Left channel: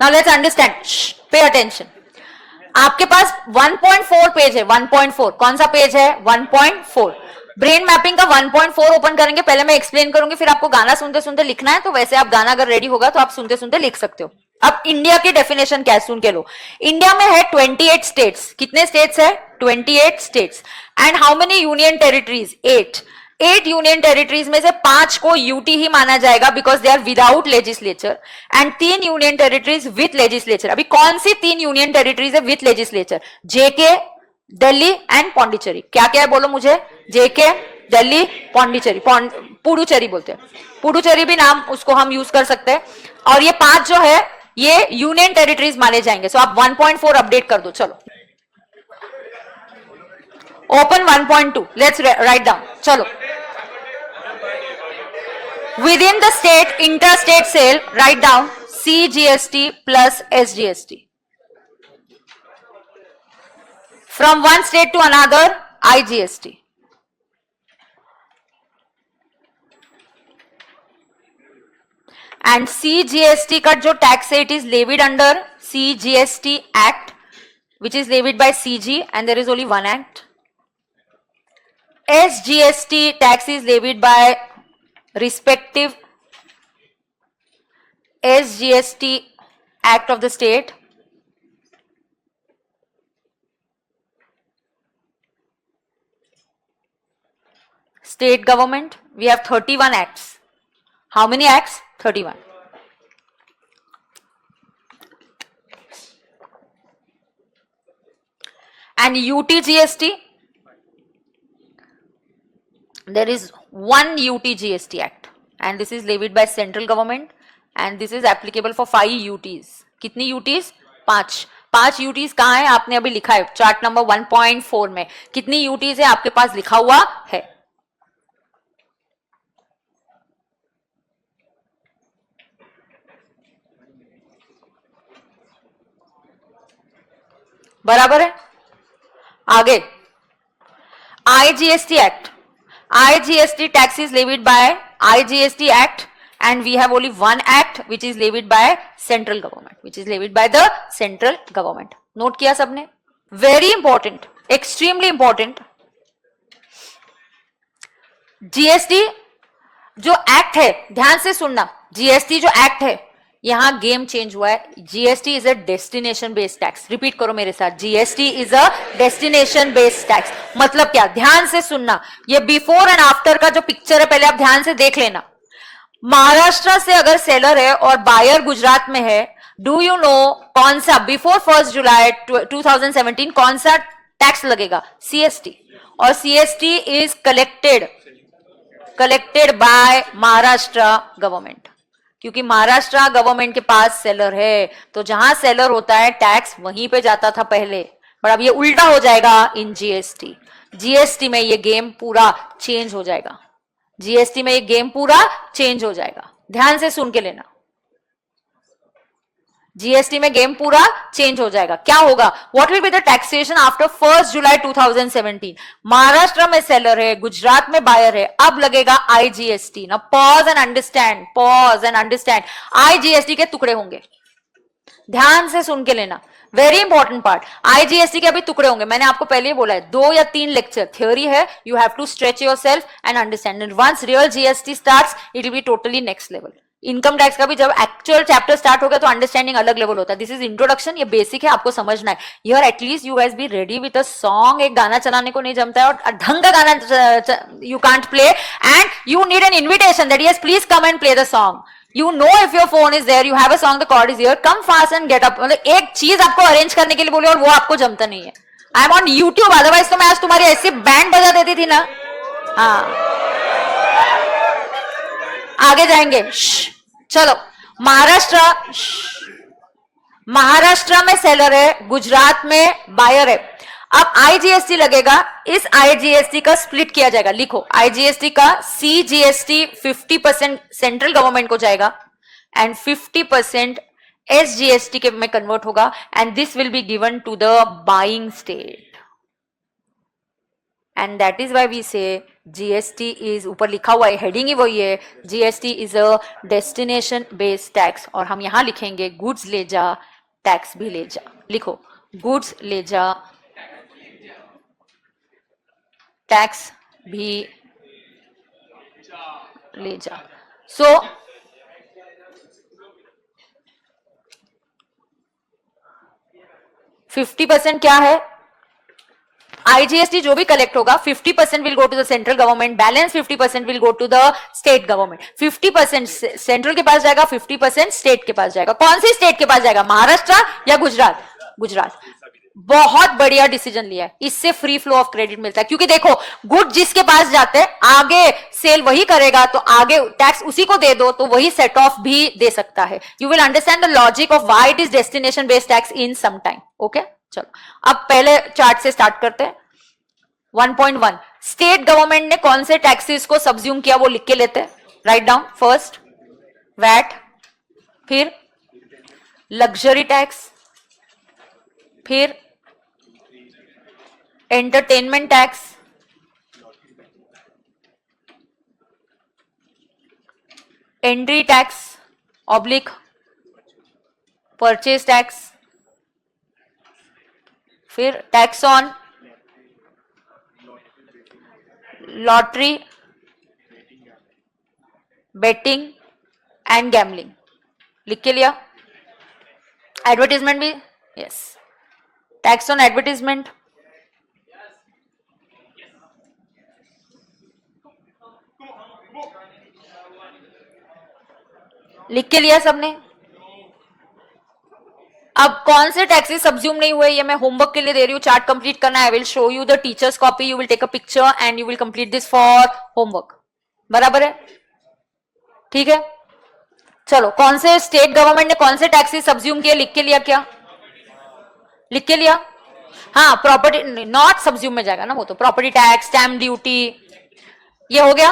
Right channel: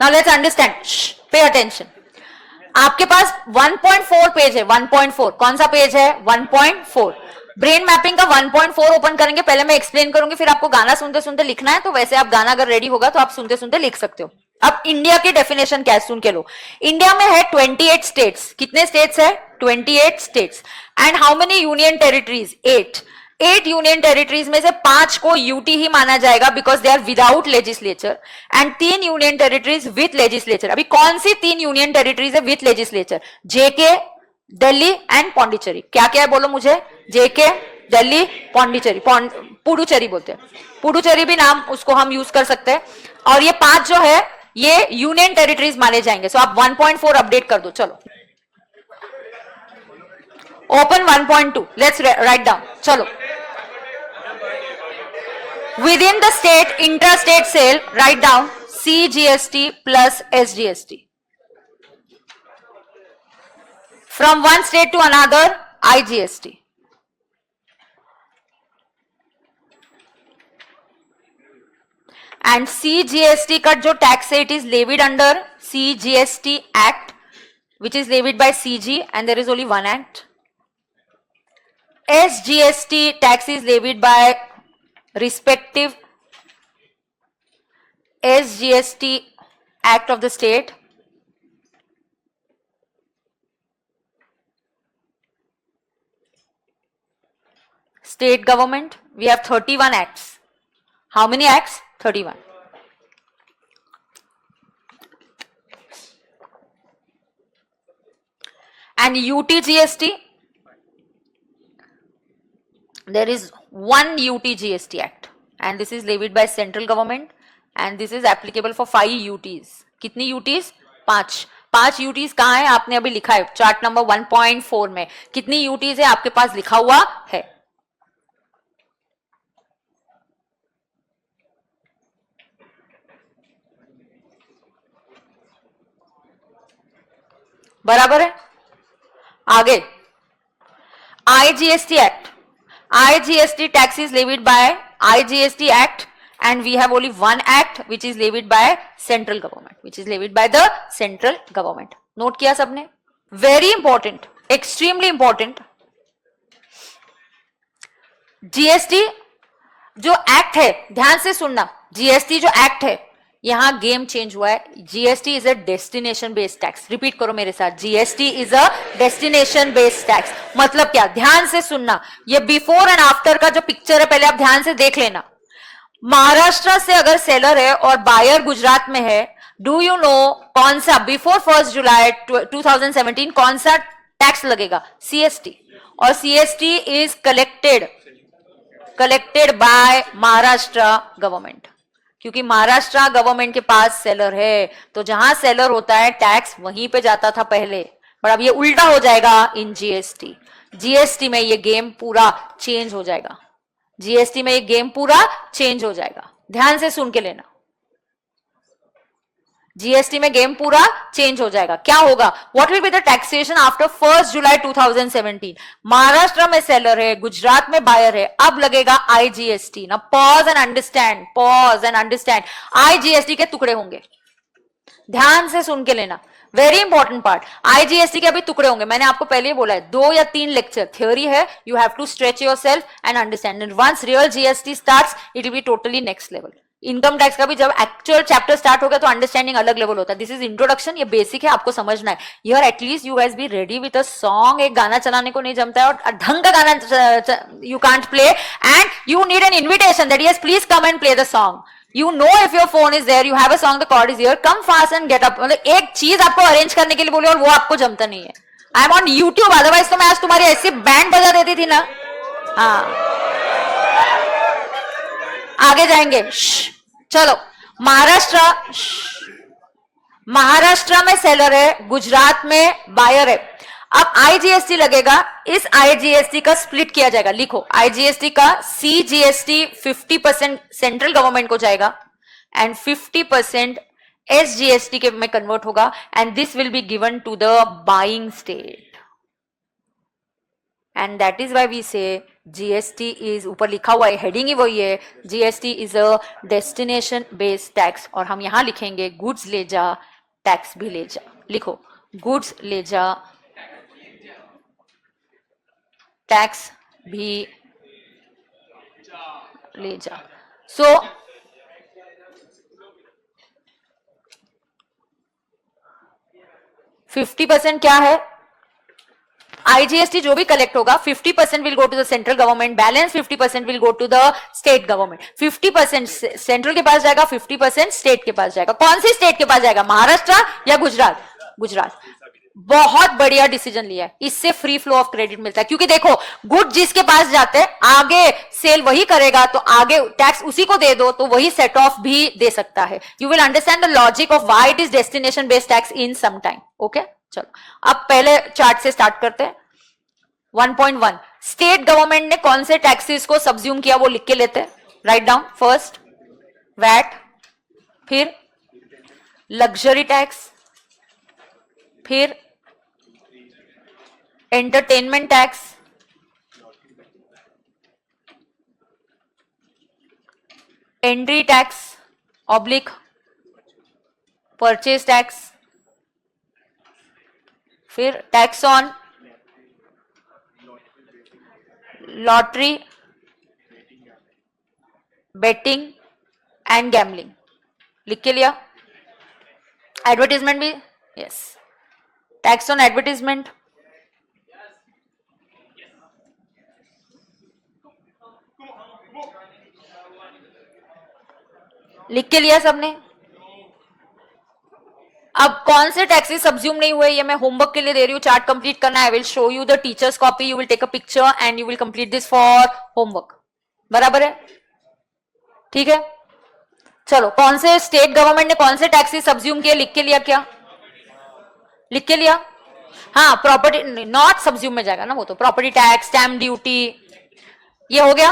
Now let's understand, pay attention. आपके पास 1.4 page है, 1.4 कौन सा पेज है? 1.4। ब्रेन मैपिंग का 1.4 ओपन करेंगे, पहले मैं एक्सप्लेन करूंगी, फिर आपको गाना सुनते सुनते लिखना है, तो वैसे आप गाना अगर रेडी होगा तो आप सुनते सुनते लिख सकते हो। अब इंडिया की डेफिनेशन क्या है सुन के लो। इंडिया में है 28 स्टेट्स। कितने स्टेट्स है? 28 states. And how many union territories? 8 union territories में से 5 को यूटी ही माना जाएगा because they are without legislature, and 3 union territories with legislature. अभी कौन सी 3 यूनियन टेरिटरीज है with legislature? JK, Delhi and Pondicherry. क्या क्या है बोलो मुझे? जेके, दिल्ली, पौंडीचेरी, पुडुचेरी बोलते हैं, पुडुचेरी भी नाम उसको हम यूज कर सकते हैं। और ये 5 जो है ये यूनियन टेरिटरीज माने जाएंगे। सो आप 1.4 अपडेट कर दो। चलो ओपन 1.2, लेट्स राइट डाउन। चलो, within the state inter-state sale, write down CGST plus SGST. From one state to another, IGST. And CGST का जो tax है, it is levied under CGST Act, which is levied by CG, and there is only one act. SGST tax is levied by respective SGST Act of the state. State government, we have 31 acts. How many acts? 31. And UTGST, there is one UTGST Act, and this is levied by central government, and this is applicable for 5 UTs. कितनी UTs? 5 UTs कहाँ है? आपने अभी लिखा है chart number 1.4 में। कितनी UTs है आपके पास लिखा हुआ है? बराबर है। आगे IGST Act. IGST tax is levied by IGST Act, and we have only one act which is levied by central government, which is levied by the central government. Note किया सबने? Very important, extremely important. GST जो act है, ध्यान से सुनना, GST जो act है, यहां गेम चेंज हुआ है। GST is a destination based tax. Repeat करो मेरे साथ, GST is a destination based tax. मतलब क्या? ध्यान से सुनना, ये बिफोर एंड आफ्टर का जो पिक्चर है पहले आप ध्यान से देख लेना। महाराष्ट्र से अगर सेलर है और बायर गुजरात में है, डू यू नो कौन सा बिफोर 1 जुलाई 2017 कौन सा टैक्स लगेगा? सीएसटी। और CST is collected by Maharashtra government, क्योंकि महाराष्ट्र गवर्नमेंट के पास सेलर है, तो जहां सेलर होता है टैक्स वहीं पे जाता था पहले, पर अब ये उल्टा हो जाएगा इन जीएसटी। जीएसटी में ये गेम पूरा चेंज हो जाएगा। जीएसटी में ये गेम पूरा चेंज हो जाएगा। ध्यान से सुन के लेना, जीएसटी में गेम पूरा चेंज हो जाएगा। क्या होगा? What will be the taxation after 1 जुलाई 2017? महाराष्ट्र में सेलर है, गुजरात में बायर है, अब लगेगा आईजीएसटी। ना pause and understand, pause and understand. IGST के टुकड़े होंगे, ध्यान से सुन के लेना, वेरी इंपॉर्टेंट पार्ट। आईजीएसटी के अभी टुकड़े होंगे, मैंने आपको पहले ही बोला है, 2 या 3 लेक्चर थ्योरी है, you have to stretch yourself and understand, and once real GST starts it will be totally next level. Income tax का भी जब एक्चुअल चैप्टर स्टार्ट हो गया तो अंडरस्टैंडिंग अलग लेवल होता है। दिस इज इंट्रोडक्शन, ये बेसिक है, आपको समझना है। यार at least you guys be ready with a song. एक गाना चलाने को नहीं जमता है और ढंग का गाना you can't play, and you need an invitation that yes please come and play the song. You know if your phone is there, you have a song, the chord is here, come fast and get up. मतलब एक चीज आपको arrange करने के लिए बोले और वो आपको जमता नहीं है। I am on YouTube, otherwise तो मैं आज तुम्हारी ऐसी बैंड बजा देती थी ना। हाँ, आगे जाएंगे। चलो, महाराष्ट्र में सेलर है, गुजरात में बायर है। अब आईजीएसटी लगेगा, इस आईजीएसटी का स्प्लिट किया जाएगा। लिखो, आईजीएसटी का सीजीएसटी 50% सेंट्रल गवर्नमेंट को जाएगा एंड 50% एसजीएसटी के में कन्वर्ट होगा, and this will be given to the buying state. And that is why we say GST is, ऊपर लिखा हुआ है, हेडिंग ही वही है, GST is a destination based tax. और हम यहां लिखेंगे गुड्स ले जा, टैक्स भी ले जा. लिखो गुड्स ले जा, टैक्स भी ले जा. सो 50% क्या है? आईजीएसटी जो भी कलेक्ट होगा 50% will go to the central government, balance 50% will go to the state government. 50% central के पास जाएगा, 50% स्टेट के पास जाएगा. कौन सी स्टेट के पास जाएगा, महाराष्ट्र या गुजरात? गुजरात. बहुत बढ़िया डिसीजन लिया है, इससे फ्री फ्लो ऑफ क्रेडिट मिलता है. क्योंकि देखो गुड जिसके पास जाते हैं आगे सेल वही करेगा, तो आगे टैक्स उसी को दे दो तो वही सेट ऑफ भी दे सकता है. You will understand the logic of why it is destination based tax in some time. Okay, चलो अब पहले चार्ट से स्टार्ट करते हैं. 1.1 स्टेट गवर्नमेंट ने कौन से टैक्सेस को सब्ज्यूम किया वो लिख के लेते हैं. Write down. फर्स्ट वैट, फिर लग्जरी टैक्स, फिर entertainment tax, entry tax oblique purchase tax, फिर tax on lottery, betting and gambling. लिख के लिया. एडवर्टीजमेंट भी, यस, टैक्स ऑन एडवर्टीजमेंट, लिख के लिया सबने. अब कौन से टैक्सेस सब्ज्यूम नहीं हुए ये मैं होमवर्क के लिए दे रही हूँ. चार्ट कंप्लीट करना है. I will show you the teachers copy, you will take a picture and you will complete this for homework. बराबर है? ठीक है, चलो. कौन से स्टेट गवर्नमेंट ने कौन से टैक्सेस सब्ज्यूम किए, लिख के लिया क्या? लिख के लिया. हाँ, प्रॉपर्टी नॉट सब्ज्यूम में जाएगा ना वो, तो प्रॉपर्टी टैक्स, स्टैम्प ड्यूटी, ये हो गया.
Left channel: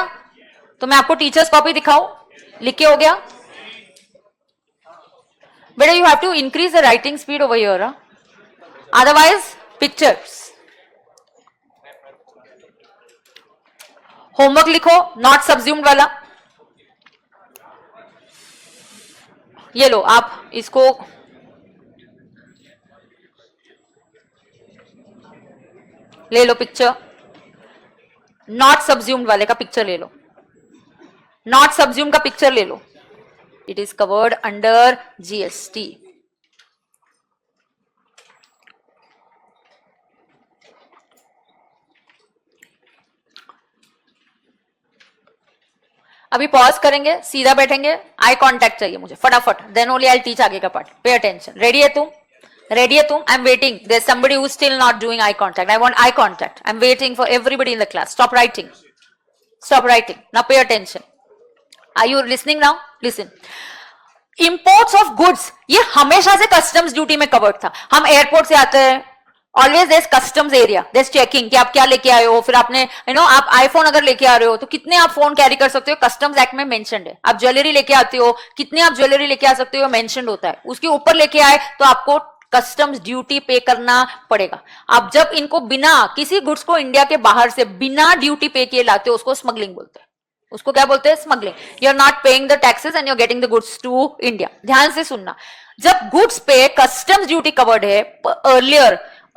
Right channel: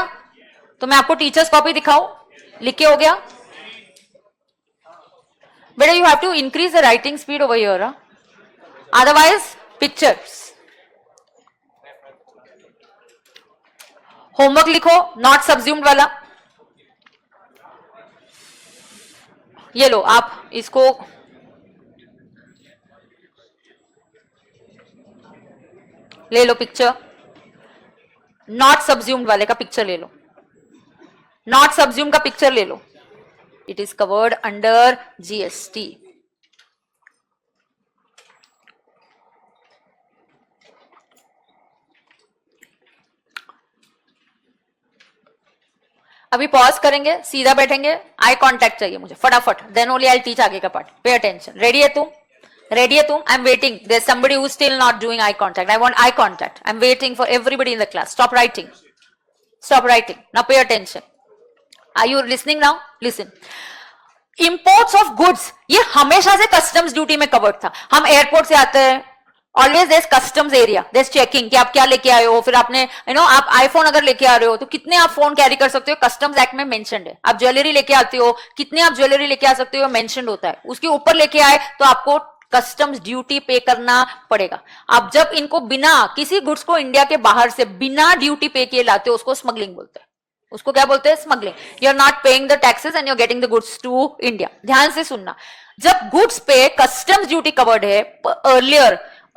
तो मैं आपको टीचर्स कॉपी दिखाऊं, लिख के हो गया. But you have to increase the writing speed over here. Otherwise, pictures. Homework लिखो, नॉट सब्ज्यूम्ड वाला. ये लो, आप इसको ले लो पिक्चर. नॉट सब्ज्यूम्ड वाले का पिक्चर ले लो. नॉट सब्ज्यूम्ड का पिक्चर ले लो. It is covered under GST. अभी पॉज करेंगे, सीधा बैठेंगे, आई कांटेक्ट चाहिए मुझे फटाफट. देन ओनली आई टीच आगे का पार्ट. Pay attention. रेडी है तू? रेडी है तू? I am waiting. There is somebody who is still not doing eye contact. I want eye contact. I am waiting for everybody in the class. Stop writing. Stop writing. Now pay attention. Are you listening now? Listen. Imports of goods ये हमेशा से customs duty में covered था. हम airport से आते हैं, always there customs area, there checking कि आप क्या लेके आए हो. फिर आपने आप आईफोन अगर लेके आ रहे हो तो कितने आप फोन कैरी कर सकते हो, कस्टम्स एक्ट में मेंशन्ड है. आप ज्वेलरी लेके आते हो, कितने आप ज्वेलरी लेके आ सकते हो, मेंशन्ड होता है. उसके ऊपर लेके आए तो आपको कस्टम्स ड्यूटी पे करना पड़ेगा. अब जब इनको बिना किसी गुड्स को इंडिया के बाहर से बिना ड्यूटी पे किए लाते, उसको स्मगलिंग बोलते हैं. उसको क्या बोलते हैं? Smuggling. You are not paying the taxes and you are getting the goods to India. ध्यान से सुनना. जब गुड्स पे कस्टम्स ड्यूटी कवर्ड है,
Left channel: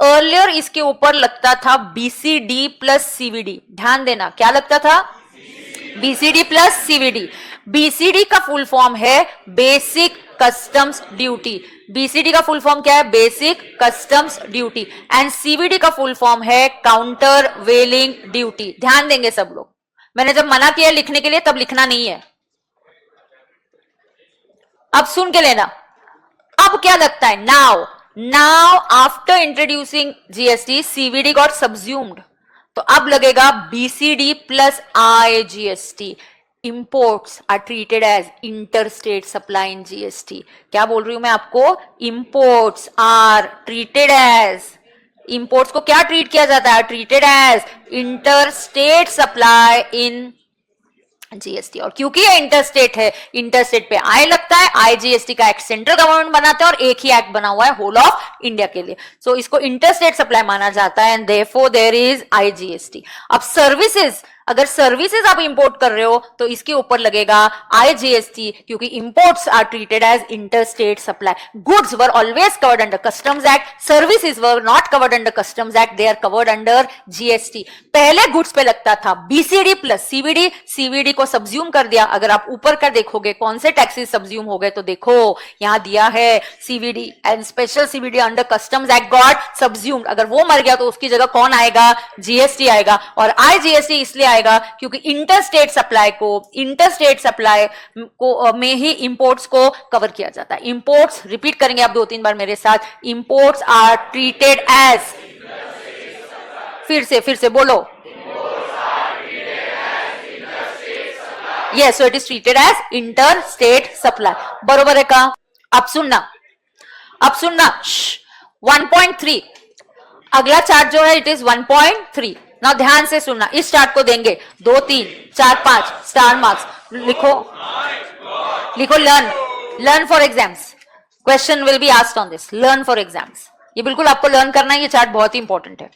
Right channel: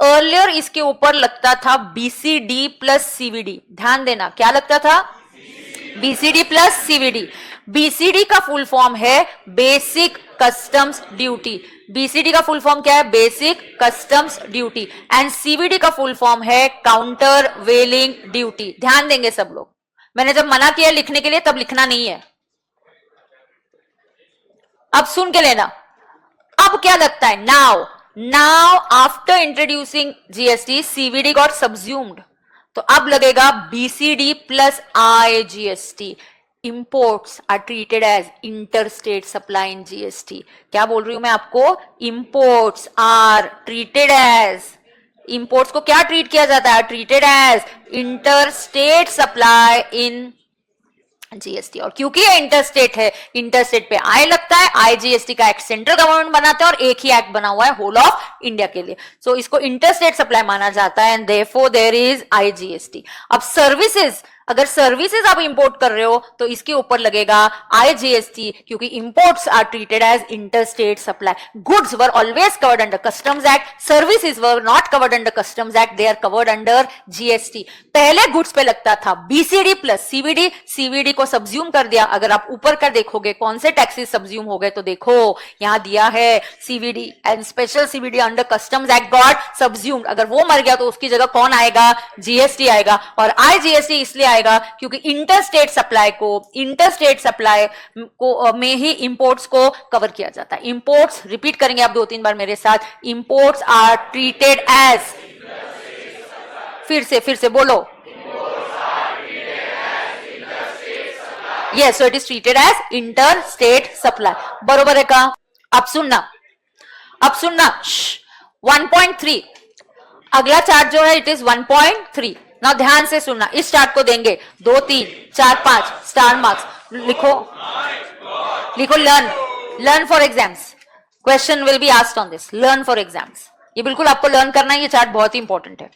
अर्लियर इसके ऊपर लगता था बीसीडी प्लस सीवीडी. ध्यान देना, क्या लगता था? BCD plus CVD. बीसीडी का फुल फॉर्म है बेसिक कस्टम्स ड्यूटी. बीसीडी का फुल फॉर्म क्या है? Basic customs duty. And CVD का फुल फॉर्म है काउंटर वेलिंग ड्यूटी. ध्यान देंगे सब लोग. मैंने जब मना किया लिखने के लिए तब लिखना नहीं है. अब सुन के लेना. अब क्या लगता है? Now after introducing GST CVD got subsumed. तो अब लगेगा BCD plus IGST. Imports are treated as interstate supply in GST. क्या बोल रही हूं मैं आपको? Imports are treated as, imports को क्या ट्रीट किया जाता है? Treated as interstate supply in GST. और क्योंकि ये इंटरस्टेट है, इंटरस्टेट पे आई लगता है, आईजीएसटी का एक्ट सेंट्रल गवर्नमेंट बनाता है और एक ही एक्ट बना हुआ है होल ऑफ इंडिया के लिए, सो इसको इंटरस्टेट सप्लाई माना जाता है and therefore there is IGST. अब सर्विसेज, अगर सर्विसेज आप इंपोर्ट कर रहे हो तो इसके ऊपर लगेगा आईजीएसटी, क्योंकि imports are treated as interstate supply. Goods were always covered under customs act, services were not covered under customs act, they are covered under GST. पहले गुड्स पे लगता था बीसीडी प्लस सीवीडी, सीवीडी को subsume कर दिया। अगर आप ऊपर कर देखोगे कौन से टैक्सेस सब्ज्यूम हो गए तो देखो यहां दिया है CVD and special CVD under customs act got subsumed. अगर वो मर गया तो उसकी जगह कौन आएगा, जीएसटी आएगा। और आईजीएसटी इसलिए आएगा क्योंकि इंटरस्टेट सप्लाई को में ही इंपोर्ट्स को कवर किया जाता है। इंपोर्ट्स, रिपीट करेंगे आप 2-3 बार मेरे साथ, इंपोर्ट्स आर ट्रीटेड एज, फिर से बोलो, yes, so it is treated as interstate supply. बरोबर है का? अब सुनना 1.3, अगला चार्ट जो है इट इज 1.3। ना ध्यान से सुनना, इस चार्ट को देंगे 2, 3, 4, 5 स्टार मार्क्स। लिखो learn for exams, question will be asked on this, learn for exams. ये बिल्कुल आपको लर्न करना है, ये चार्ट बहुत ही इंपॉर्टेंट है।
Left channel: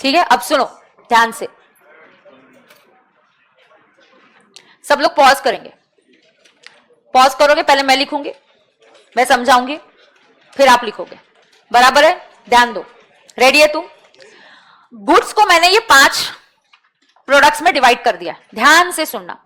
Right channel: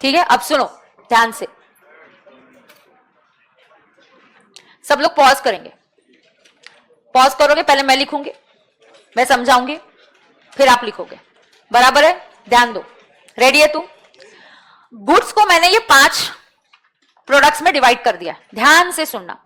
ठीक है, अब सुनो ध्यान से, सब लोग पॉज करेंगे, पॉज करोगे, पहले मैं लिखूंगी, मैं समझाऊंगी, फिर आप लिखोगे, बराबर है? ध्यान दो, रेडी है तू? गुड्स को मैंने ये 5 प्रोडक्ट्स में डिवाइड कर दिया, ध्यान से सुनना।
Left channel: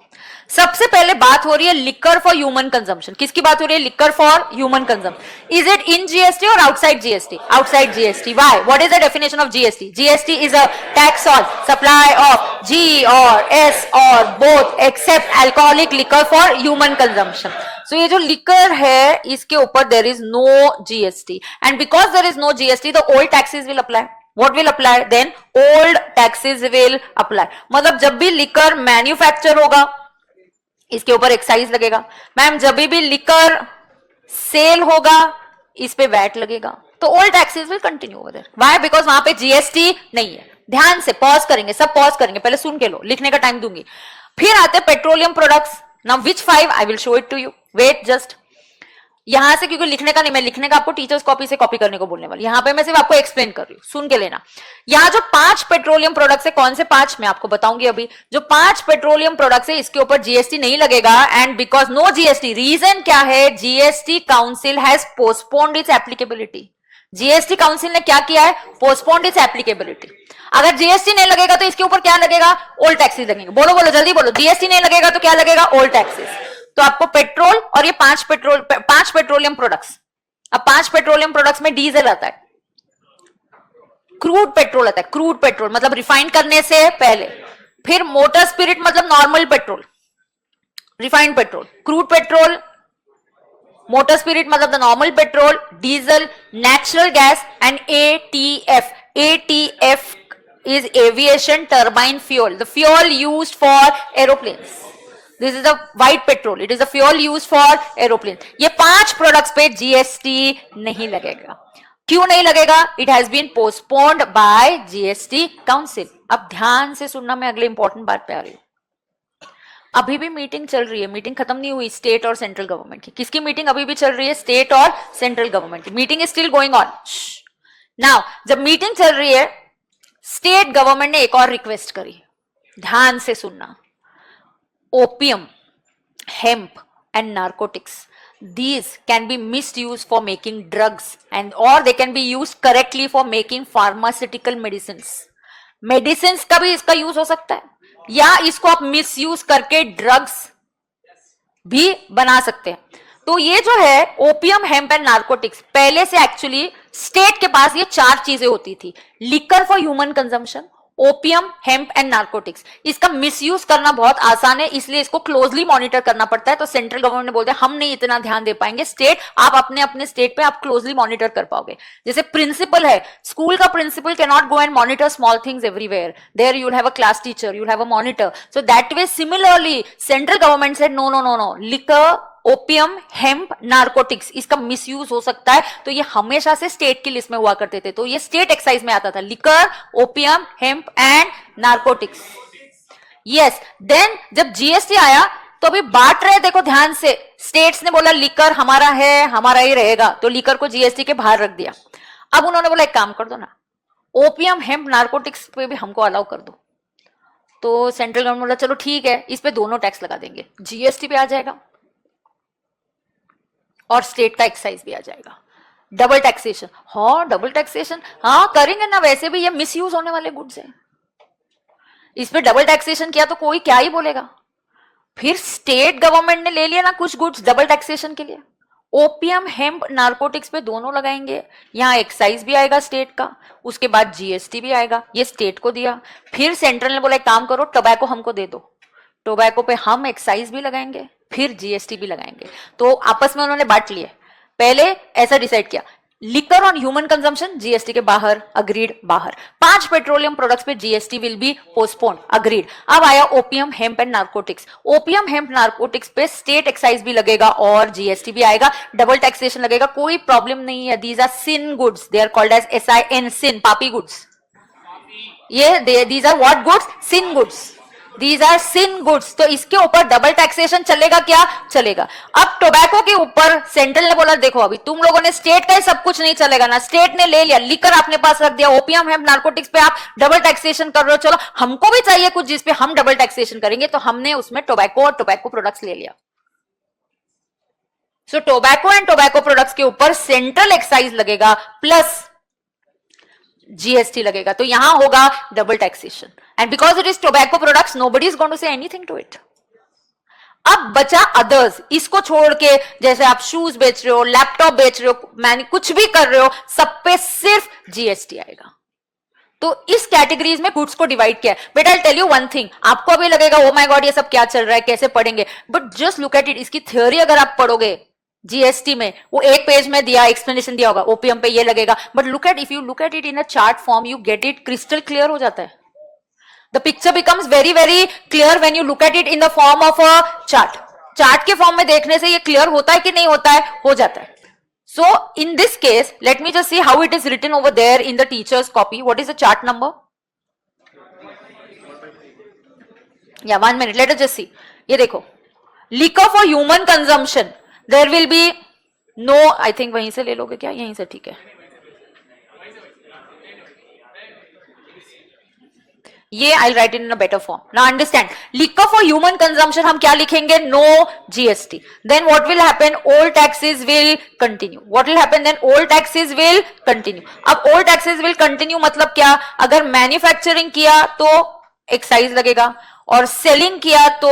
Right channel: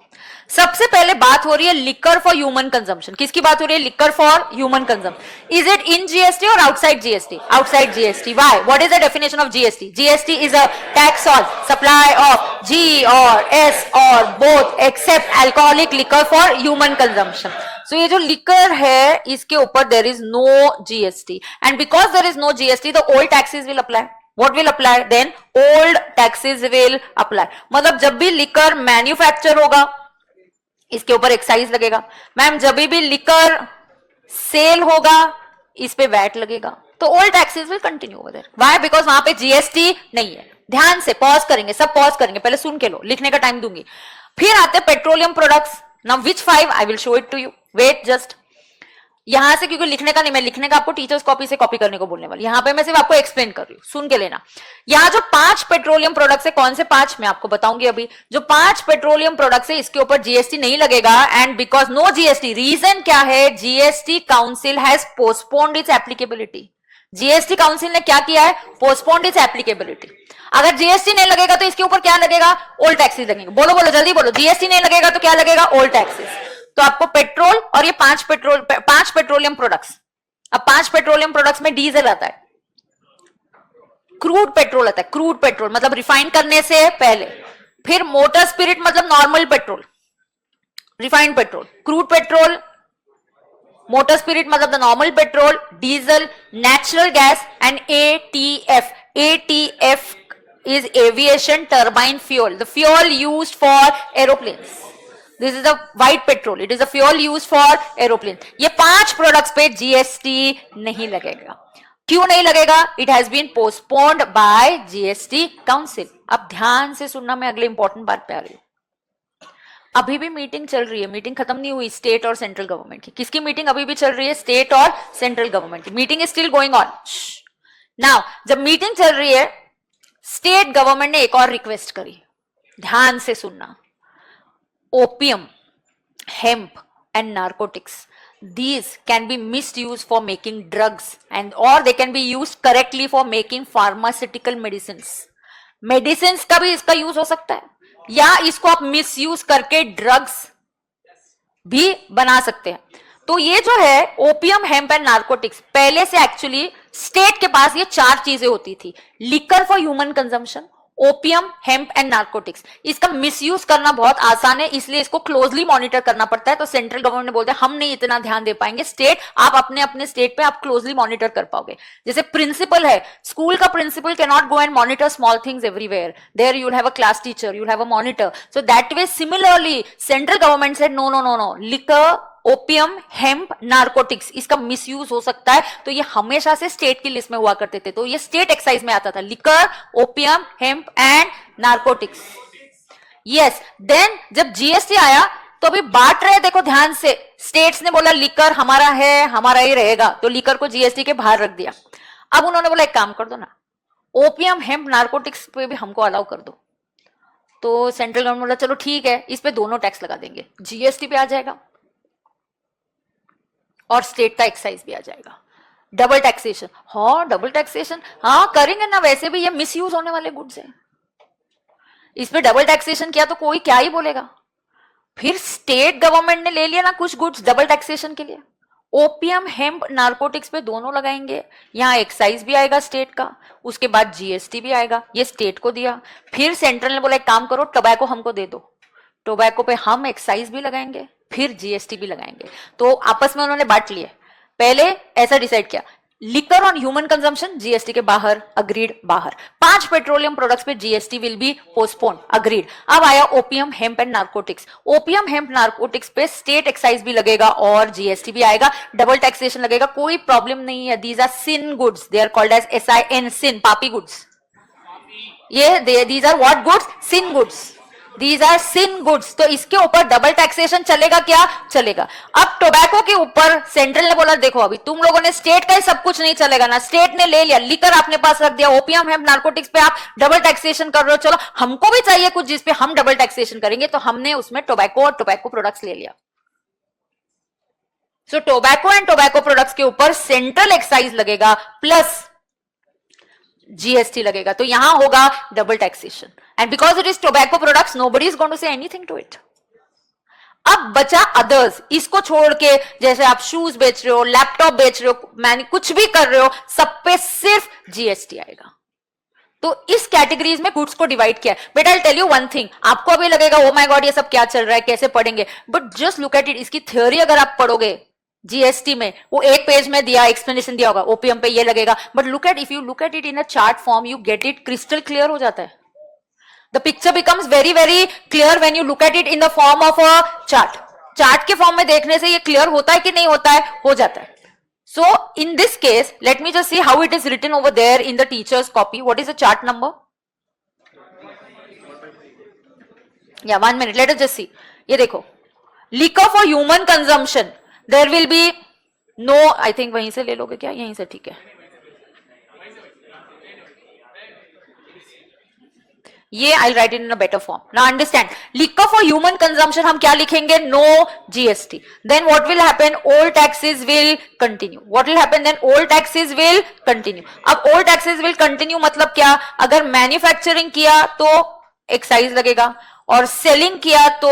सबसे पहले बात हो रही है लिकर फॉर ह्यूमन कंजम्पशन। किसकी बात हो रही है? Liquor for human consumption. Is it in GST और outside GST? Outside GST. Why? What is the definition of GST? GST is a tax on supply of G और S और both except alcoholic liquor for human consumption. So ये जो liquor है इसके ऊपर there is no GST and because there is no GST the old taxes will apply. What will apply? Then old taxes will apply. मतलब जब भी liquor manufacture होगा इसके ऊपर एक्साइज लगेगा। मैम जब भी लिकर सेल होगा इस पे वैट लगेगा। तो old taxes will continue over there. Why? Because वहां पे जीएसटी नहीं है। ध्यान से पॉज करेंगे, सब पॉज करेंगे, पहले सुन के लो, लिखने का टाइम दूंगी। फिर आते petroleum products. Now which 5 I will show it to you, wait just. यहां से क्योंकि लिखने का नहीं, मैं लिखने का आपको टीचर्स कॉपी से कॉपी करने को बोलने वाली, यहां पे मैं सिर्फ आपको एक्सप्लेन कर रही हूं, सुन के लेना। यहाँ जो 5 पेट्रोलियम प्रोडक्ट्स है, कौन से 5 मैं आपको बताऊंगी अभी। जो 5 पेट्रोलियम प्रोडक्ट्स है इसके ऊपर जीएसटी नहीं लगेगा and because no GST. Reason क्या है? GST council has postponed its applicability. GST council ने क्या किया है? Postponed its applicability. अगर जीएसटी नहीं लगेगा तो इसके ऊपर क्या लगेगा? ओल्ड टैक्सेस लगेंगे। बोलो जल्दी बोलो, जीएसटी नहीं लगेगा तो क्या लगेगा? Old taxes. तो आपको पेट्रोल और ये 5 पेट्रोलियम प्रोडक्ट्स। अब 5 पेट्रोलियम प्रोडक्ट्स में डीजल आता है, क्रूड पेट्रोल आता है, क्रूड पेट्रोल मतलब रिफाइन करने से पहले, फिर मोटर स्पिरिट मतलब normal petrol, refined petrol, crude petrol, motor spirit मतलब the normal petrol, diesel, natural gas and ATF. ATF is aviation turbine fuel, the fuel used for aeroplanes. This is the white petrol, it is the fuel used for aeroplanes. ये 5 products पे GST नहीं लगेगा। क्यों नहीं लगेगा? It has been postponed by GST council. अब ध्यान से सुनना, मैं अगली इंपॉर्टेंट बात पे आ रही हूं। अभी भी मीटिंग चल रही है, मीटिंग खत्म नहीं हुई स्टेट और सेंट्रल गवर्नमेंट की। किसकी मीटिंग अभी भी चल रही है? स्टेट और सेंट्रल गवर्नमेंट की meeting is still going on. Now जब मीटिंग चल रही है, स्टेट गवर्नमेंट ने एक और रिक्वेस्ट करी, ध्यान से सुनना। Opium, hemp and narcotics, these can be misused for making drugs and or they can be used correctly for making pharmaceutical medicines. Medicines का भी इसका यूज हो सकता है, या इसको आप मिसयूज करके ड्रग्स भी बना सकते हैं। तो ये जो है ओपियम, हेम्प एंड नार्कोटिक्स, पहले से एक्चुअली स्टेट के पास ये 4 चीजें होती थी। Liquor for human consumption, opium, hemp and narcotics. इसका मिसयूज करना बहुत आसान है, इसलिए इसको क्लोजली मॉनिटर करना पड़ता है। तो सेंट्रल गवर्नमेंट ने बोलता है हम नहीं इतना ध्यान दे पाएंगे, स्टेट आप अपने अपने स्टेट पे आप क्लोजली मॉनिटर कर पाओगे। जैसे प्रिंसिपल है, स्कूल का principal can not go and monitor small things everywhere, there you will have a class teacher, you will have a monitor. So that way similarly central government said no no no no, liquor opium, hemp, narcotics, इसका misuse हो सकता है, तो ये हमेशा से state की list में हुआ करते थे, तो ये स्टेट एक्साइज में आता था, liquor, opium, hemp and narcotics. Yes, then जब जीएसटी आया तो अभी बांट रहे, देखो ध्यान से, स्टेट्स ने बोला लिकर हमारा है, हमारा ही रहेगा, तो लिकर को जीएसटी के बाहर रख दिया। अब उन्होंने बोला एक काम कर दो ना, ओपियम, हेम्प, नार्कोटिक्स पे भी हमको अलाउ कर दो, तो सेंट्रल गवर्नमेंट बोला चलो ठीक है, इस पे दोनों टैक्स लगा देंगे, जीएसटी भी आ जाएगा और स्टेट का एक्साइज भी आ जाएगा, डबल टैक्सेशन। हाँ डबल टैक्सेशन, हाँ करेंगे ना, वैसे भी ये मिसयूज होने वाले गुड्स हैं, इसमें डबल टैक्सेशन किया तो कोई क्या ही बोलेगा। फिर स्टेट गवर्नमेंट ने ले लिया ना कुछ गुड्स डबल टैक्सेशन के लिए, ओपियम, हेम्प, नार्कोटिक्स पे दोनों लगाएंगे, यहाँ एक्साइज भी आएगा स्टेट का, उसके बाद जीएसटी भी आएगा, ये स्टेट को दिया। फिर सेंट्रल ने बोला एक काम करो, टोबैको हमको दे दो, टोबैको पे हम एक्साइज भी लगाएंगे, फिर जीएसटी भी लगाएंगे, तो आपस में उन्होंने बांट लिए। पहले ऐसा डिसाइड किया, liquor on human consumption GST के बाहर, अग्रीड, बाहर। 5 पेट्रोलियम प्रोडक्ट्स पे GST will be postponed, agreed. अब आया opium, hemp and narcotics, opium, hemp, narcotics पे स्टेट एक्साइज भी लगेगा और जीएसटी भी आएगा, डबल टैक्सेशन लगेगा, कोई प्रॉब्लम नहीं है। These are sin goods, they are called as SIN, sin, पापी गुड्स। ये these are what goods? Sin goods, these are sin goods. तो इसके ऊपर डबल टैक्सेशन चलेगा क्या? चलेगा। अब टोबैको के ऊपर सेंट्रल ने बोला देखो अभी तुम लोगों ने स्टेट का सब कुछ नहीं चलेगा ना, स्टेट ने ले लिया, लिकर अपने पास रख दिया, ओपियम, हेम्प, नार्कोटिक्स पे आप डबल टैक्सेशन कर रहे हो, चलो हमको भी चाहिए कुछ जिसपे हम डबल टैक्सेशन करेंगे, तो हमने उसमें टोबैको और टोबैको प्रोडक्ट्स ले लिया। So tobacco and tobacco products के ऊपर सेंट्रल एक्साइज लगेगा प्लस जीएसटी लगेगा, तो यहां होगा double taxation, and because it is tobacco products nobody is going to say anything to it. अब बचा अदर्स, इसको छोड़ के जैसे आप शूज बेच रहे हो, लैपटॉप बेच रहे हो, मैंने कुछ भी कर रहे हो, सब पे सिर्फ जीएसटी आएगा। तो इस कैटेगरीज में गुड्स को डिवाइड किया है। But I tell you one thing, आपको अभी लगेगा ओ माय गॉड ये सब क्या चल रहा है, कैसे पढ़ेंगे, but just look at it, इसकी थ्योरी अगर आप पढ़ोगे जीएसटी में, वो एक पेज में दिया, एक्सप्लेनेशन दिया होगा, ओपीएम पे ये लगेगा, but look at, if you look at it in a chart form, you get it crystal clear हो जाता है। The picture becomes very very clear when you look at it in the form of a chart. Chart के form में देखने से ये clear होता है कि नहीं होता है? हो जाता है। So in this case let me just see how it is written over there in the teachers copy. What is the chart number? या 1 minute, let us just see. ये देखो, liquor for human consumption there will be no, I think वहीं से ले लोगे क्या? यहीं से, ठीक है। ये I write in a better form. Now understand, liquor for human consumption हम क्या लिखेंगे? No GST. Then what will happen? Old taxes will continue. What will happen then? Old taxes will continue. अब ओल्ड टैक्सेस विल कंटिन्यू मतलब क्या? अगर manufacturing किया तो excise लगेगा, और सेलिंग किया तो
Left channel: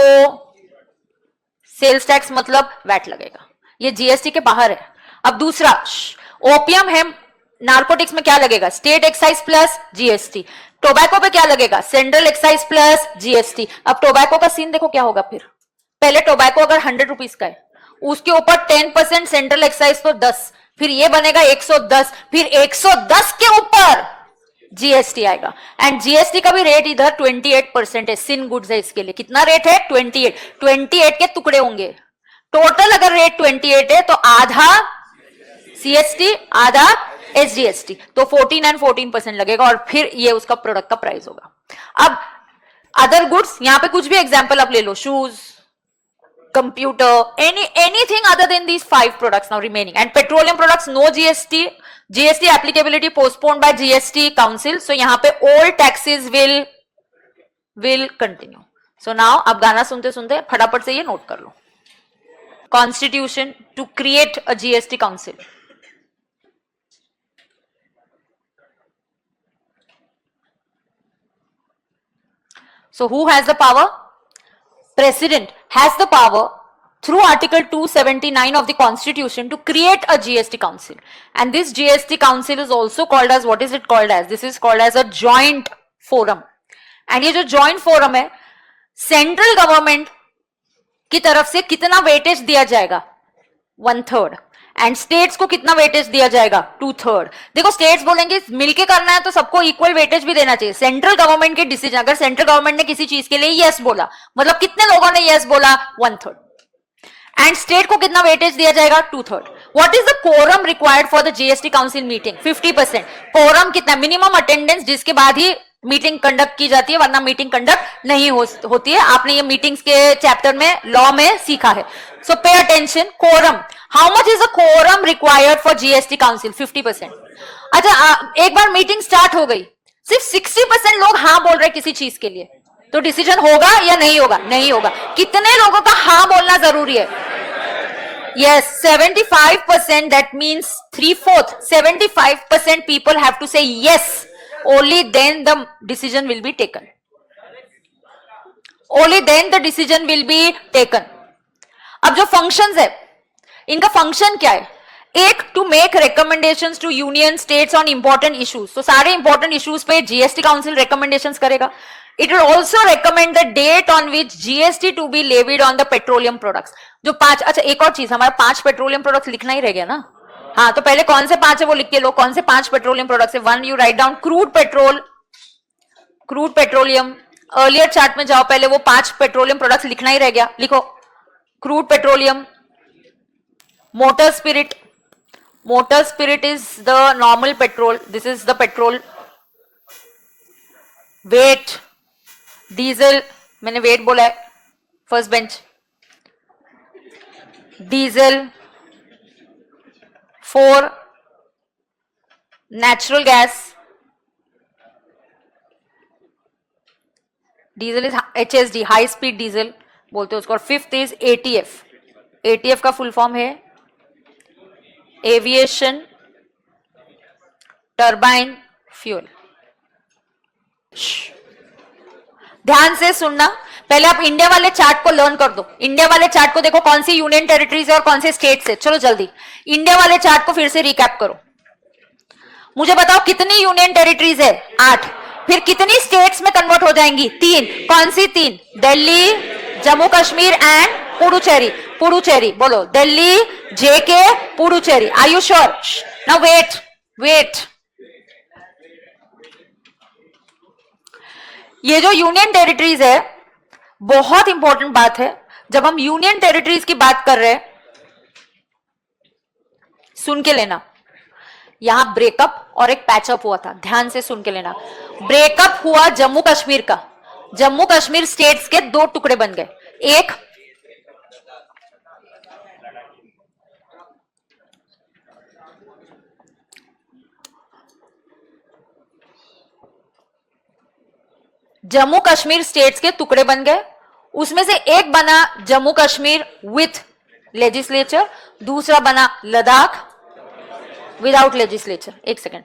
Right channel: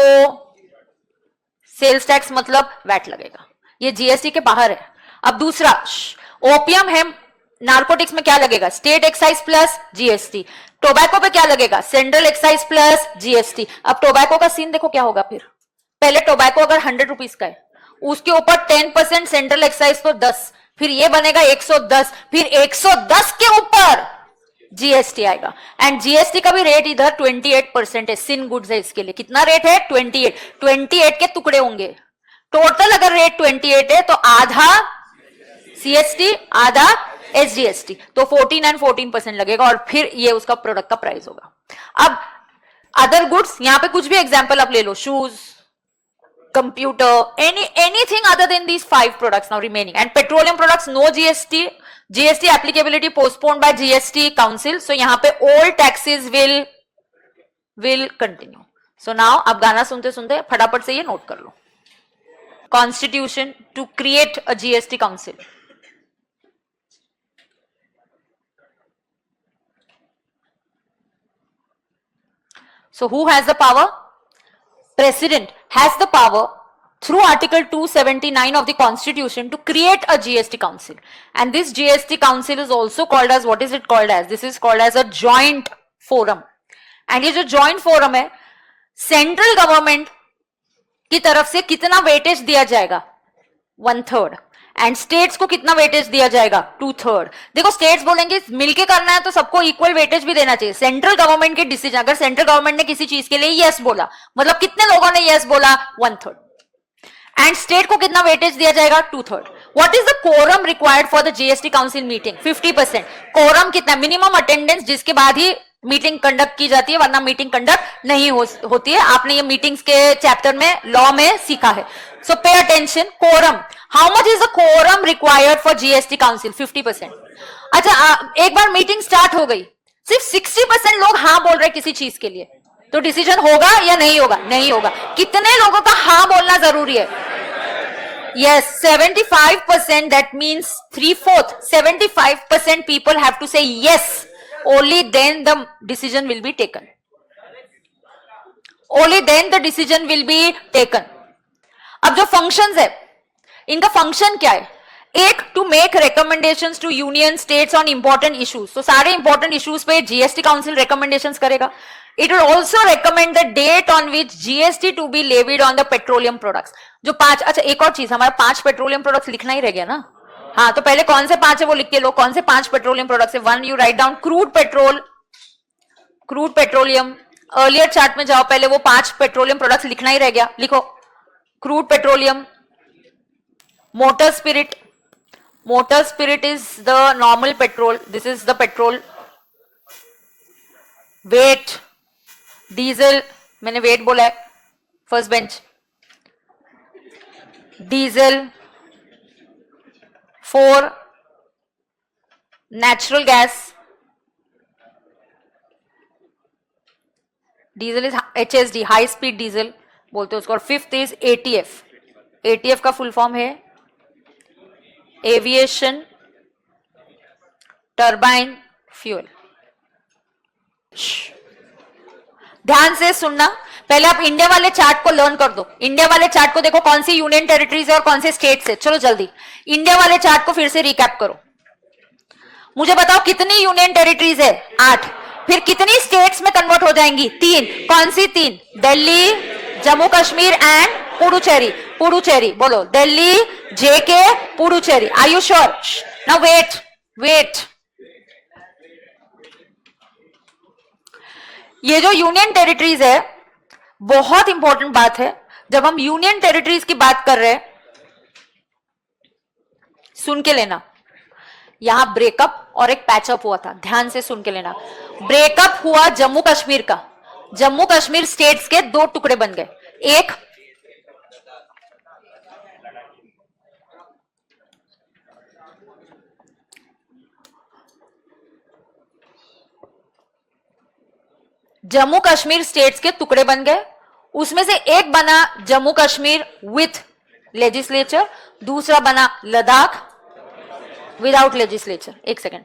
सेल्स टैक्स मतलब वैट लगेगा। ये जीएसटी के बाहर है। अब दूसरा, ओपियम, हेम्प, नार्कोटिक्स में क्या लगेगा? State excise plus GST. Tobacco पे क्या लगेगा? Central excise plus GST. अब टोबैको का सीन देखो क्या होगा। फिर पहले टोबैको अगर 100 रुपीज का है, उसके ऊपर 10% सेंट्रल एक्साइज तो 10, फिर ये बनेगा 110, फिर 110 के ऊपर जीएसटी आएगा, एंड जीएसटी का भी रेट इधर 28% है। सिन गुड्स है, इसके लिए कितना रेट है? 28 के टुकड़े होंगे। टोटल अगर रेट 28 है तो आधा सीएसटी, आधा एसजीएसटी, तो 14 एंड 14% लगेगा, और फिर ये उसका प्रोडक्ट का प्राइस होगा। अब अदर गुड्स, यहां पे कुछ भी एग्जांपल आप ले लो, shoes, computer, anything other than these 5 products now remaining, and petroleum products no GST, GST applicability postponed by GST council, so यहाँ पे all taxes will continue. So now अब गाना सुनते सुनते फटाफट से ये नोट कर लो। Constitution to create a GST council. So who has the power? President has the power through Article 279 of the Constitution to create a GST council, and this GST council is also called as, what is it called as? This is called as a joint forum, and ये जो joint forum है, central government की तरफ से कितना weightage दिया जाएगा? 1/3, and states को कितना वेटेज दिया जाएगा? 2/3। देखो स्टेट्स बोलेंगे मिलके करना है तो सबको इक्वल वेटेज भी देना चाहिए। सेंट्रल गवर्नमेंट की डिसीजन, अगर सेंट्रल गवर्नमेंट ने किसी चीज के लिए यस बोला, मतलब कितने लोगों ने यस बोला? 1/3। एंड स्टेट को कितना वेटेज दिया जाएगा? 2/3. What is the quorum required for the GST council meeting? 50%. Quorum कितना? मिनिमम अटेंडेंस जिसके बाद ही मीटिंग कंडक्ट की जाती है, वरना मीटिंग कंडक्ट नहीं होती है. आपने ये मीटिंग्स के चैप्टर में लॉ में सीखा है. So pay attention. Quorum, how much is the quorum required for GST council? 50%. अच्छा, एक बार मीटिंग स्टार्ट हो गई, सिर्फ 60% लोग हाँ बोल रहे किसी चीज के लिए, तो डिसीजन होगा या नहीं होगा? नहीं होगा. कितने लोगों का हाँ बोलना जरूरी है? Yes, 75%. That means 3/4. 75% people have to say yes. Only then the decision will be taken. Only then the decision will be taken. अब जो functions है, इनका function क्या है? एक, to make recommendations to union states on important issues. So सारे important issues पे GST Council recommendations करेगा. It will also recommend the date on which GST to be levied on the petroleum products. जो 5, अच्छा एक और चीज, हमारा 5 petroleum products लिखना ही रह गया ना. हाँ, तो पहले कौन से 5 है वो लिख के लो. कौन से 5 पेट्रोलियम प्रोडक्ट्स है? 1, you write down crude petrol, crude petroleum. Earlier chart में जाओ, पहले वो 5 पेट्रोलियम प्रोडक्ट्स लिखना ही रह गया. लिखो crude petroleum. Motor spirit, motor spirit is the normal petrol. This is the petrol. Wait, diesel, मैंने वेट बोला है, first bench. Diesel. 4, natural gas. Diesel is HSD, high speed diesel बोलते हैं उसको. 5th इज ATF. ATF का full form है aviation turbine fuel. ध्यान से सुनना, पहले आप इंडिया वाले चार्ट को लर्न कर दो. इंडिया वाले चार्ट को देखो, कौन सी यूनियन टेरिटरीज है और कौन से स्टेट्स है. चलो जल्दी इंडिया वाले चार्ट को फिर से रिकैप करो. मुझे बताओ कितनी यूनियन टेरिटरीज है? 8. फिर कितनी स्टेट्स में कन्वर्ट हो जाएंगी? 3. कौन सी 3? दिल्ली, जम्मू कश्मीर एंड पुडुचेरी. पुडुचेरी बोलो. Delhi, JK, Puducherry. Are you sure? Now wait, wait. ये जो यूनियन टेरिटरीज है, बहुत इंपॉर्टेंट बात है. जब हम यूनियन टेरिटरीज की बात कर रहे हैं, सुन के लेना. यहां ब्रेकअप और एक पैचअप हुआ था, ध्यान से सुन के लेना. ब्रेकअप हुआ जम्मू कश्मीर का. जम्मू कश्मीर स्टेट्स के 2 टुकड़े बन गए. एक जम्मू कश्मीर स्टेट्स के टुकड़े बन गए. उसमें से एक बना जम्मू कश्मीर विथ लेजिस्लेचर, दूसरा बना लद्दाख विदाउट लेजिस्लेचर. एक सेकेंड,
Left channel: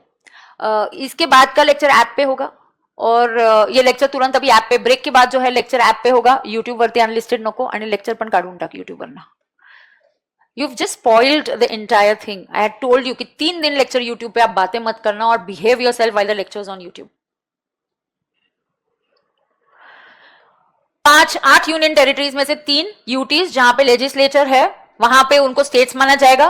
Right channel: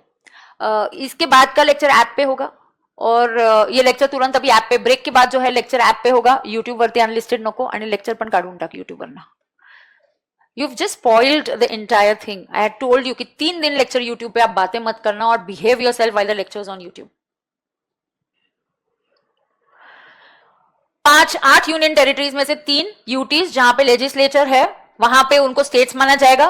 इसके बाद का लेक्चर ऐप पे होगा और ये लेक्चर तुरंत अभी ऐप पे, ब्रेक के बाद जो है लेक्चर ऐप पे होगा. युट्यूब वरती अनलिस्टेड नको आणि लेक्चर पण काढून टाक युट्यूबवरनं. You've just spoiled the entire thing. I had told you कि 3 दिन लेक्चर यूट्यूब पे आप बातें मत करना और behave yourself while the lectures on YouTube. 8 union territories में से 3 यूटीज जहां पे लेजिस्लेचर है, वहां पे उनको स्टेट्स माना जाएगा.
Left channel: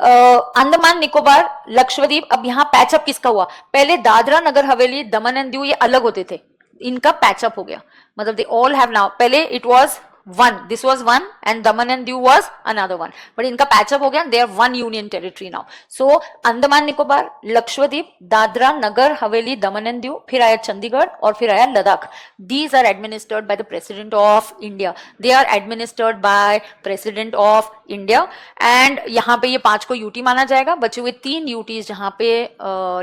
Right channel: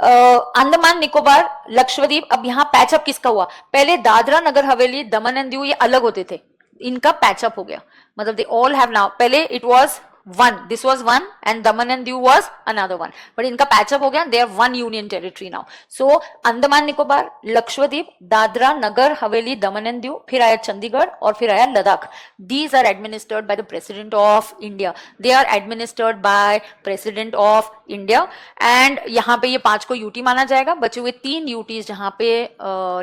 अंडमान निकोबार, लक्षद्वीप. अब यहाँ पैचअप किसका हुआ? पहले दादरा नगर हवेली, दमन एंड दीव ये अलग होते थे, इनका पैचअप हो गया. मतलब दे ऑल हैव नाउ, पहले it was 1, this was 1 and Daman and Diu was another 1, but इनका पैचअप हो गया. they are 1 union territory now. so Andaman Nicobar, Lakshadweep, Dadra Nagar Haveli, Daman and Diu, फिर आया चंडीगढ़ और फिर आया Ladakh. these are administered by the president of India. they are administered by president of India. and यहाँ पे ये 5 को यूटी माना जाएगा. बचे हुए 3 यूटीज जहां पे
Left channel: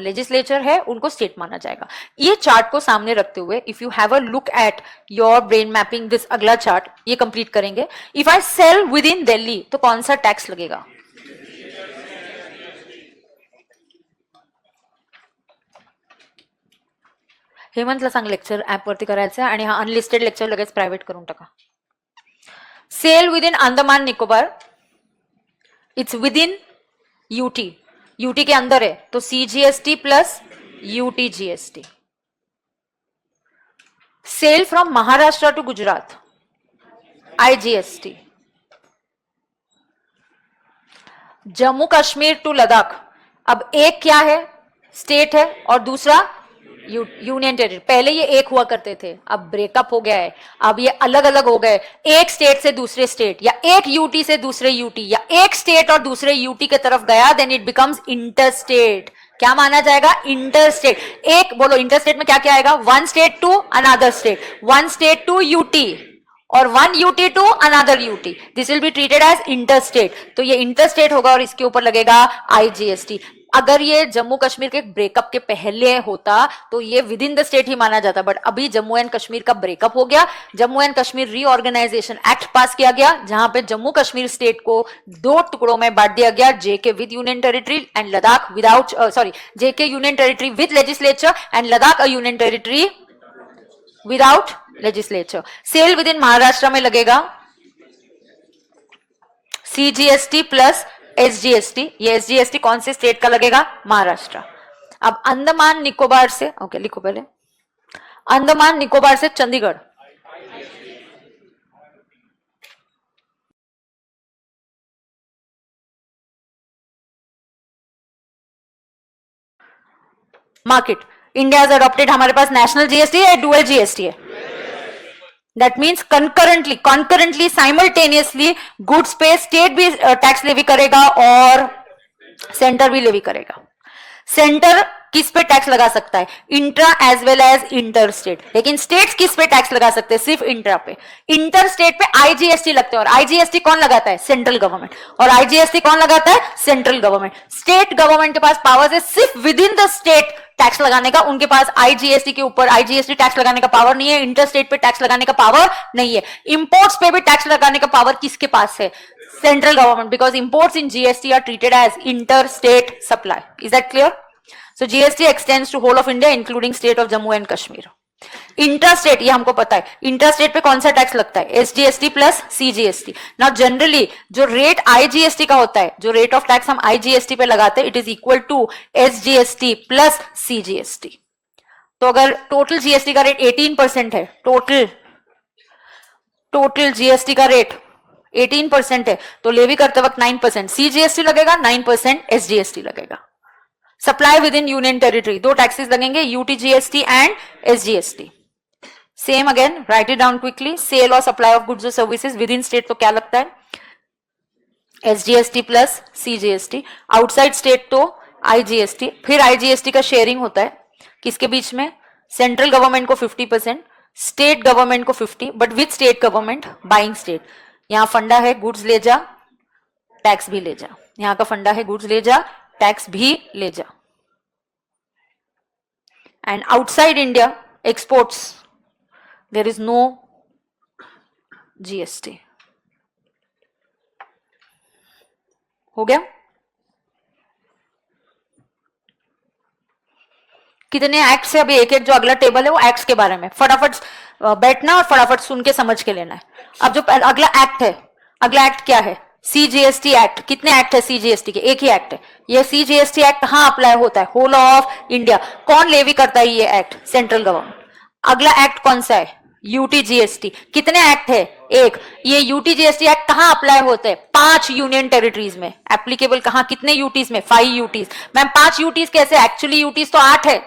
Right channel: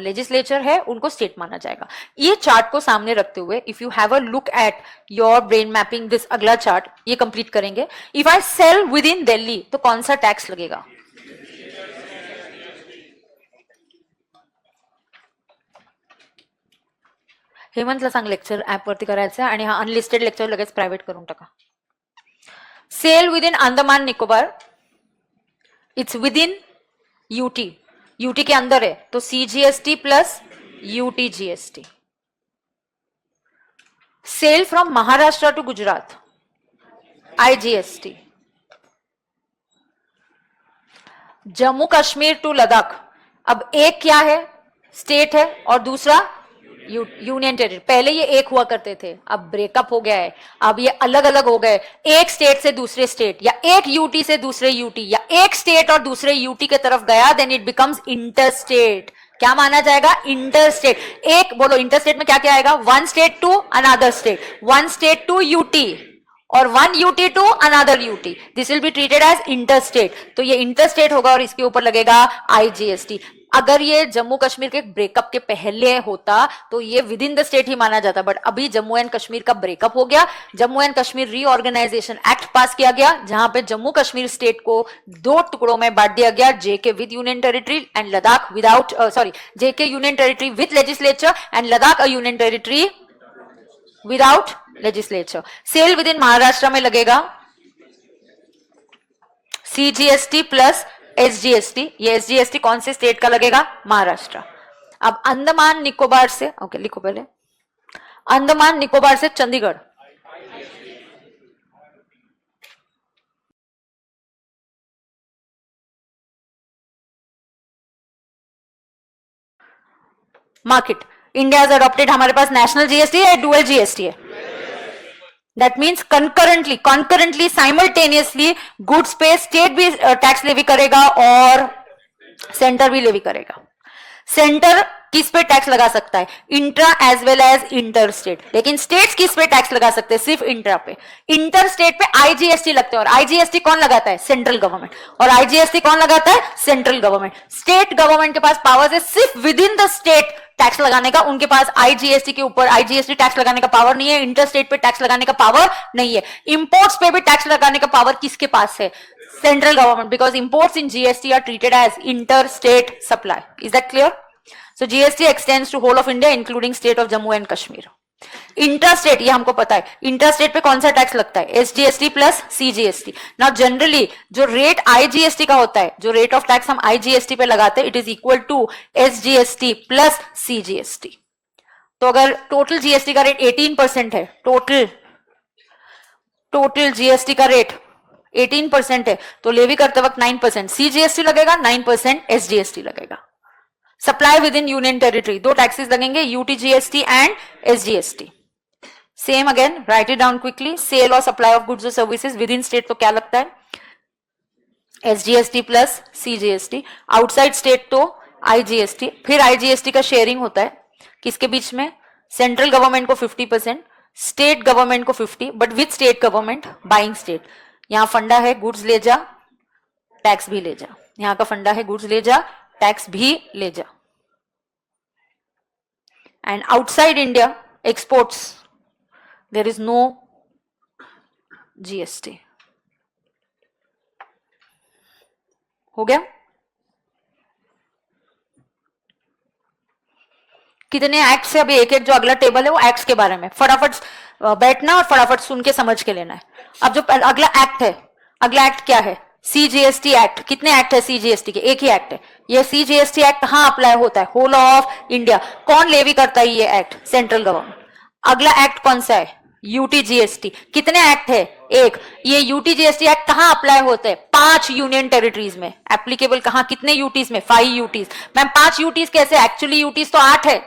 लेजिस्लेचर है उनको स्टेट माना जाएगा. ये चार्ट को सामने रखते हुए if you have a look at your brain mapping, this अगला चार्ट ये कंप्लीट करेंगे. If I sell within Delhi तो कौन सा टैक्स लगेगा? हेमंतला सांग लेक्चर ऍप वरती करायचं आणि हा अनलिस्टेड लेक्चर लगेच प्रायव्हेट करून टाका. Sale within Andaman Nicobar, it's within UT. UT के अंदर है तो CGST plus UT GST. Sale from Maharashtra to Gujarat, IGST. Jammu Kashmir to Ladakh, अब एक क्या है? स्टेट है और दूसरा यूनियन टेरिटरी, पहले ये एक हुआ करते थे, अब ब्रेकअप हो गया है, अब ये अलग अलग हो गए, एक स्टेट से दूसरे स्टेट, या एक यूटी से दूसरे यूटी, या एक स्टेट और दूसरे यूटी के तरफ गया, देन इट बिकम्स इंटरस्टेट। क्या माना जाएगा? इंटरस्टेट। एक बोलो, इंटरस्टेट में क्या क्या आएगा? One state to another state, one state to UT, और one UT to another UT, this will be treated as interstate. तो ये इंटरस्टेट होगा और इसके ऊपर लगेगा आईजीएसटी। अगर ये जम्मू कश्मीर के ब्रेकअप के पहले होता तो ये विद इन द स्टेट ही माना जाता, बट अभी जम्मू एंड कश्मीर का ब्रेकअप हो गया, Jammu and Kashmir reorganisation act pass किया गया, जहां पे जम्मू कश्मीर स्टेट को दो टुकड़ों में बांट दिया गया, JK with union territory and Ladakh without, sorry, JK union territory with legislature and Ladakh a union territory without legislature. Sale within Maharashtra में लगेगा सीजीएसटी प्लस एसजीएसटी। ये एसजीएसटी कौन से स्टेट का लगेगा? महाराष्ट्र। अब अंडमान निकोबार से, ओके लिखो पहले, अंडमान निकोबार से Chandigarh, market, India has adopted, हमारे पास नेशनल जीएसटी है, डुअल जीएसटी है। That means concurrently simultaneously goods पे स्टेट भी टैक्स लेवी करेगा और सेंटर भी लेवी करेगा। सेंटर किस पे टैक्स लगा सकता है? Intra as well as inter state. लेकिन स्टेट्स किस पे टैक्स लगा सकते हैं? सिर्फ इंट्रा पे। इंटर स्टेट पे आईजीएसटी लगते हैं, और आईजीएसटी कौन लगाता है? Central government. और आईजीएसटी कौन लगाता है? Central government. स्टेट गवर्नमेंट के पास पावर है सिर्फ with in the state tax लगाने का, उनके पास आईजीएसटी के ऊपर आईजीएसटी टैक्स लगाने का पावर नहीं है, इंटर स्टेट पे टैक्स लगाने का पावर नहीं है। इंपोर्ट्स पे भी टैक्स लगाने का पावर किसके पास है? Central government, because imports in GST are treated as interstate supply. Is that clear? So GST extends to whole of India, including state of Jammu and Kashmir. Interstate, ये हमको पता है, इंटरस्टेट पे कौन सा टैक्स लगता है? SGST plus CGST. Now generally जो रेट आईजीएसटी का होता है, जो रेट ऑफ टैक्स हम आईजीएसटी पे लगाते हैं, it is equal to SGST plus CGST. तो अगर टोटल जीएसटी का रेट 18% है, टोटल जीएसटी का रेट 18% है, तो लेवी करते वक्त 9% सीजीएसटी लगेगा, 9% एसजीएसटी लगेगा। Supply within union territory, दो टैक्सेस लगेंगे, UTGST and SGST. Same again, write it down quickly. Sale और supply of goods and services within state तो क्या लगता है? SGST plus CGST. Outside state तो आईजीएसटी। फिर आईजीएसटी का शेयरिंग होता है किसके बीच में? सेंट्रल गवर्नमेंट को 50%, स्टेट गवर्नमेंट को 50%, but with state government buying state. यहां फंडा है गुड्स ले जा टैक्स भी ले जा, यहां का फंडा है गुड्स ले जा टैक्स भी ले जा। And outside India exports, there is no GST. हो गया? कितने एक्ट्स है? अभी एक एक जो अगला टेबल है वो एक्ट्स के बारे में, फटाफट बैठना और फटाफट सुन के समझ के लेना है। अब जो अगला एक्ट है, अगला एक्ट क्या है? CGST act. कितने एक्ट है सीजीएसटी के? एक ही एक्ट है। ये सीजीएसटी एक्ट कहां अप्लाई होता है? Whole of India. कौन लेवी करता है ये एक्ट? Central government. अगला एक्ट कौन सा है? यूटीजीएसटी। कितने एक्ट है? एक। ये यूटीजीएसटी एक्ट कहां अप्लाई होते हैं? 5 यूनियन टेरिटरीज में एप्लीकेबल। कहां? कितने यूटीज में? 5 यूटीज। मैम 5 यूटीज कैसे? एक्चुअली यूटीज तो 8 है।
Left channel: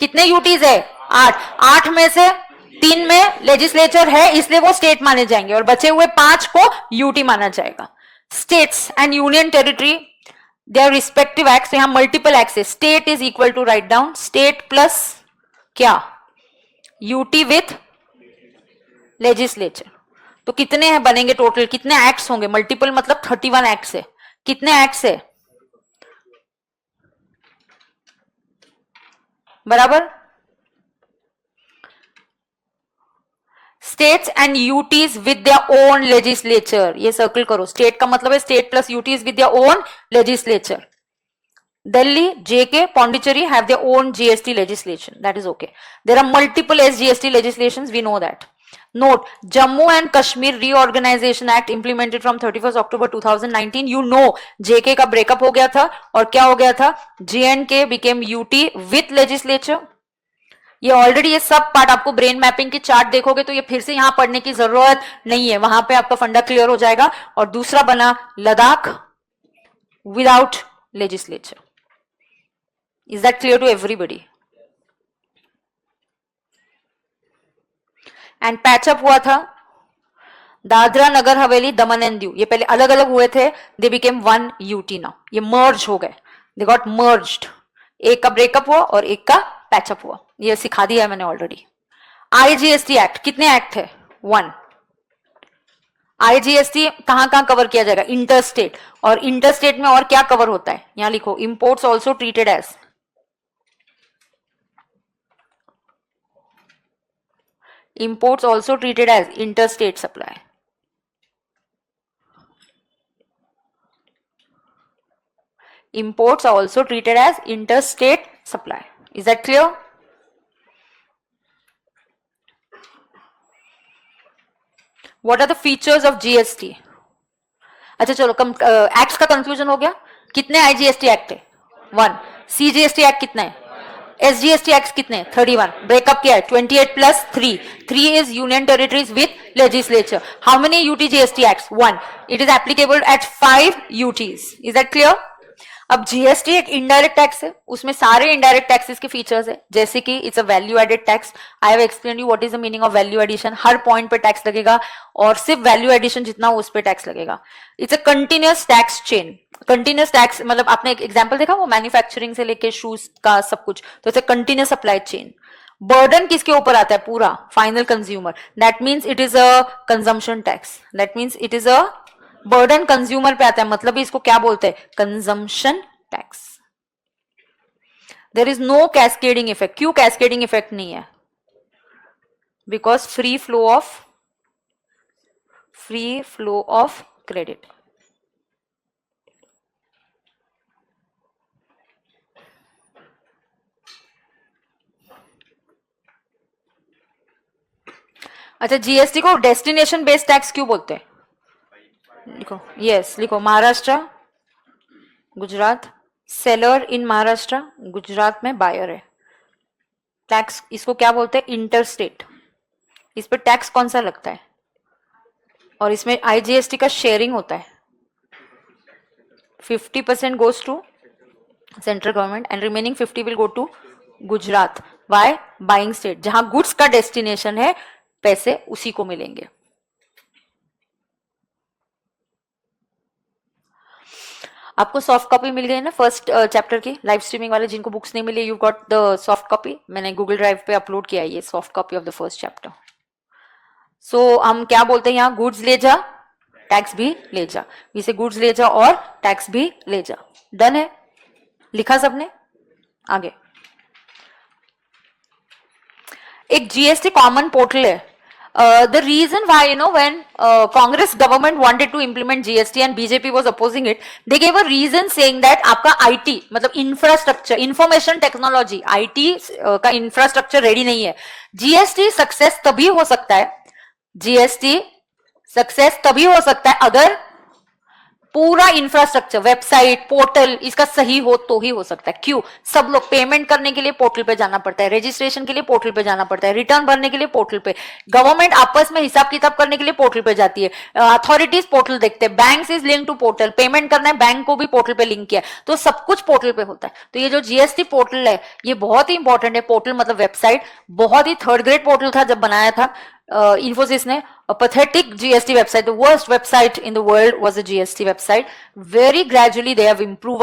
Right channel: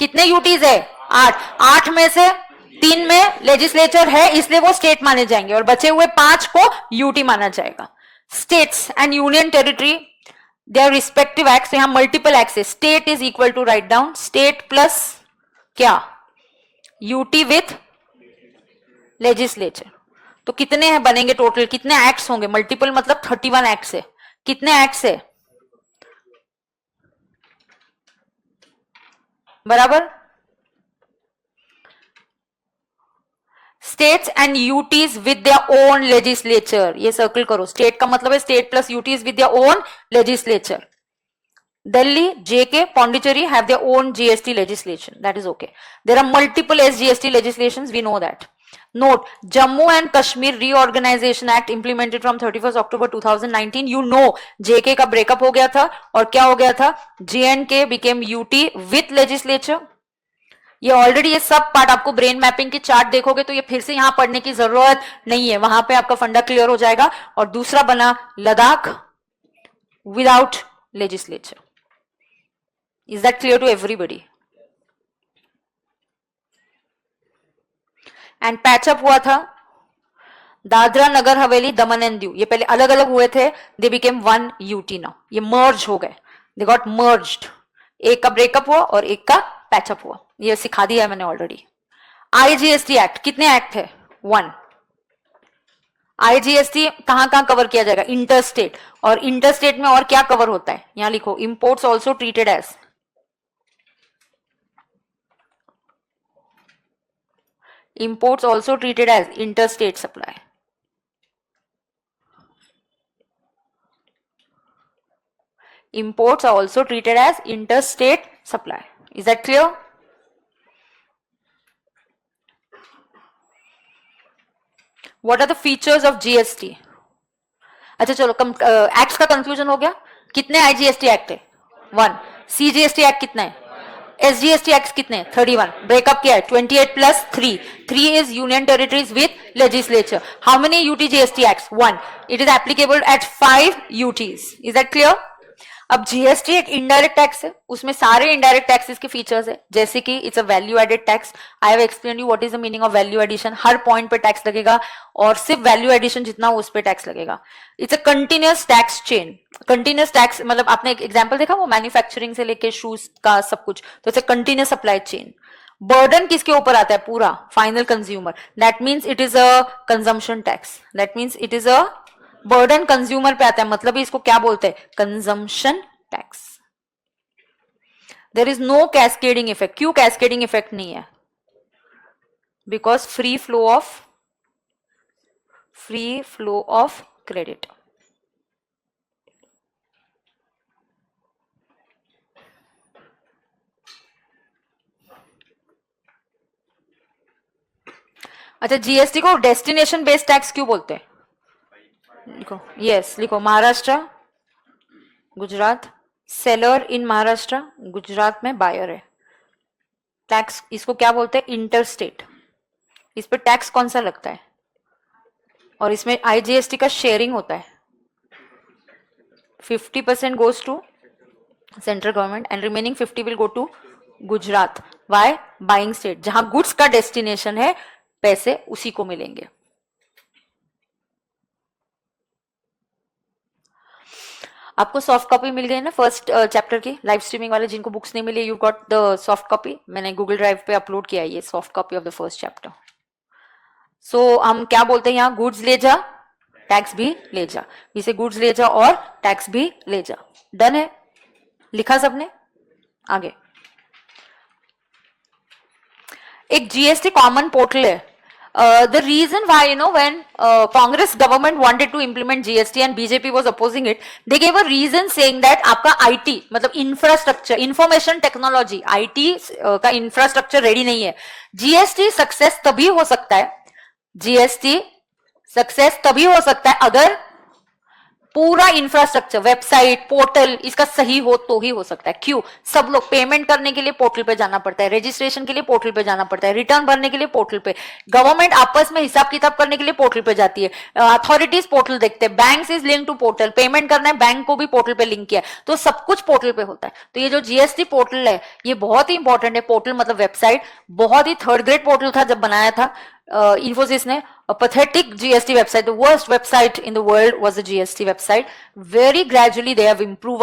कितने यूटीज है? 8। 8 में से 3 में लेजिस्लेचर है, इसलिए वो स्टेट माने जाएंगे, और बचे हुए 5 को यूटी माना जाएगा। States and union territory, their respective acts. यहां मल्टीपल एक्ट्स है। State is equal to, right down, state plus क्या? UT with legislature. तो कितने हैं बनेंगे टोटल? कितने एक्ट्स होंगे? मल्टीपल मतलब 31 एक्ट्स है। कितने एक्ट्स है? बराबर। States and UTs with their own legislature, ये सर्कल करो। स्टेट का मतलब है state plus UTs with their own legislature. Delhi, JK, Pondicherry have their own GST legislation. That is okay. There are multiple SGST legislations. We know that. Note, Jammu and Kashmir Reorganization Act implemented from 31st October 2019. You know, JK का breakup हो गया था और क्या हो गया था? JNK became UT with legislature. ये ऑलरेडी ये सब पार्ट आपको ब्रेन मैपिंग के चार्ट देखोगे तो ये फिर से यहां पढ़ने की जरूरत नहीं है, वहां पे आपका फंडा क्लियर हो जाएगा। और दूसरा बना Ladakh without legislature. Is that clear to everybody? And patch up हुआ था दादरा नगर हवेली दमन एंड दीव, ये पहले अलग अलग हुए थे, they became one UT now, ये मर्ज हो गए, दे गॉट मर्ज्ड, एक का ब्रेकअप हुआ और एक का पैचअप हुआ, ये सिखा दिया है मैंने ऑलरेडी। आईजीएसटी एक्ट, कितने एक्ट थे? वन। आईजीएसटी कहां कहां कवर किया जाएगा? इंटरस्टेट, और इंटरस्टेट में और क्या कवर होता है? यहां लिखो, imports also treated as, imports also treated as interstate supply. Imports are also treated as interstate supply. Is that clear? What are the features of GST? अच्छा चलो एक्ट्स का कंफ्यूजन हो गया। कितने आईजीएसटी एक्ट है? वन। सीजीएसटी एक्ट कितने हैं? SGST act कितने? 31। ब्रेकअप क्या है? 28 plus 3, 3 is union territories with legislature. How many UTGST acts? 1. It is applicable at 5 UTs. Is that clear? अब जीएसटी इनडायरेक्ट टैक्स है, उसमें सारे इनडायरेक्ट टैक्सेस के फीचर्स हैं, जैसे कि it's a value added tax. I have explain you what is the meaning of value addition, हर point पे टैक्स लगेगा और सिर्फ वैल्यू एडिशन जितना हो उस पे टैक्स लगेगा। It's a continuous tax chain. Continuous tax मतलब आपने एक एग्जांपल देखा वो मैन्युफैक्चरिंग से लेके शूज का सब कुछ, तो it's a continuous supply chain. Burden किसके ऊपर आता है? पूरा final consumer. That means it is a consumption tax, that means it is a burden consumer पे आता है, मतलब इसको क्या बोलते हैं? Consumption tax. There is no cascading effect. क्यों कैस्केडिंग इफेक्ट नहीं है? Because free flow of credit. अच्छा, जीएसटी को डेस्टिनेशन बेस्ड टैक्स क्यों बोलते हैं? लिखो, यस लिखो, महाराष्ट्र, गुजरात, सेलर इन महाराष्ट्र, गुजरात में बायर है। टैक्स इसको क्या बोलते हैं? इंटरस्टेट। इस पे टैक्स कौन सा लगता है? और इसमें आईजीएसटी का शेयरिंग होता है। 50% goes to central government and remaining 50 will go to Gujarat. By buying state, जहां गुड्स का डेस्टिनेशन है पैसे उसी को मिलेंगे। आपको सॉफ्ट कॉपी मिल गई ना फर्स्ट चैप्टर की? लाइव स्ट्रीमिंग वाले जिनको बुक्स नहीं मिली, you got the soft copy. मैंने गूगल ड्राइव पे अपलोड किया ये soft copy of the first chapter. So हम क्या बोलते हैं यहाँ? गुड्स ले जा, टैक्स भी ले जा। इसे गुड्स ले जा और टैक्स भी ले जा। डन है? लिखा सबने? आगे एक जीएसटी कॉमन पोर्टल है। The reason why, when Congress government wanted to implement GST and BJP was opposing it, they gave a reason saying that आपका IT मतलब इंफ्रास्ट्रक्चर, इंफॉर्मेशन टेक्नोलॉजी, IT का इंफ्रास्ट्रक्चर रेडी नहीं है। GST success तभी हो सकता है, जीएसटी सक्सेस तभी हो सकता है अगर पूरा इंफ्रास्ट्रक्चर, वेबसाइट, पोर्टल इसका सही हो तो ही हो सकता है। क्यों? सब लोग पेमेंट करने के लिए पोर्टल पे जाना पड़ता है, रजिस्ट्रेशन के लिए पोर्टल पे जाना पड़ता है, रिटर्न भरने के लिए पोर्टल पे, गवर्नमेंट आपस में हिसाब किताब करने के लिए पोर्टल पे जाती है, अथॉरिटीज पोर्टल देखते हैं, bank is link to portal, payment करना है बैंक को भी पोर्टल पे लिंक किया, तो सब कुछ पोर्टल पे होता है। तो ये जो जीएसटी पोर्टल है ये बहुत ही इंपॉर्टेंट है। पोर्टल मतलब वेबसाइट, बहुत ही थर्ड ग्रेड पोर्टल था जब बनाया था इन्फोसिस ने। A pathetic GST website, the worst website in the world was a GST website. Very gradually they have improve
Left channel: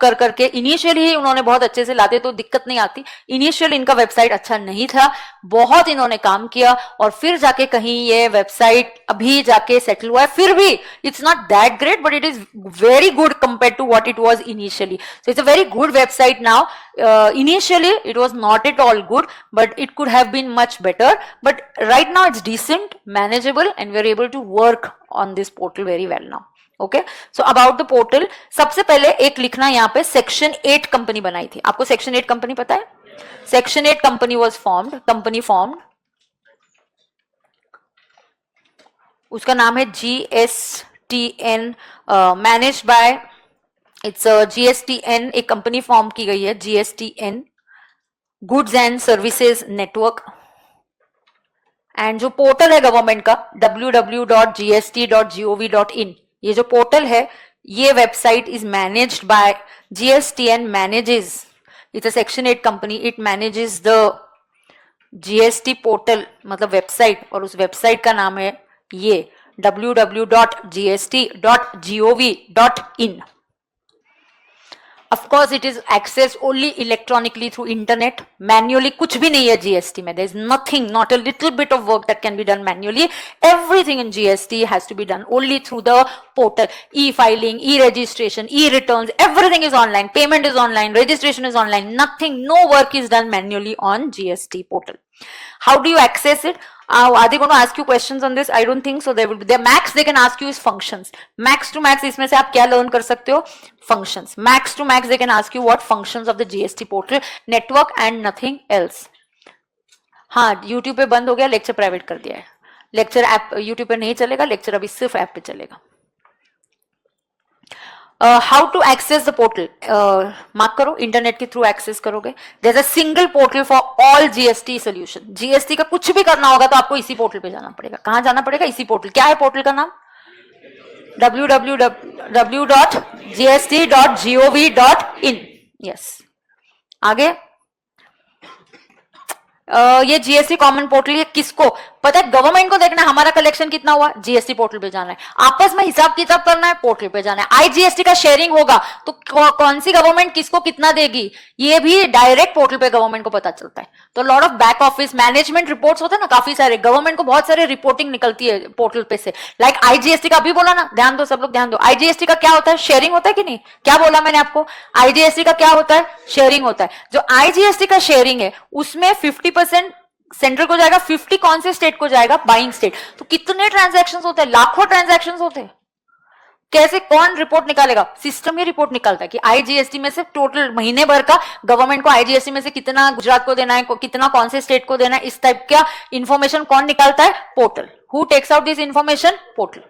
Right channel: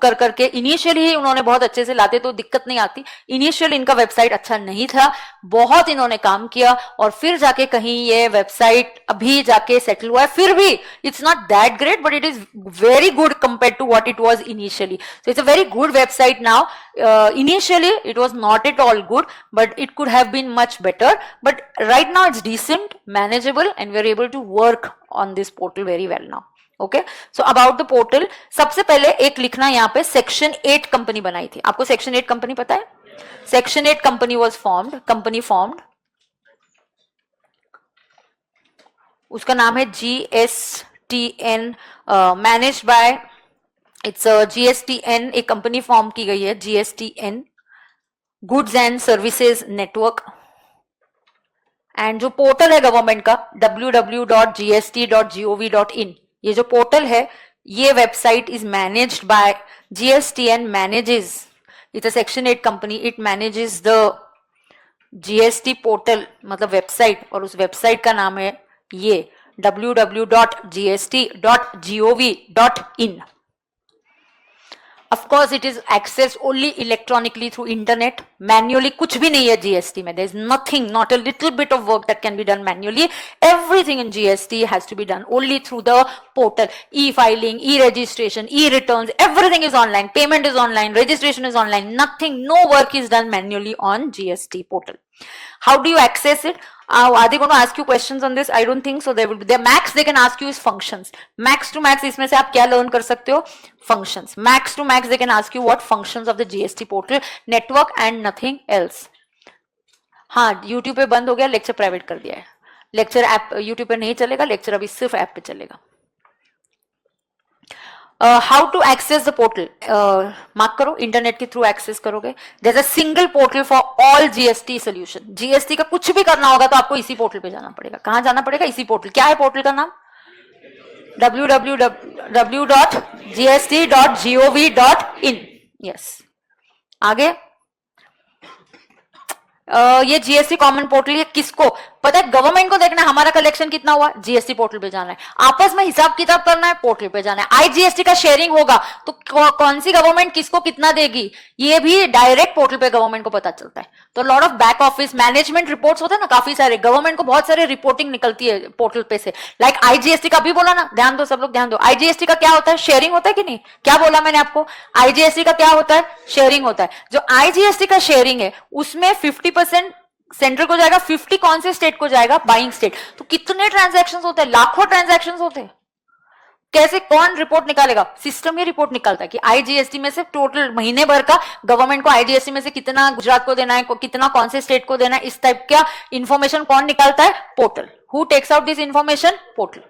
कर करके इनिशियली उन्होंने बहुत अच्छे से लाते तो दिक्कत नहीं आती। इनिशियल इनका वेबसाइट अच्छा नहीं था, बहुत इन्होंने काम किया और फिर जाके कहीं ये वेबसाइट अभी जाके सेटल हुआ है। फिर भी it's not that great but it is very good compare to what it was initially. So it's a very good website now. Initially it was not at all good but it could have been much better, but right now it's decent, manageable and we're able to work on this portal very well now. Okay, so about the portal, सबसे पहले एक लिखना यहाँ पे section 8 company बनाई थी। आपको section 8 company पता है? Section 8 company was formed, company formed, उसका नाम है GSTN, manage by it's GSTN। एक कंपनी फॉर्म की गई है GSTN, goods and services network. And जो पोर्टल है गवर्नमेंट का www.gst.gov.in, ये जो पोर्टल है ये website is managed by GSTN manages, it's a section 8 company, it manages the GST portal मतलब वेबसाइट, और उस वेबसाइट का नाम है ये www.gst.gov.in. Of course, it is accessed only electronically through internet. Manually कुछ भी नहीं है GST में. There's nothing, not a little bit of work that can be done manually. Everything in GST has to be done only through the portal. E-filing, e-registration, e-returns, everything is online. Payment is online, registration is online. Nothing, no work is done manually on GST portal. How do you access it? Are they going to ask you questions on this? I don't think so. There will be. The max they can ask you is functions. Max to max इसमें से आप क्या learn कर सकते हो? Functions. Max to max they can ask you what functions of the GST portal, network and nothing else. हाँ, YouTube पे बंद हो गया, लेक्चर प्राइवेट कर दिया है. लेक्चर ऐप YouTube पे नहीं चलेगा, लेक्चर अभी सिर्फ ऐप पे चलेगा. How to access the portal? Mark करो, इंटरनेट के थ्रू एक्सेस करोगे. There's a single portal for all GST solution. GST का कुछ भी करना होगा तो आपको इसी पोर्टल पे जाना पड़ेगा. कहाँ जाना पड़ेगा? इसी पोर्टल. क्या है पोर्टल का नाम? www.gst.gov.in. Yes. आगे ये जीएसटी कॉमन पोर्टल, ये किसको पता है? गवर्नमेंट को देखना हमारा कलेक्शन कितना हुआ, जीएसटी पोर्टल पे जाना है. आपस में हिसाब किताब करना है, पोर्टल पे जाना है. आईजीएसटी का शेयरिंग होगा तो कौन सी गवर्नमेंट किसको कितना देगी, ये भी डायरेक्ट पोर्टल पे गवर्नमेंट को पता चलता है. तो lot of back office management reports होते हैं ना, काफी सारे. गवर्नमेंट को बहुत सारे रिपोर्टिंग निकलती है पोर्टल पे से. लाइक आईजीएसटी का भी बोला ना, ध्यान दो सब लोग, ध्यान दो. आईजीएसटी का क्या होता है? शेयरिंग होता है कि नहीं? क्या बोला मैंने आपको? आईजीएसटी का क्या होता है? शेयरिंग होता है. जो आईजीएसटी का शेयरिंग है उसमें 50% सेंट्रल को जाएगा, 50 कौन से स्टेट को जाएगा? Buying state. तो कितने ट्रांजैक्शंस होते हैं? लाखों ट्रांजैक्शंस होते हैं. कैसे, कौन रिपोर्ट निकालेगा? सिस्टम ही रिपोर्ट निकालता है कि आईजीएसटी में से टोटल महीने भर का गवर्नमेंट को आईजीएसटी में से कितना गुजरात को देना है, कितना कौन से स्टेट को देना है, इस टाइप का इंफॉर्मेशन कौन निकालता है? Portal. Who takes out this information? Portal.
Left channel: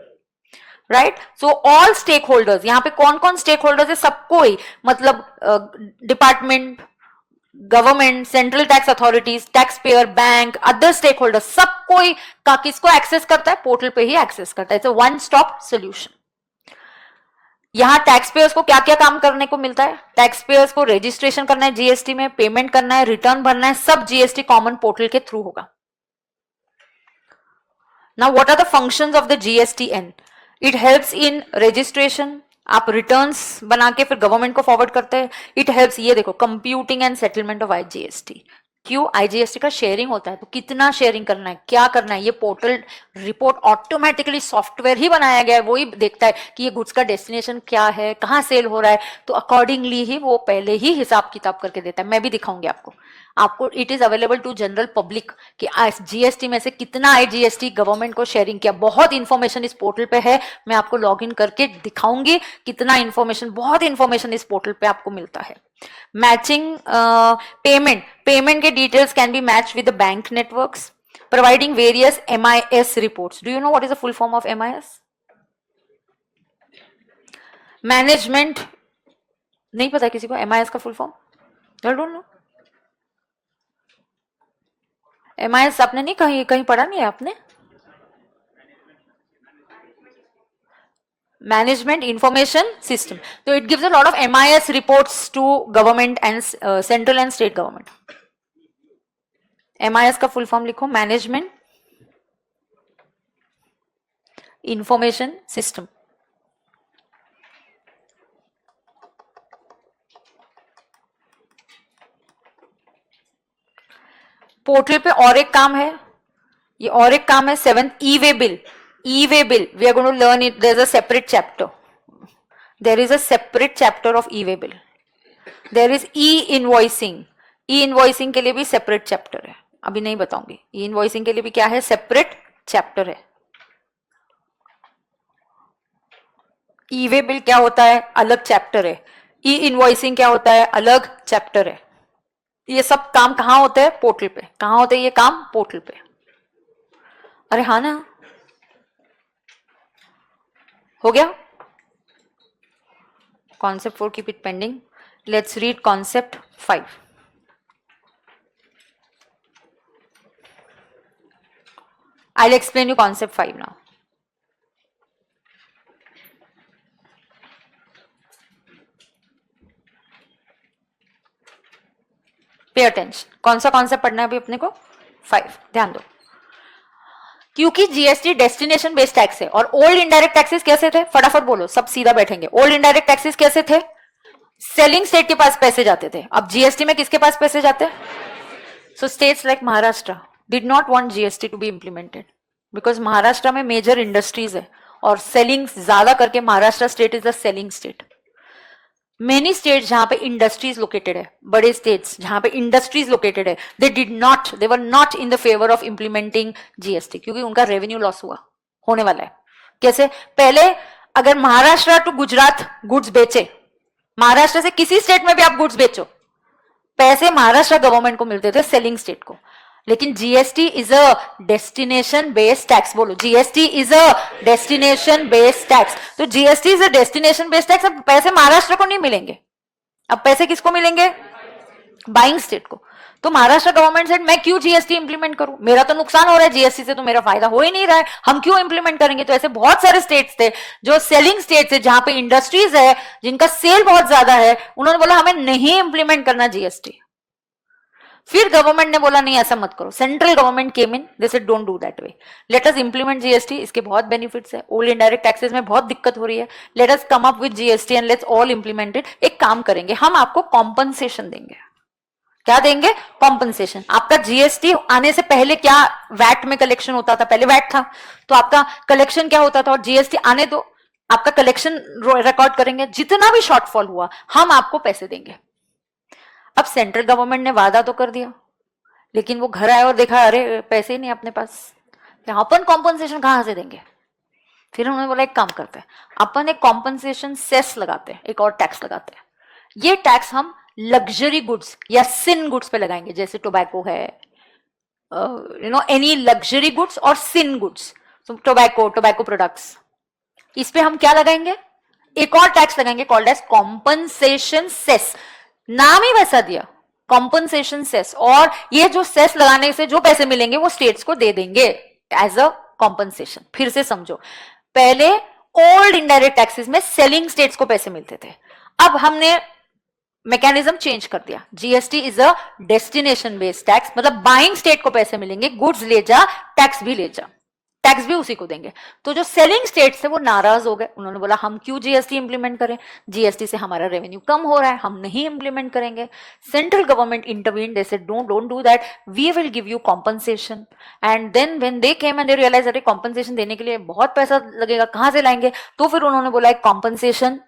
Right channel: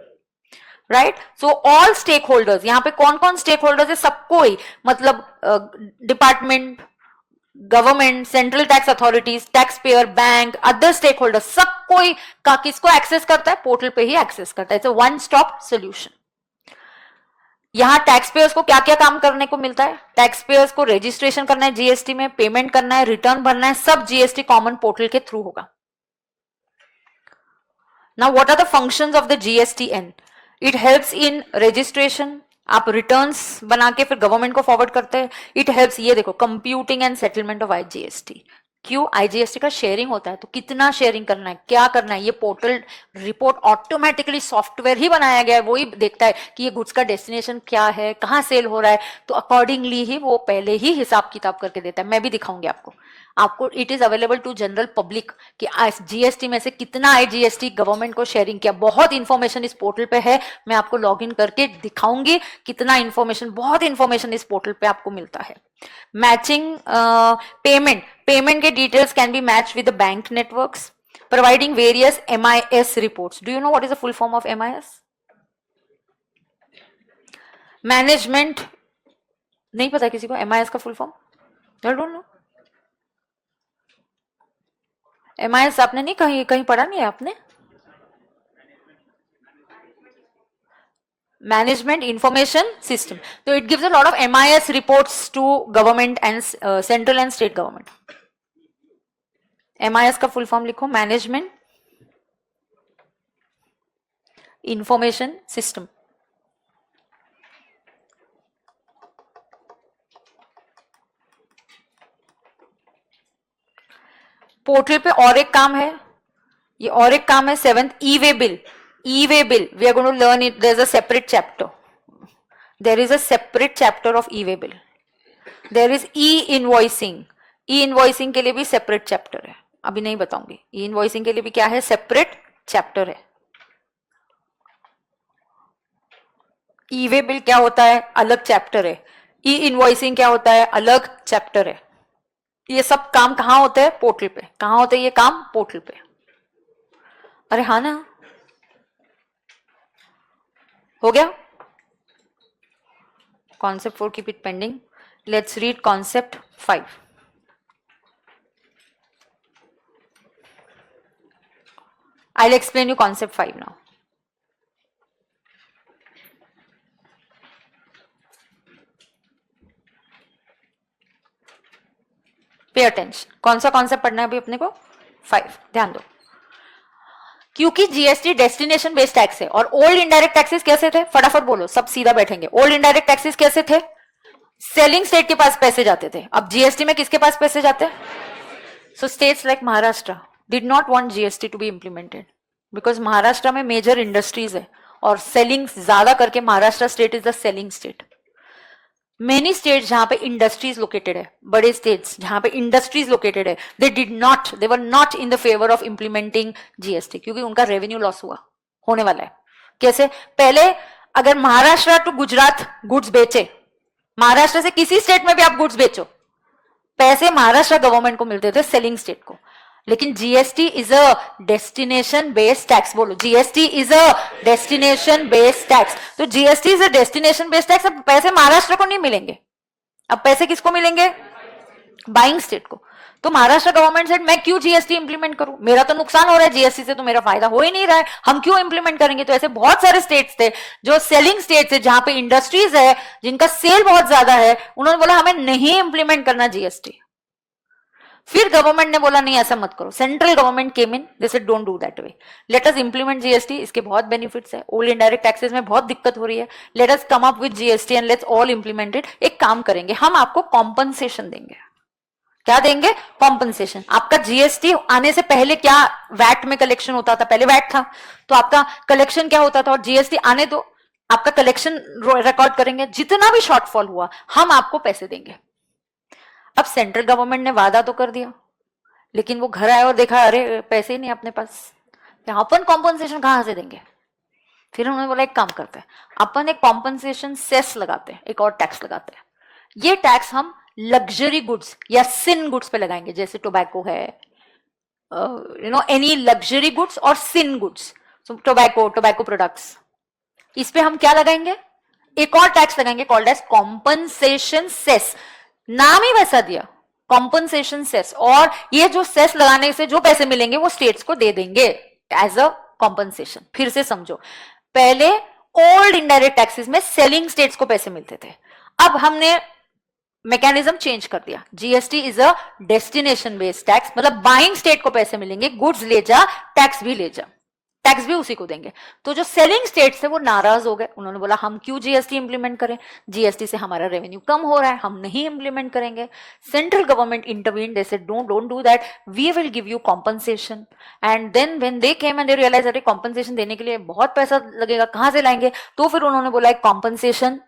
Right. So all stake holders, यहाँ पे कौन कौन स्टेक होल्डर्स है? सबको ही, मतलब department, government, central tax authorities, tax payer, bank, other stake holder, सबको ही का किसको एक्सेस करता है? पोर्टल पे ही एक्सेस करता है. One stop solution. यहाँ टैक्स पेयर्स को क्या क्या काम करने को मिलता है? टैक्स पेयर्स को रजिस्ट्रेशन करना है जीएसटी में, पेमेंट करना है, रिटर्न भरना है, सब जीएसटी कॉमन पोर्टल के थ्रू होगा. Now what are the functions of the GSTN? It helps in registration. आप रिटर्न्स बना के फिर गवर्नमेंट को फॉरवर्ड करते हैं. इट हेल्प्स, ये देखो, computing and settlement of IGST. क्यों? आईजीएसटी का शेयरिंग होता है, तो कितना शेयरिंग करना है, क्या करना है, ये पोर्टल रिपोर्ट ऑटोमेटिकली सॉफ्टवेयर ही बनाया गया है, वो ही देखता है कि ये गुड्स का डेस्टिनेशन क्या है, कहाँ सेल हो रहा है, तो अकॉर्डिंगली ही वो पहले ही हिसाब किताब करके देता है. मैं भी दिखाऊंगी आपको it is available to general public कि जीएसटी में से कितना आईजीएसटी गवर्नमेंट को शेयरिंग किया. बहुत इंफॉर्मेशन इस पोर्टल पे है, मैं आपको लॉग इन करके दिखाऊंगी कितना इंफॉर्मेशन, बहुत इंफॉर्मेशन इस पोर्टल पे आपको मिलता है. मैचिंग पेमेंट के details can be match with the bank networks. Providing various MIS reports. Do you know what is the full form of MIS? Management. नहीं पता किसी को MIS का full form? I don't know. MIS आपने नहीं कहीं पढ़ा नहीं है आपने? Management information system. तो it gives a lot of MIS reports to government and central and state government. MIS का फुल फॉर्म लिखो, मैनेजमेंट इंफॉर्मेशन सिस्टम. पोर्टल पे और एक काम है, ये और एक काम है 7th e-way bill. E-way bill, we are going to learn it. There's a separate chapter. There is a separate chapter of E-way bill. There is e-invoicing. E-invoicing के लिए भी separate chapter है, अभी नहीं बताऊंगी. E-invoicing के लिए भी क्या है? separate chapter है. E-way bill क्या होता है? अलग chapter है. E-invoicing क्या होता है? अलग chapter है. ये सब काम कहाँ होते हैं? पोर्टल पे. कहाँ होते हैं ये काम? पोर्टल पे. अरे हाँ ना, हो गया. Concept 4 keep it pending. Let's read concept 5. I'll explain you concept 5 now. Pay attention. कौन सा concept पढ़ना है अभी अपने को? 5, ध्यान दो, क्योंकि जीएसटी डेस्टिनेशन बेस्ड टैक्स है। और ओल्ड इनडायरेक्ट टैक्सेस कैसे थे, फटाफट बोलो, सब सीधा बैठेंगे। ओल्ड इनडायरेक्ट टैक्सेस कैसे थे, सेलिंग स्टेट के पास पैसे जाते थे। अब जीएसटी में किसके पास पैसे जाते हैं? So states like Maharashtra did not want GST to be implemented because Maharashtra में मेजर इंडस्ट्रीज है और सेलिंग ज्यादा करके Maharashtra state is the selling state. Many states जहां पे इंडस्ट्रीज लोकेटेड है, बड़े स्टेट्स जहां पे इंडस्ट्रीज लोकेटेड है, they were not in the favour of implementing GST क्योंकि उनका रेवेन्यू लॉस होने वाला है। कैसे? पहले अगर महाराष्ट्र टू गुजरात गुड्स बेचे, महाराष्ट्र से किसी स्टेट में भी आप गुड्स बेचो, पैसे महाराष्ट्र गवर्नमेंट को मिलते थे, सेलिंग स्टेट को। लेकिन GST is a destination based tax, बोलो GST is a destination based tax. तो GST is a destination based tax. अब पैसे महाराष्ट्र को नहीं मिलेंगे, अब पैसे किसको मिलेंगे? बाइंग स्टेट को। तो महाराष्ट्र गवर्नमेंट से मैं क्यों जीएसटी इंप्लीमेंट करूं, मेरा तो नुकसान हो रहा है जीएसटी से, तो मेरा फायदा हो ही नहीं रहा है, हम क्यों इंप्लीमेंट करेंगे? तो ऐसे बहुत सारे स्टेट्स थे जो सेलिंग स्टेट्स है, जहां पे इंडस्ट्रीज है, जिनका सेल बहुत ज्यादा है, उन्होंने बोला हमें नहीं इंप्लीमेंट करना जीएसटी। फिर गवर्नमेंट ने बोला नहीं ऐसा मत करो, central government came in, they said don't do that way, let us implement GST. इसके बहुत बेनिफिट्स है, ओल्ड इनडायरेक्ट टैक्सेस में बहुत दिक्कत हो रही है, let us come up with GST and let's all implement it. एक काम करेंगे, हम आपको कॉम्पनसेशन देंगे। क्या देंगे? कॉम्पनसेशन। आपका जीएसटी आने से पहले क्या वैट में कलेक्शन होता था? पहले वैट था, तो आपका कलेक्शन क्या होता था? और जीएसटी आने दो, आपका कलेक्शन रिकॉर्ड करेंगे, जितना भी शॉर्टफॉल हुआ हम आपको पैसे देंगे। अब सेंट्रल गवर्नमेंट ने वादा तो कर दिया, लेकिन वो घर आए और देखा अरे पैसे ही नहीं अपने पास, तो अपन कॉम्पनसेशन कहां से देंगे? फिर उन्होंने बोला एक काम करते हैं, अपन एक कॉम्पनसेशन सेस लगाते हैं, एक और टैक्स लगाते हैं। ये टैक्स हम लग्जरी गुड्स या सिन गुड्स पे लगाएंगे, जैसे टोबैको है, एनी लग्जरी गुड्स और सिन गुड्स, टोबैको प्रोडक्ट्स, इस पे हम क्या लगाएंगे? एक और टैक्स लगाएंगे कॉल्ड एज कॉम्पनसेशन सेस। नाम ही वैसा दिया, कॉम्पनसेशन सेस। और ये जो सेस लगाने से जो पैसे मिलेंगे वो स्टेट्स को दे देंगे एज अ कॉम्पनसेशन। फिर से समझो, पहले ओल्ड इनडायरेक्ट टैक्सेस में सेलिंग स्टेट्स को पैसे मिलते थे, अब हमने मैकेनिज्म चेंज कर दिया। GST is a destination based tax, मतलब बाइंग स्टेट को पैसे मिलेंगे, गुड्स ले जा, टैक्स भी ले जा, टैक्स भी उसी को देंगे। तो जो सेलिंग स्टेट से वो नाराज हो गए, उन्होंने बोला हम क्यों जीएसटी इंप्लीमेंट करें, जीएसटी से हमारा रेवेन्यू कम हो रहा है, हम नहीं इंप्लीमेंट करेंगे। Central government intervene, they said don't do that, we will give you compensation. And then when they came and they realize अरे कॉम्पनसेशन देने के लिए बहुत पैसा लगेगा, कहां से लाएंगे? तो फिर उन्होंने बोला एक कॉम्पनसेशन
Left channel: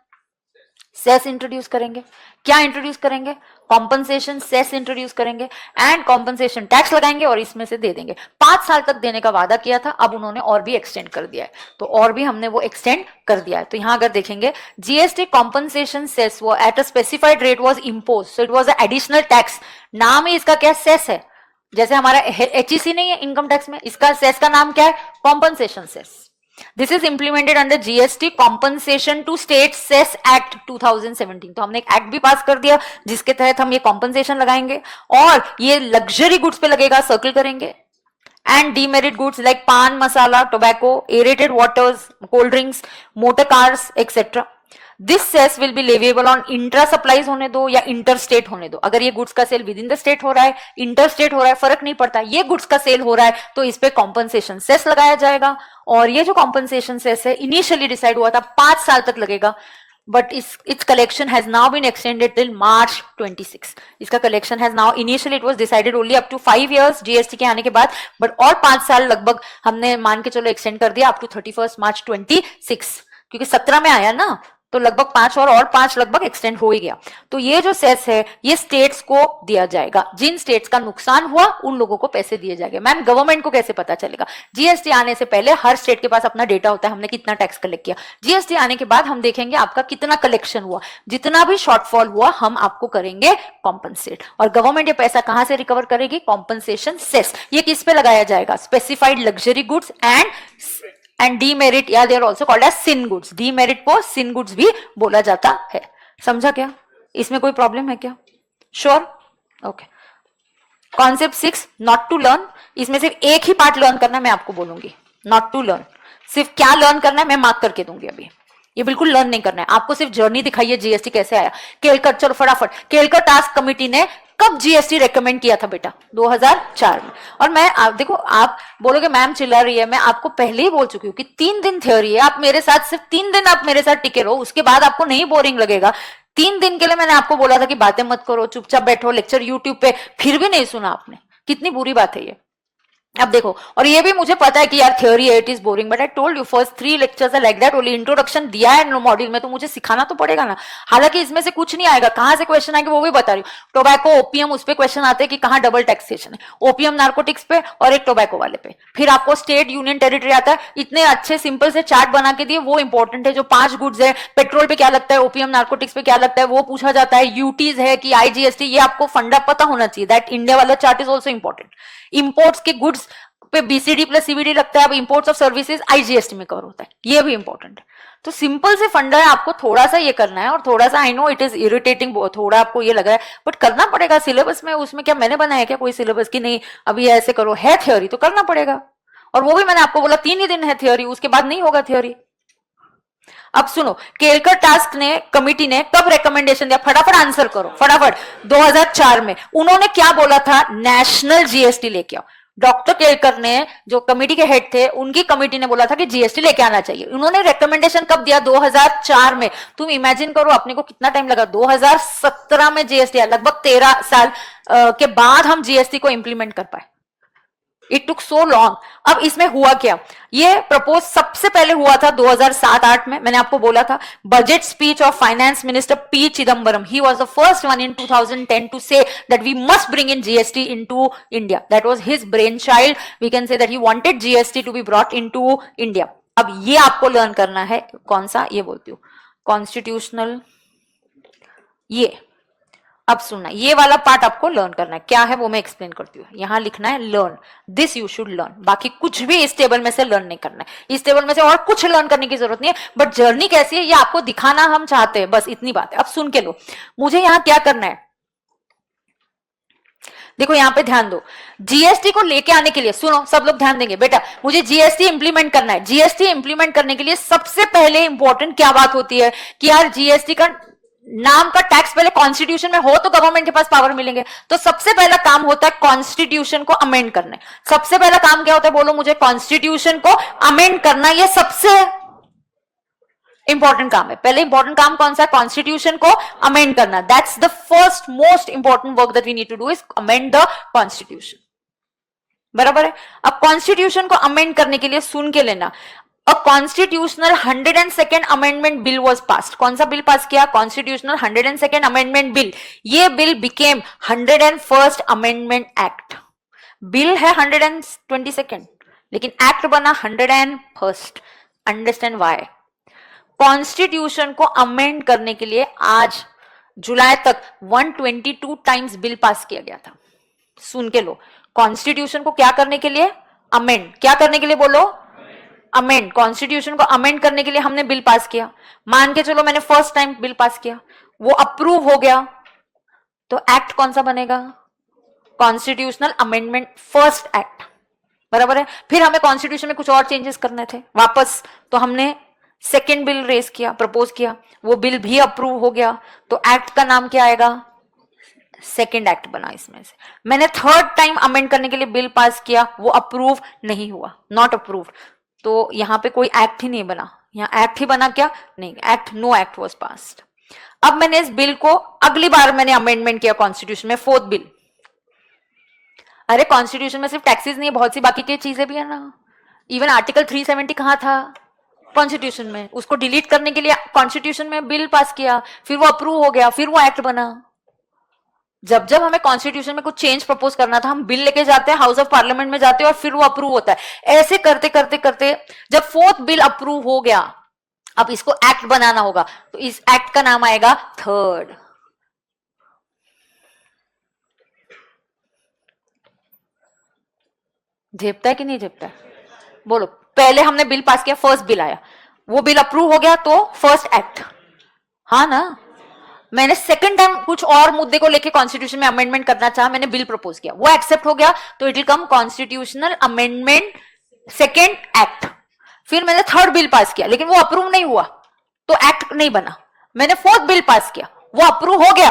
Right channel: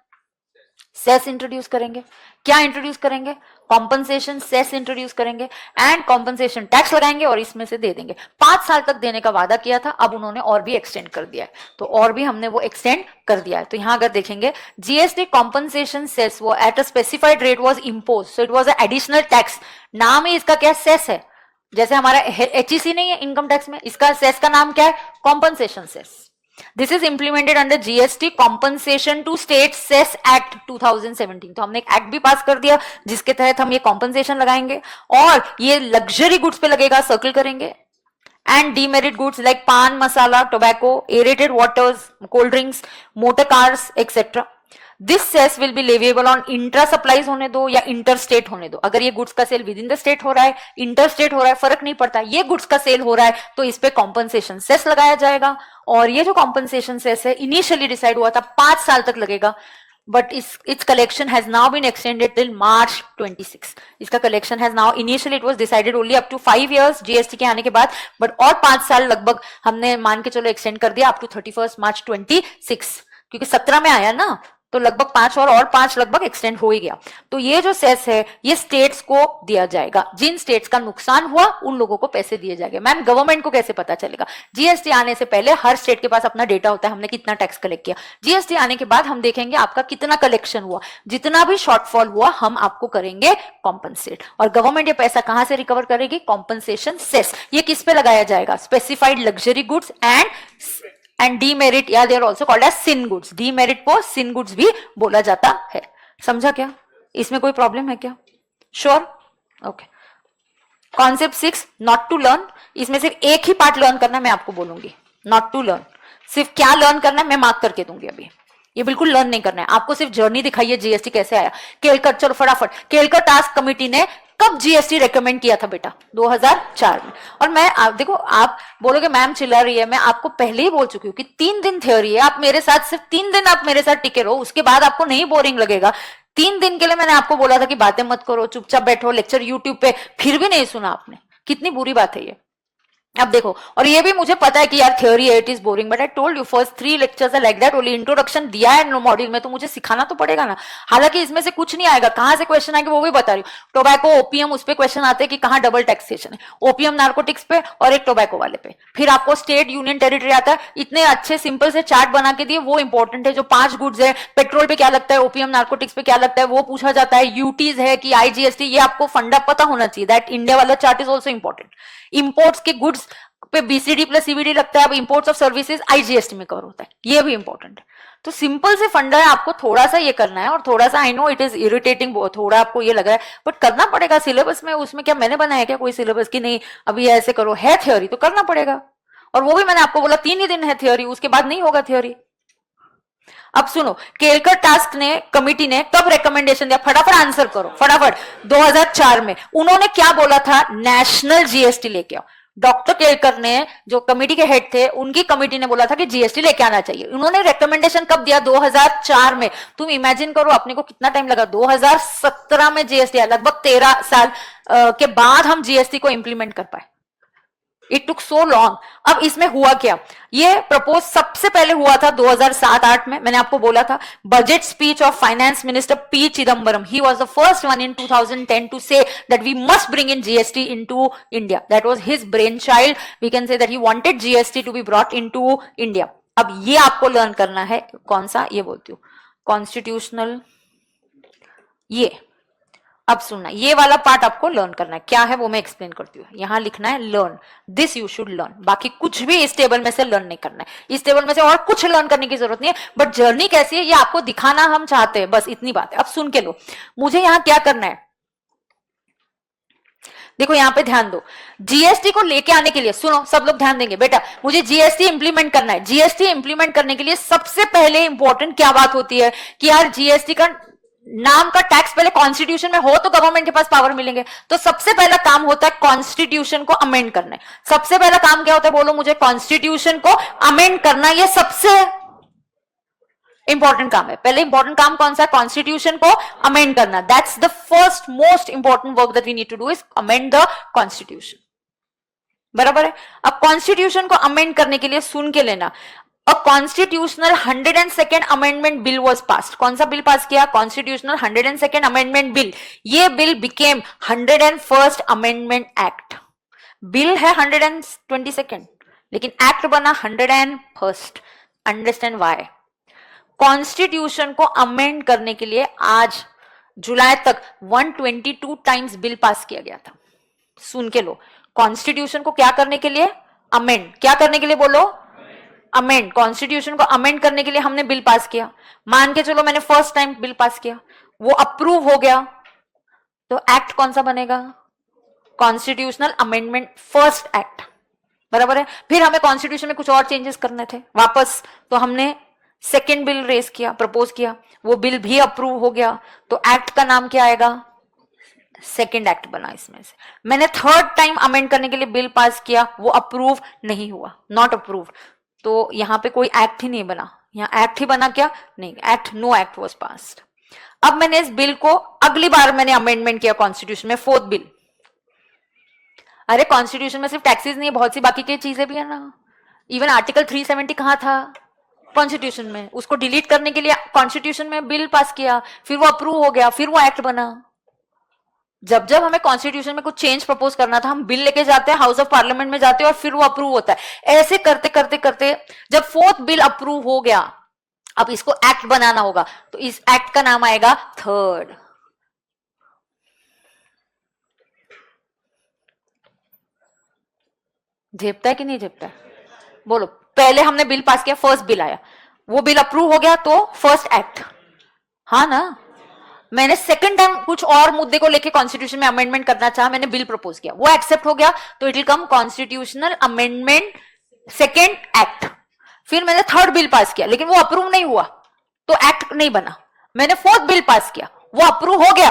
सेस इंट्रोड्यूस करेंगे। क्या इंट्रोड्यूस करेंगे? कॉम्पनसेशन सेस इंट्रोड्यूस करेंगे एंड कॉम्पनसेशन टैक्स लगाएंगे और इसमें से दे देंगे। 5 साल तक देने का वादा किया था, अब उन्होंने और भी एक्सटेंड कर दिया है, तो और भी हमने वो एक्सटेंड कर दिया है। तो यहां अगर देखेंगे, जीएसटी कॉम्पनसेशन सेस वो at a specified rate was impose, so it was a additional tax. नाम ही इसका क्या? सेस है। जैसे हमारा एचईसी नहीं है इनकम टैक्स में, इसका सेस का नाम क्या है? Compensation cess. This is implemented under GST Compensation to State Cess Act 2017। तो हमने एक एक्ट भी पास कर दिया जिसके तहत हम ये कॉम्पनसेशन लगाएंगे, और ये लग्जरी गुड्स पे लगेगा, सर्कल करेंगे, and demerit goods like paan masala, tobacco, aerated waters, cold drinks, motor cars etcetera. This cess will be leviable on inter supplies होने दो या इंटर स्टेट होने दो। अगर ये गुड्स का sale within the state हो रहा है, इंटर स्टेट हो रहा है, फर्क नहीं पड़ता, ये गुड्स का सेल हो रहा है तो इस पे कॉम्पनसेशन सेस लगाया जाएगा। और ये जो कॉम्पनसेशन सेस है इनिशियली डिसाइड हुआ था 5 साल तक लगेगा, but it's collection has now been extended till March 26। इसका कलेक्शन has now, initially it was decided only up to 5 years GST के आने के बाद, बट और 5 साल लगभग हमने मान के चलो एक्सटेंड कर दिया अप टू 31 March 26, क्योंकि 17 में आया ना, तो लगभग 5 और 5 लगभग एक्सटेंड हो ही गया। तो ये जो सेस है ये स्टेट्स को दिया जाएगा, जिन स्टेट्स का नुकसान हुआ उन लोगों को पैसे दिए जाएंगे। मैम गवर्नमेंट को कैसे पता चलेगा? जीएसटी आने से पहले हर स्टेट के पास अपना डेटा होता है, हमने कितना टैक्स कलेक्ट किया। जीएसटी आने के बाद हम देखेंगे आपका कितना कलेक्शन हुआ, जितना भी शॉर्टफॉल हुआ हम आपको करेंगे कॉम्पनसेट। और गवर्नमेंट ये पैसा कहां से रिकवर करेगी? Compensation cess. ये किस पे लगाया जाएगा? Specified luxury goods and demerit, या they are also called as sin goods. Demerit को सिन गुड्स भी बोला जाता है। समझा क्या? इसमें कोई प्रॉब्लम है क्या? Sure? Okay. Concept 6, not to learn. इसमें सिर्फ एक ही पार्ट लर्न करना है, मैं आपको बोलूंगी। नॉट टू लर्न, सिर्फ क्या लर्न करना है मैं मार्क करके दूंगी अभी। ये बिल्कुल लर्न नहीं करना है आपको, सिर्फ जर्नी दिखाइए जीएसटी कैसे आया। केलकर, चलो फटाफट, केलकर टास्क कमेटी ने कब जीएसटी रेकमेंड किया था बेटा? 2004 में। और मैं आप देखो, आप बोलोगे मैम चिल्ला रही है, मैं आपको पहले ही बोल चुकी हूँ कि 3 दिन थ्योरी है, आप मेरे साथ सिर्फ 3 दिन आप मेरे साथ टिके रहो, उसके बाद आपको नहीं बोरिंग लगेगा। 3 दिन के लिए मैंने आपको बोला था कि बातें मत करो, चुपचाप बैठो, लेक्चर यूट्यूब पे, फिर भी नहीं सुना आपने। कितनी बुरी बात है ये। अब देखो, और ये भी मुझे पता है कि यार थ्योरी है, it is boring, but I told you first 3 lectures are like that only. Introduction दिया है मॉड्यूल में, तो मुझे सिखाना तो पड़ेगा ना। हालांकि इसमें से कुछ नहीं आएगा, कहां से क्वेश्चन आएंगे वो भी बता रही हूँ। टोबैको, ओपीएम, उस पर क्वेश्चन आते हैं कि कहां डबल टैक्सेशन है, ओपीएम नार्कोटिक्स पे और एक टोबैको वाले पे। फिर आपको स्टेट, यूनियन, टेरिटरी आता है। इतने अच्छे सिंपल से चार्ट बना के दिए, वो इंपॉर्टेंट है। जो 5 गुड्स है, पेट्रोल पे क्या लगता है, ओपीएम नार्कोटिक्स पे क्या लगता है, वो पूछा जाता है। यूटीज है कि आईजीएसटी, ये आपको फंडा पता होना चाहिए। दैट इंडिया वाला chart is also important. Imports के गुड्स पे बीसीडी प्लस सीवीडी लगता है, अब इंपोर्ट्स ऑफ सर्विसेज आईजीएसटी में कवर होता है, ये भी इंपॉर्टेंट है। तो सिंपल से फंडा है, आपको थोड़ा सा ये करना है। और थोड़ा सा, I know it is irritating, थोड़ा आपको ये लग रहा है, बट करना पड़ेगा। सिलेबस में उसमें क्या मैंने बनाया क्या कोई सिलेबस की? नहीं, अभी ऐसे करो, है थ्योरी तो करना पड़ेगा। और वो भी मैंने आपको बोला 3 ही दिन है थ्योरी, उसके बाद नहीं होगा थ्योरी। अब सुनो, केलकर टास्क ने, कमिटी ने कब रिकमेंडेशन दिया? फटाफट आंसर करो, फटाफट। 2004 में। उन्होंने क्या बोला था? नेशनल जीएसटी लेके आओ। डॉक्टर केलकर ने, जो कमेटी के हेड थे, उनकी कमेटी ने बोला था कि जीएसटी लेके आना चाहिए। उन्होंने रिकमेंडेशन कब दिया? 2004 में। तुम इमेजिन करो अपने को कितना टाइम लगा। 2017 में जीएसटी, लगभग 13 साल के बाद हम जीएसटी को इंप्लीमेंट कर पाए। It took so long. अब इसमें हुआ क्या? ये प्रपोज सबसे पहले हुआ था 2007-8 में। मैंने आपको बोला था, budget speech of finance minister P Chidambaram, he was the first one in 2010 to say that we must bring in GST into India. That was his brain child, we can say that he wanted GST to be brought into India. अब ये आपको learn करना है, कौन सा? ये बोलती हूँ कॉन्स्टिट्यूशनल। ये अब सुनना, ये वाला पार्ट आपको लर्न करना है। क्या है वो मैं एक्सप्लेन करती हूँ। यहां लिखना है learn, this you should learn. बाकी कुछ भी इस टेबल में से लर्न नहीं करना है। इस टेबल में से और कुछ लर्न करने की जरूरत नहीं है, बट जर्नी कैसी है ये आपको दिखाना हम चाहते हैं, बस इतनी बात है। अब सुन के लो, मुझे यहाँ क्या करना है, देखो यहाँ पे ध्यान दो। जीएसटी को लेके आने के लिए, सुनो सब लोग ध्यान देंगे बेटा, मुझे जीएसटी इंप्लीमेंट करना है। जीएसटी इंप्लीमेंट करने के लिए सबसे पहले इंपॉर्टेंट क्या बात होती है कि यार जीएसटी का नाम का टैक्स पहले कॉन्स्टिट्यूशन में हो तो गवर्नमेंट के पास पावर मिलेंगे। तो सबसे पहला काम होता है कॉन्स्टिट्यूशन को अमेंड करना। सबसे पहला काम क्या होता है बोलो मुझे? कॉन्स्टिट्यूशन को अमेंड करना। ये सबसे इंपॉर्टेंट काम है। पहले इंपॉर्टेंट काम कौन सा है? कॉन्स्टिट्यूशन को अमेंड करना। That's the first most important work that we need to do is amend the constitution. बराबर है। अब कॉन्स्टिट्यूशन को अमेंड करने के लिए सुन के लेना, A constitutional 102nd amendment bill was passed. कौन सा बिल पास किया? Constitutional 102nd amendment bill. ये bill became 101st amendment act. Bill है 122nd, लेकिन एक्ट बना 101st. Understand why? कॉन्स्टिट्यूशन को अमेंड करने के लिए आज जुलाई तक 122 टाइम्स बिल पास किया गया था। सुन के लो, कॉन्स्टिट्यूशन को क्या करने के लिए? अमेंड। क्या करने के लिए बोलो? अमेंड। कॉन्स्टिट्यूशन को अमेंड करने के लिए हमने बिल पास किया। मान के चलो मैंने फर्स्ट टाइम बिल पास किया, वो अप्रूव हो गया, तो एक्ट कौन सा बनेगा? Constitutional amendment first act. बराबर है। फिर हमें कॉन्स्टिट्यूशन में कुछ और चेंजेस करने थे वापस, तो हमने सेकेंड बिल रेस किया, प्रपोज किया, वो बिल भी अप्रूव हो गया, तो एक्ट का नाम क्या आएगा? सेकेंड एक्ट बना। इसमें से मैंने थर्ड टाइम अमेंड करने के लिए बिल पास किया, वो अप्रूव नहीं हुआ, नॉट अप्रूव, तो यहां पे कोई एक्ट ही नहीं बना। यहाँ एक्ट ही बना क्या? नहीं, act, no act was passed. अब मैंने इस बिल को अगली बार मैंने अमेंडमेंट किया कॉन्स्टिट्यूशन में, फोर्थ बिल। अरे कॉन्स्टिट्यूशन में सिर्फ टैक्सेस नहीं, बहुत सी बाकी की चीजें भी है ना। इवन आर्टिकल 370 कहाँ था? कॉन्स्टिट्यूशन में। उसको डिलीट करने के लिए कॉन्स्टिट्यूशन में बिल पास किया, फिर वो अप्रूव हो गया, फिर वो एक्ट बना। जब जब हमें कॉन्स्टिट्यूशन में कुछ चेंज प्रपोज करना था, हम बिल लेके जाते हैं, हाउस ऑफ पार्लियामेंट में जाते हैं, और फिर वो अप्रूव होता है। ऐसे करते करते करते जब फोर्थ बिल अप्रूव हो गया, अब इसको एक्ट बनाना होगा, तो इस एक्ट का नाम आएगा थर्ड। झेपता है कि नहीं झेपता है? बोलो। पहले हमने बिल पास किया, फर्स्ट बिल आया, वो बिल अप्रूव हो गया, तो फर्स्ट एक्ट। हाँ ना। मैंने सेकंड टाइम कुछ और मुद्दे को लेके कॉन्स्टिट्यूशन में अमेंडमेंट करना चाहा, मैंने बिल प्रपोज किया, वो एक्सेप्ट हो गया, तो it will come constitutional amendment second act. फिर मैंने थर्ड बिल पास किया, लेकिन वो अप्रूव नहीं हुआ, तो एक्ट नहीं बना। मैंने फोर्थ बिल पास किया, वो अप्रूव हो गया,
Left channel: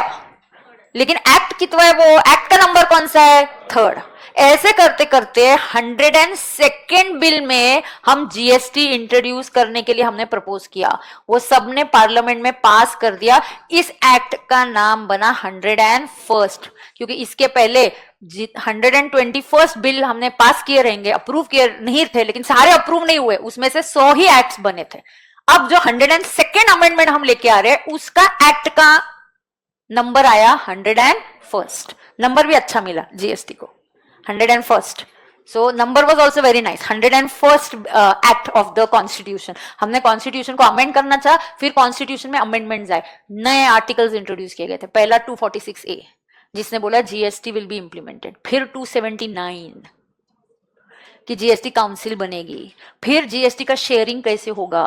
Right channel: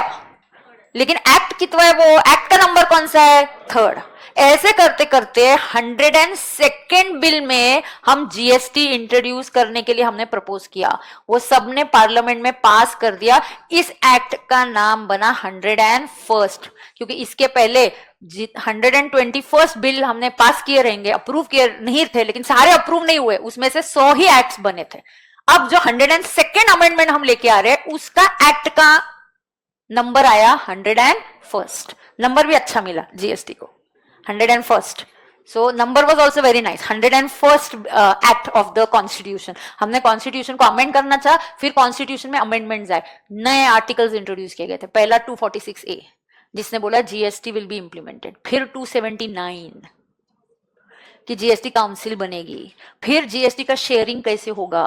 लेकिन एक्ट कितना है, वो एक्ट का नंबर कौन सा है, 3rd। ऐसे करते करते 102nd बिल में हम जीएसटी इंट्रोड्यूस करने के लिए हमने प्रपोज किया, वो सबने पार्लियामेंट में पास कर दिया। इस एक्ट का नाम बना 101st, क्योंकि इसके पहले 121st बिल हमने पास किए रहेंगे, अप्रूव किए नहीं थे, लेकिन सारे अप्रूव नहीं हुए, उसमें से 100 ही एक्ट बने थे। अब जो 102nd अमेंडमेंट हम लेके आ रहे हैं, उसका एक्ट का नंबर आया 101st। नंबर भी अच्छा मिला जीएसटी को, 101st। So number was also very nice. 101st act of the constitution. हमने कॉन्स्टिट्यूशन को अमेंड करना चाहा, फिर कॉन्स्टिट्यूशन में अमेंडमेंट्स आए, नए आर्टिकल्स इंट्रोड्यूस किए गए थे। पहला 246A जिसने बोला जीएसटी विल बी इंप्लीमेंटेड, फिर 279 कि जीएसटी काउंसिल बनेगी, फिर जीएसटी का शेयरिंग कैसे होगा,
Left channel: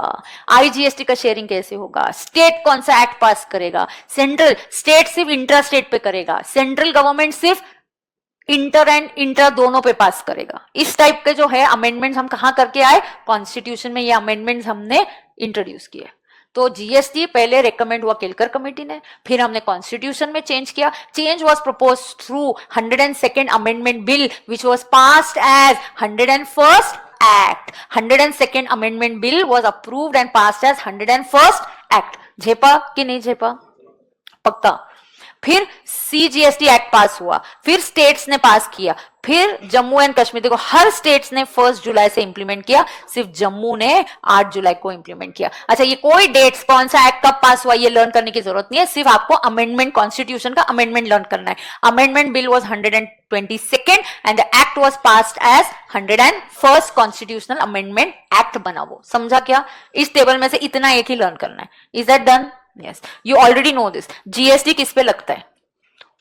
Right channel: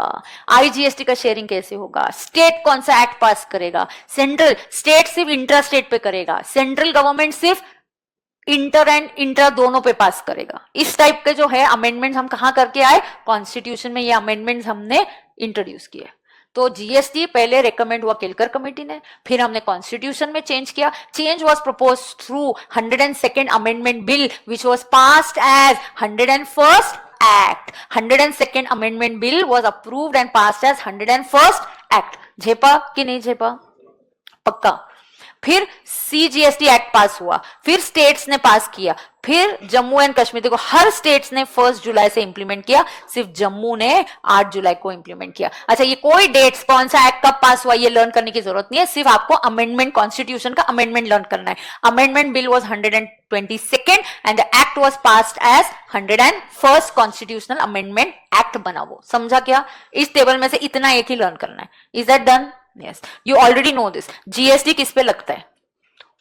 आईजीएसटी का शेयरिंग कैसे होगा, स्टेट कौन सा एक्ट पास करेगा, सेंट्रल, स्टेट सिर्फ इंटर स्टेट पे करेगा, सेंट्रल गवर्नमेंट सिर्फ इंटर एंड इंटर दोनों पे पास करेगा। इस टाइप के जो है अमेंडमेंट हम कहां करके आए, कॉन्स्टिट्यूशन में ये अमेंडमेंट हमने इंट्रोड्यूस किए। तो जीएसटी पहले रेकमेंड हुआ केलकर कमेटी ने, फिर हमने कॉन्स्टिट्यूशन में चेंज किया। Change was proposed through 102nd amendment bill which was passed as 101st act. 102nd amendment bill was approved and passed as 101st act. झेपा कि नहीं झेपा, पक्का। फिर सीजीएसटी एक्ट पास हुआ, फिर स्टेट्स ने पास किया, फिर जम्मू एंड कश्मीर, देखो हर स्टेट्स ने 1 जुलाई से इंप्लीमेंट किया, सिर्फ जम्मू ने 8 जुलाई को इंप्लीमेंट किया। अच्छा, ये कोई डेट्स कौन सा एक्ट कब पास हुआ ये लर्न करने की जरूरत नहीं है, सिर्फ आपको अमेंडमेंट, कॉन्स्टिट्यूशन का अमेंडमेंट लर्न करना है। Amendment bill was 122nd and the act was passed as 101st constitutional amendment act बना। वो समझा क्या, इस टेबल में से इतना एक ही लर्न करना है। Is that done? Yes, you already know this. GST किस पे लगता है?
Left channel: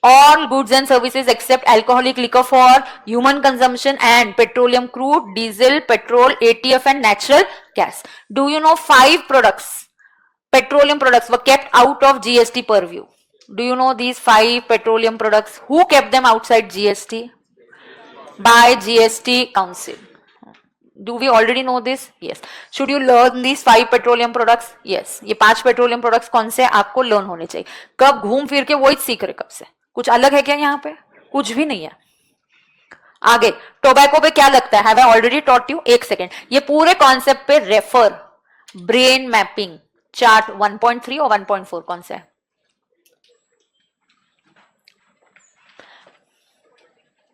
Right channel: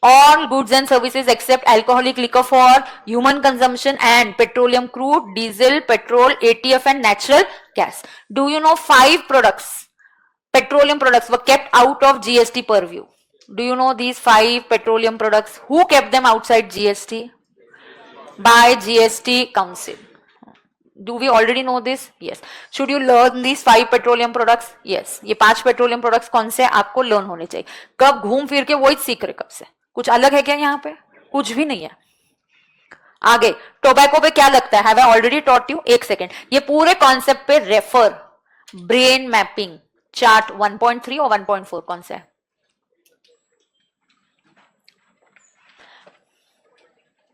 All goods and services except alcoholic liquor for human consumption and petroleum crude, diesel, petrol, ATF and natural gas. Do you know 5 products, petroleum products were kept out of GST purview? Do you know these 5 petroleum products? Who kept them outside GST? By GST Council. Do we already know this? Yes. Should you learn these 5 petroleum products? Yes. ये 5 petroleum products कौन से आपको learn होने चाहिए। कब घूम फिर के वही सीख रहे, कब से कुछ अलग है क्या यहाँ पे? कुछ भी नहीं है। आगे टोबैको पे क्या लगता है? Have I already taught you? एक सेकेंड, ये पूरे कॉन्सेप्ट पे रेफर, ब्रेन मैपिंग चार्ट 1.3 और 1.4 कौन सा है?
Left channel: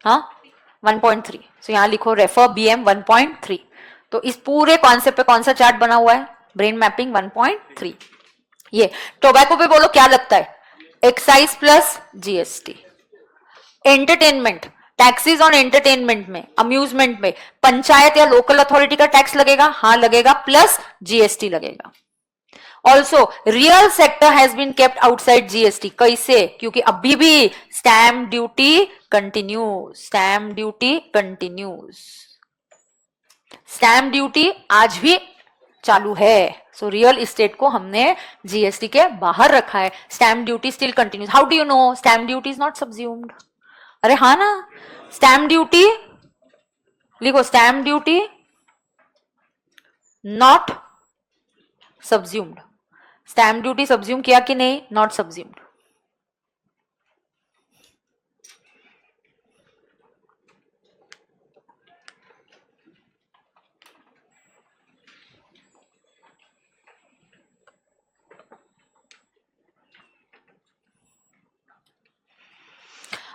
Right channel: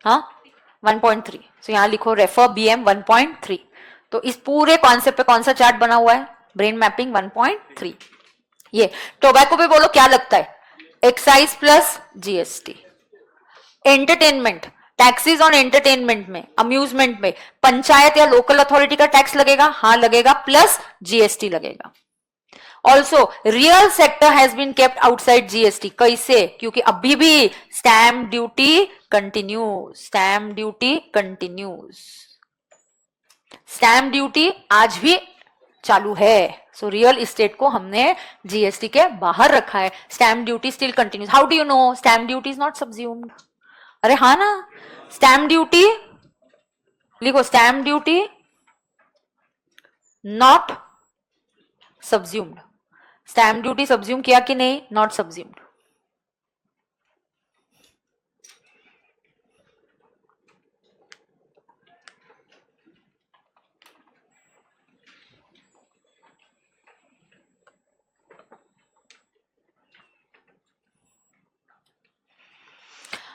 हाँ 1.3। तो यहां लिखो रेफर BM 1.3। तो इस पूरे कॉन्सेप्ट पे कौन सा चार्ट बना हुआ है? Brain mapping 1.3। ये टोबैको पे बोलो क्या लगता है? Excise plus GST. Entertainment, taxes on entertainment में, अम्यूजमेंट में पंचायत या लोकल अथॉरिटी का टैक्स लगेगा, हाँ लगेगा, प्लस जीएसटी लगेगा। Also real sector has been kept outside GST. कैसे? क्योंकि अभी भी stamp duty continues, stamp duty continues, stamp duty आज भी चालू है। सो रियल एस्टेट को हमने जीएसटी के बाहर रखा है, stamp duty still continues. How do you know? Stamp duty is not subsumed. अरे हाँ ना, स्टैम्प ड्यूटी लिखो, stamp duty not subsumed. Stamp duty subsume किया कि नहीं? Not subsumed.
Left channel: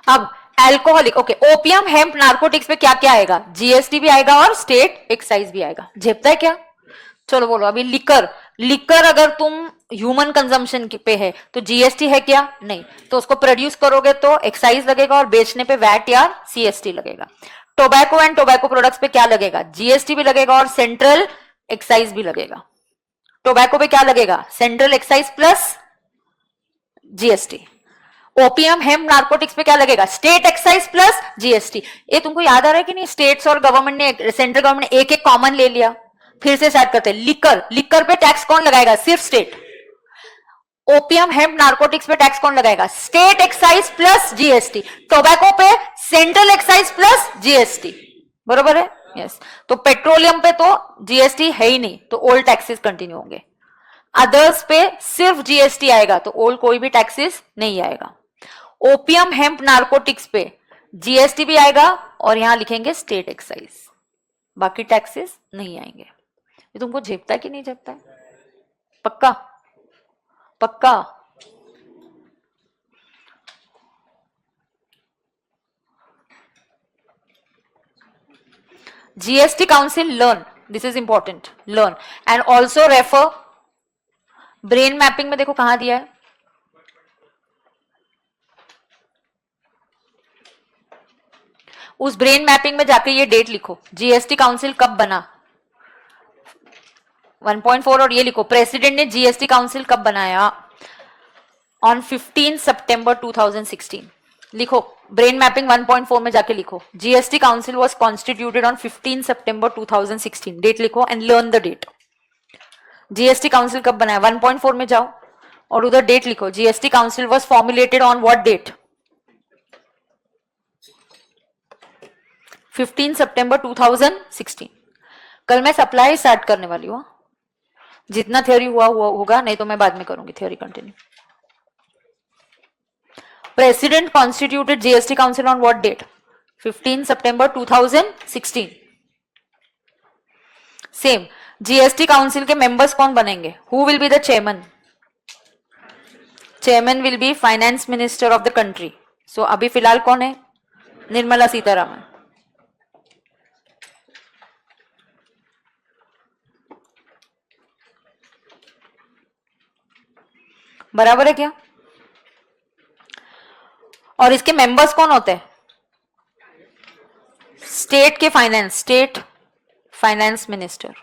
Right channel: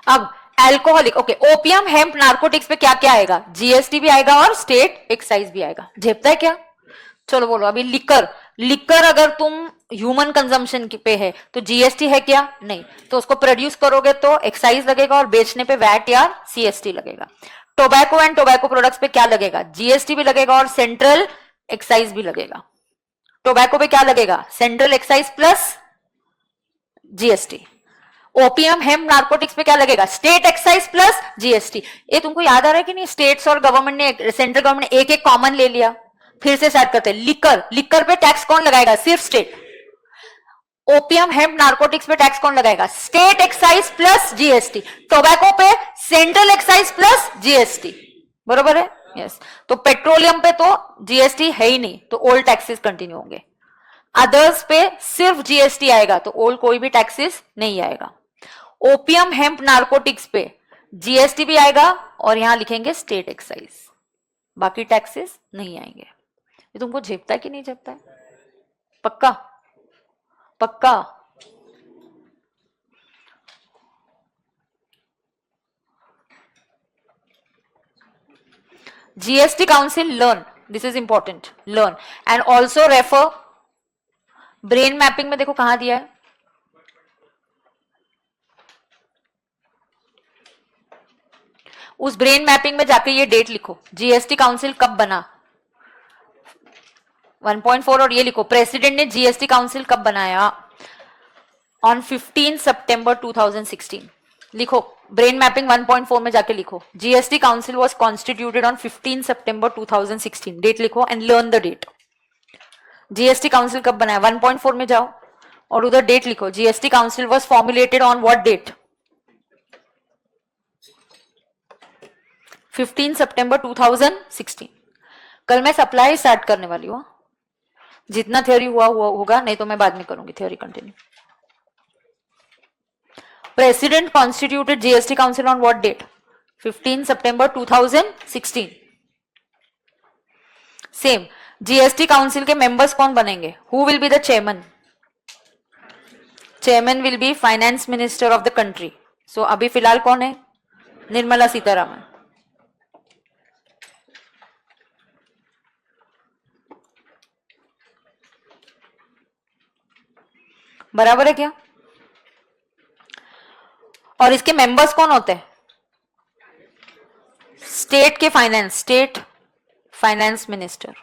अब alcoholic, okay, opium, hemp, narcotics पे क्या क्या आएगा? जीएसटी भी आएगा और स्टेट एक्साइज भी आएगा। जेपता है क्या? चलो बोलो। अभी लिकर, लिकर अगर तुम ह्यूमन कंजम्पशन पे है तो जीएसटी है क्या? नहीं। तो उसको प्रोड्यूस करोगे तो एक्साइज लगेगा और बेचने पे वैट या सीएसटी लगेगा। टोबैको एंड टोबैको प्रोडक्ट्स पे क्या लगेगा? जीएसटी भी लगेगा और सेंट्रल एक्साइज भी लगेगा। टोबैको पे क्या लगेगा? Central excise plus GST. Opium, hemp, narcotics पे क्या लगेगा? State excise plus GST. ये तुमको याद आ रहा है कि नहीं? स्टेट्स और गवर्नमेंट ने, सेंट्रल गवर्नमेंट ने एक एक कॉमन ले लिया। फिर से स्टार्ट करते हैं। लिकर, लिकर पे टैक्स कौन लगाएगा? सिर्फ स्टेट। ओपियम, हेम्प, नार्कोटिक्स पे टैक्स कौन लगाएगा? State excise plus GST. Tobacco पे सेंट्रल एक्साइज प्लस जीएसटी। बरोबर है? यस। तो पेट्रोलियम पे तो जीएसटी है ही नहीं, तो ओल्ड टैक्सेस कंटिन्यू होंगे। अदर्स पे सिर्फ जीएसटी आएगा, तो ओल्ड कोई भी टैक्सेस नहीं आएगा। ओपियम हेम्प नार्कोटिक्स पे जीएसटी भी आएगा और यहां लिखेंगे स्टेट एक्साइज, बाकी टैक्सेस नहीं आएंगे। ये तुमको झेपता है कि नहीं झेपता है? पक्का पक्का? GST Council, learn. This is important. Learn and also refer. Brain mapping में देखो कहां दिया है, उस ब्रेन मैपिंग में जाके ये डेट लिखो, जीएसटी काउंसिल कब बना 1.4, और ये लिखो प्रेसिडेंट ने जीएसटी काउंसिल कब बनाया, ऑन 15 सितंबर 2016। लिखो ब्रेन मैपिंग 1.4 में जाके लिखो, GST council was constituted on 15 September 2016, date लिखो and learn the date. GST council कब बनाया 1.4 में जाओ और उधर डेट लिखो, GST council was formulated on what date 15 September 2016। कल मैं सप्लाई स्टार्ट करने वाली हूँ, जितना थ्योरी हुआ होगा, नहीं तो मैं बाद में करूंगी theory continue. President constituted GST council on what date 15 September 2016। Same GST council के मेंबर्स कौन बनेंगे, who will be the chairman? Chairman will be finance minister of the country. So अभी फिलहाल कौन है, निर्मला सीतारमण। बराबर है क्या? और इसके मेंबर्स कौन होते हैं, स्टेट के फाइनेंस, स्टेट फाइनेंस मिनिस्टर।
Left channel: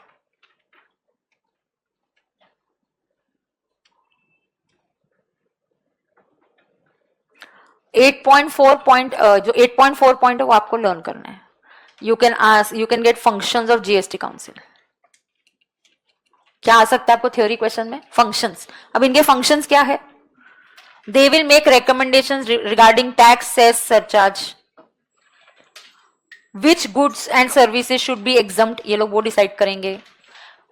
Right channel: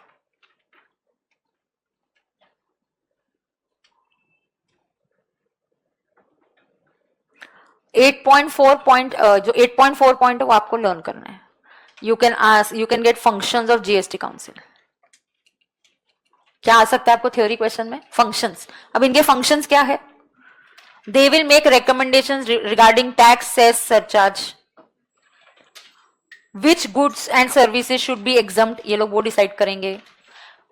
जो 8.4 पॉइंट है वो आपको लर्न करना है। You can get functions of GST council. क्या आ सकता है आपको थ्योरी क्वेश्चन में, फंक्शंस। अब इनके फंक्शंस क्या है, they will make recommendations regarding tax, cess, surcharge, which goods and services should be exempt, ये लोग वो डिसाइड करेंगे।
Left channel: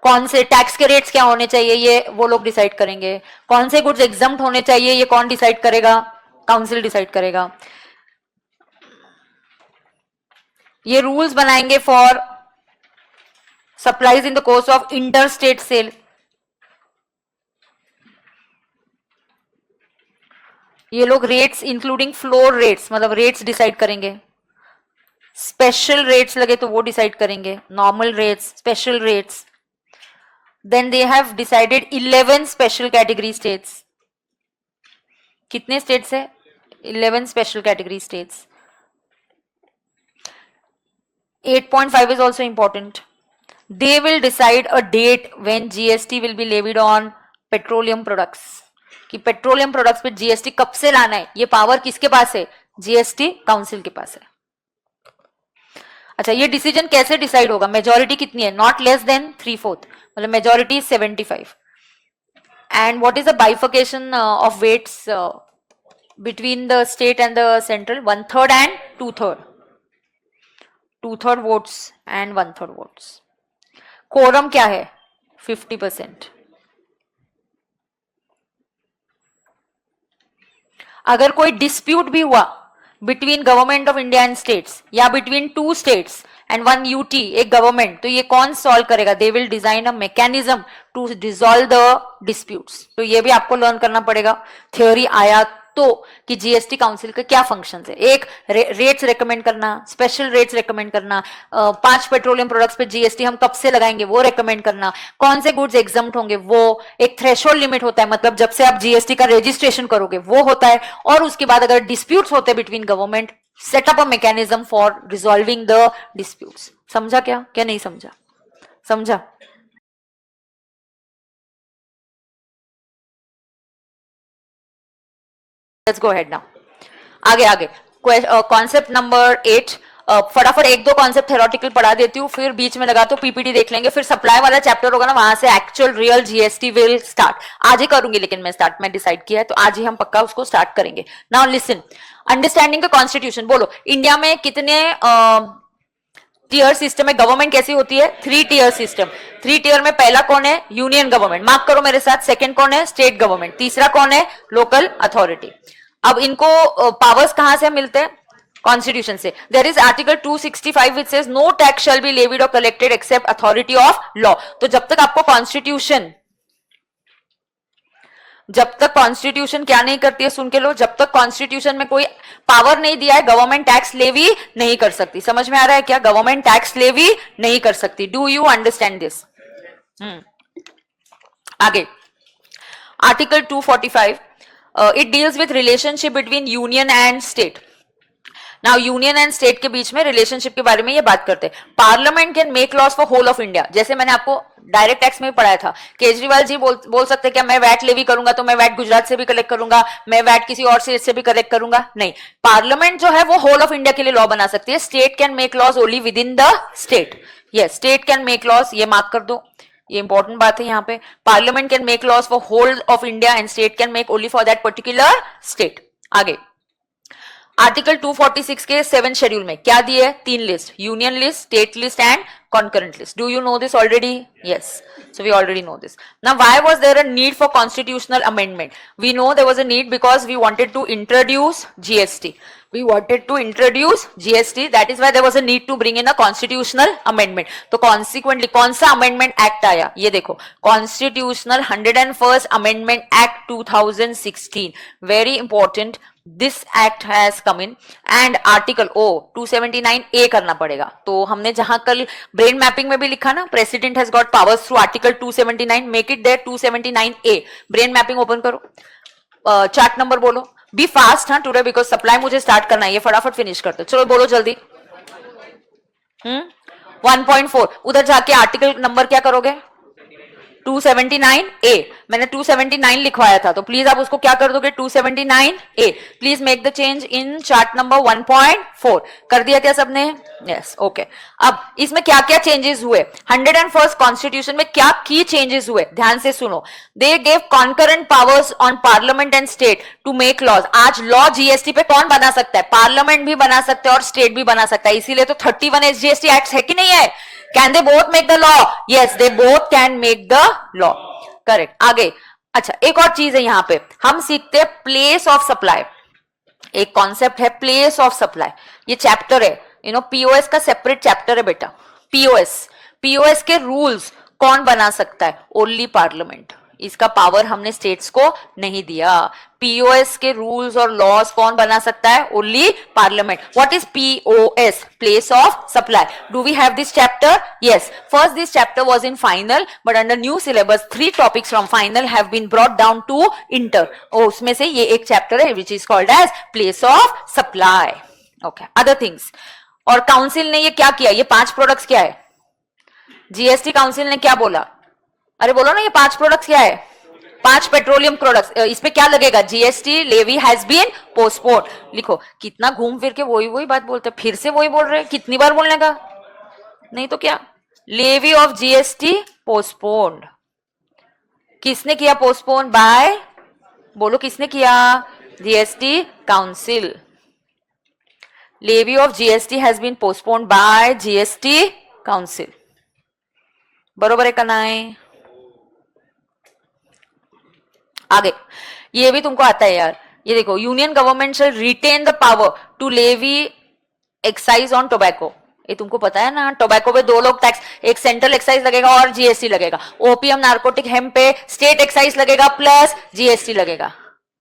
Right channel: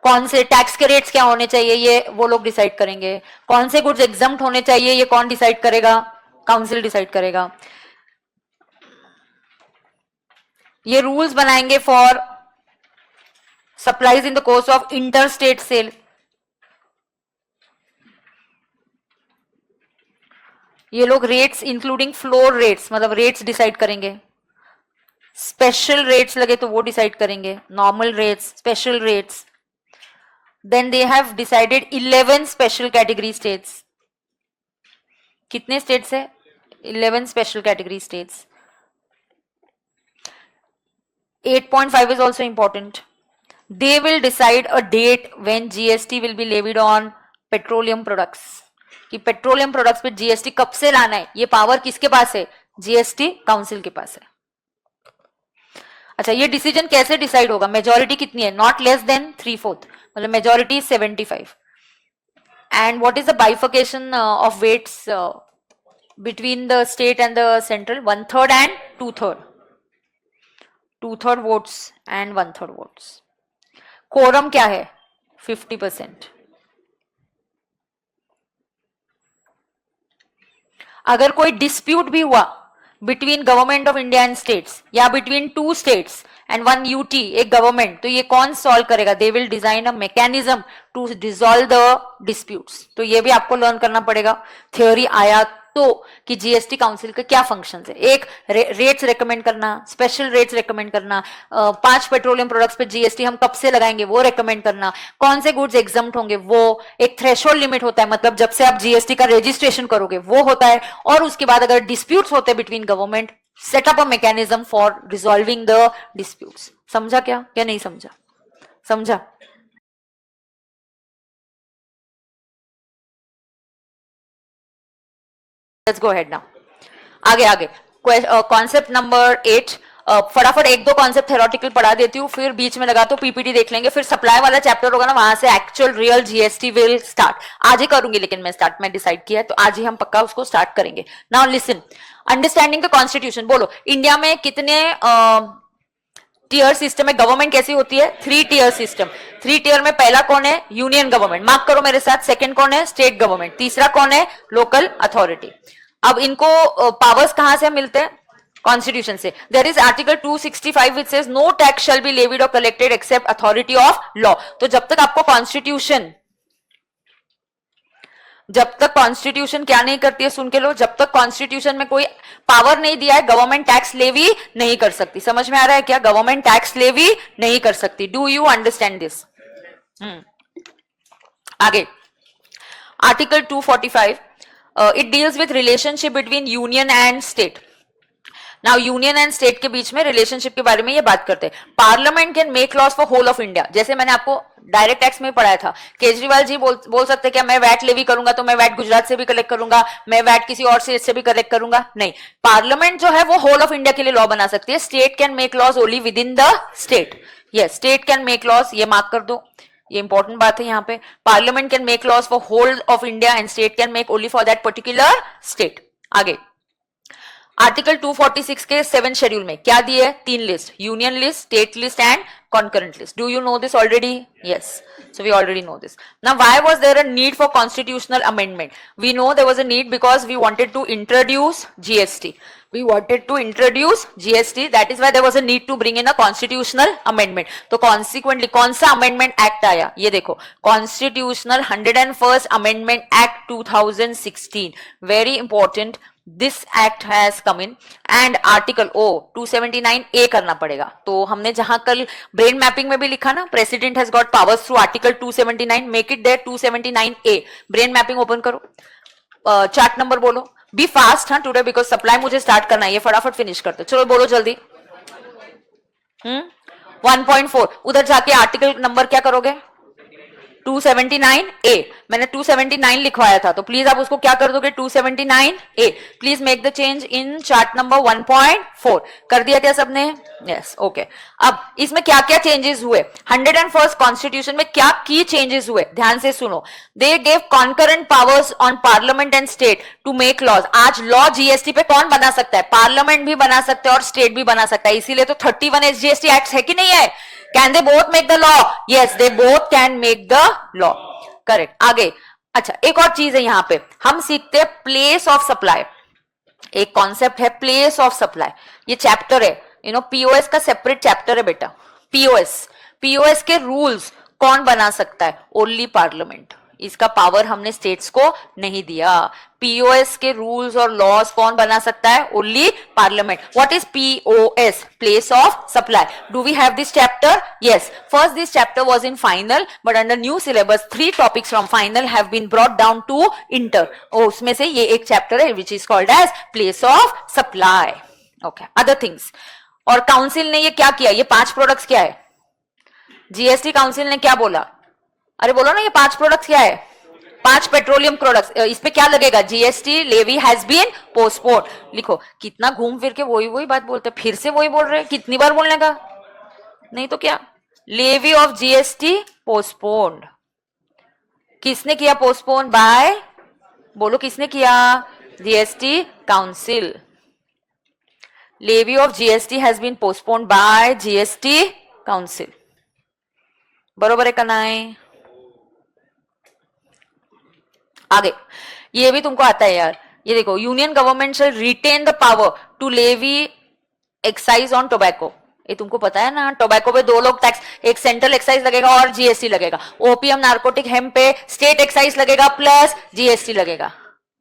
कौन से टैक्स के रेट्स क्या होने चाहिए, ये वो लोग डिसाइड करेंगे। कौन से गुड्स एग्जम्प्ट होने चाहिए, ये कौन डिसाइड करेगा, काउंसिल डिसाइड करेगा। ये रूल्स बनाएंगे for supplies in the course of inter state sale. ये लोग रेट्स इंक्लूडिंग फ्लोर रेट्स, मतलब रेट्स डिसाइड करेंगे। स्पेशल रेट्स लगे तो वो डिसाइड करेंगे, normal rates, special rates. Then they have decided 11 special category states. कितने स्टेट्स है, 11 special category states. 8.5 is also important. They will decide a date when GST will be levied on petroleum products. कि petroleum products पे GST कब से लाना है, ये power किसके पास है, जीएसटी काउंसिल के पास है। अच्छा, ये डिसीजन कैसे डिसाइड होगा, मेजोरिटी कितनी है, नॉट लेस देन 3/4, मतलब majority 75। And what is the bifurcation of weights between the state and the central, 1/3 and 2/3, 2/3 votes and 1/3 votes. Quorum क्या है, 50%। अगर कोई डिस्प्यूट भी हुआ between government of India and states, या बिटवीन 2 स्टेट्स एंड 1 यूटी, एक government, तो ये कौन सॉल्व करेगा, they will design a mechanism to dissolve the disputes. तो ये भी आपको लर्न करना पड़ेगा। थ्योरी आया तो कि जीएसटी काउंसिल के क्या फंक्शंस है, एक रेट्स रेकमेंड करना, स्पेशल रेट्स रेकमेंड करना, 5 पेट्रोलियम प्रोडक्ट्स पे जीएसटी हम कब से लगाएंगे वो रेकमेंड करना, कौन से गुड्स एग्जम्प्ट होंगे वो, एक थ्रेशोल्ड लिमिट होता है, मतलब जब से आप जीएसटी का रजिस्ट्रेशन करोगे वो होता है, और उसके बाद अगर डिस्प्यूट्स होते हैं between government, set up a mechanism for resolving the disputes. समझा क्या नहीं समझा? समझा। Let's go ahead now. आगे कॉन्सेप्ट नंबर 8, फटाफट 1-2 कॉन्सेप्ट थ्योरेटिकल पढ़ा देती हूँ, फिर बीच में लगा तो पीपीटी देख लेंगे, फिर सप्लाई वाला चैप्टर होगा ना, वहां से actual real GST will start. आज ही करूंगी, लेकिन मैं स्टार्ट में डिसाइड किया है, तो आज ही हम पक्का उसको स्टार्ट करेंगे। Now listen, understanding the constitution. बोलो, इंडिया में कितने टीयर सिस्टम है, गवर्नमेंट कैसी होती है, 3 टीयर सिस्टम। 3 टीयर में पहला कौन है, यूनियन गवर्नमेंट, मार्क करो मेरे साथ। सेकंड कौन है, स्टेट गवर्नमेंट। तीसरा कौन है, लोकल अथॉरिटी। अब इनको पावर्स कहां से मिलते हैं? कॉन्स्टिट्यूशन से. There is article 265 which says no tax shall be levied or collected except authority of law. तो जब तक आपको कॉन्स्टिट्यूशन क्या नहीं करती है, सुन के लो, जब तक कॉन्स्टिट्यूशन में कोई पावर नहीं दिया है, गवर्नमेंट टैक्स लेवी नहीं कर सकती. समझ में आ रहा है क्या? गवर्नमेंट टैक्स लेवी नहीं कर सकती. Do you understand this? आगे article 245 it deals with relationship between union and state. Now union and state के बीच में रिलेशनशिप के बारे में ये बात करते हैं. Parliament can make laws for whole of India. जैसे मैंने आपको डायरेक्ट टैक्स में पढ़ाया था, केजरीवाल जी बोल सकते क्या मैं वैट लेवी करूंगा तो मैं वैट गुजरात से भी कलेक्ट करूंगा, मैं वैट किसी और स्टेट से भी कलेक्ट करूंगा? नहीं. पार्लियामेंट जो है वो होल ऑफ इंडिया के लिए लॉ बना सकती है. State can make laws only within the state. Yes, state can make laws. ये मार्क कर दो, ये इंपॉर्टेंट बात है यहाँ पे. Parliament can make laws for whole of India and state can make only for that particular state. आगे article 246 के 7 शेड्यूल में क्या दिए? 3 list, union list, state list and concurrent list. Do you know this already? Yes. So we already know this. Now why was there a need for constitutional amendment? We know there was a need because we wanted to introduce GST. We wanted to introduce GST. That is why there was a need to bring in a constitutional amendment. तो consequently कौन सा amendment act आया? ये देखो, Constitutional 101st Amendment Act 2016. Very important. This act has come in and article 279A करना पड़ेगा. तो हमने जहां कल ब्रेन मैपिंग में भी लिखा ना, president has got powers through article 279, make it there 279A. Brain mapping open करो, चैट नंबर बोलो. बी फास्ट हाँ टुडे बिकॉज सप्लाई मुझे स्टार्ट करना है. ये फटाफट फिनिश करते. चलो बोलो जल्दी. 1.4 उधर जाके आर्टिकल नंबर क्या करोगे? 279A. मैंने 279 लिखवाया था तो प्लीज आप उसको क्या कर दोगे? 279A. Please make the change in chart number 1.4. कर दिया क्या सबने? Yes, okay. अब इसमें क्या क्या चेंजेस हुए? 101st कॉन्स्टिट्यूशन में क्या की चेंजेस हुए? ध्यान से सुनो. They gave concurrent powers on parliament and state to make laws. आज लॉ जीएसटी पे कौन बना सकता है? पार्लियामेंट भी बना सकता है और स्टेट भी बना सकता है. इसीलिए तो 31 SGST एक्ट है कि नहीं है? Can they both make the law? Yes, they both can make the law. Correct. आगे अच्छा एक और चीज है यहाँ पे, हम सीखते हैं प्लेस ऑफ सप्लाई. एक कॉन्सेप्ट है प्लेस ऑफ सप्लाई. ये चैप्टर है, पीओएस का सेपरेट चैप्टर है बेटा. पीओएस के रूल्स कौन बना सकता है? Only parliament. इसका पावर हमने स्टेट्स को नहीं दिया. पीओएस के रूल्स और लॉज कौन बना सकता है? Only parliament. What is POS? Place of supply. Do we have this chapter? Yes. First this chapter was in final but under new syllabus 3 topics from final have been brought down to inter. उसमें से ये एक chapter है which is called as place of supply. Okay, other things. और council ने ये क्या किया? ये 5 प्रोडक्ट्स क्या है? जीएसटी काउंसिल ने क्या बोला? अरे बोलो ना, ये 5 प्रोडक्ट्स क्या है? 5 पेट्रोलियम प्रोडक्ट्स. इस पे क्या लगेगा? GST levy has been postponed. लिखो, कितना घूम फिर के वही बात बोलता है. फिर से वही बोल रहे हैं. कितनी बार बोलने का? नहीं तो क्या? Levy of GST postponed. किसने किया पोस्टपोन? बाय, बोलो किसने किया? GST council. Levy of GST has been postponed by GST council. बरोबर है का नहीं? आगे ये भी तुमको आता है यार. ये देखो, union government shall retain the power to levy excise on tobacco. ये तुमको पता है ना, टोबैको पे 2 लोग टैक्स, एक सेंट्रल एक्साइज लगेगा और जीएसटी लगेगा. ओपीएम नार्कोटिक हेम्प पे स्टेट एक्साइज लगेगा प्लस जीएसटी लगेगा.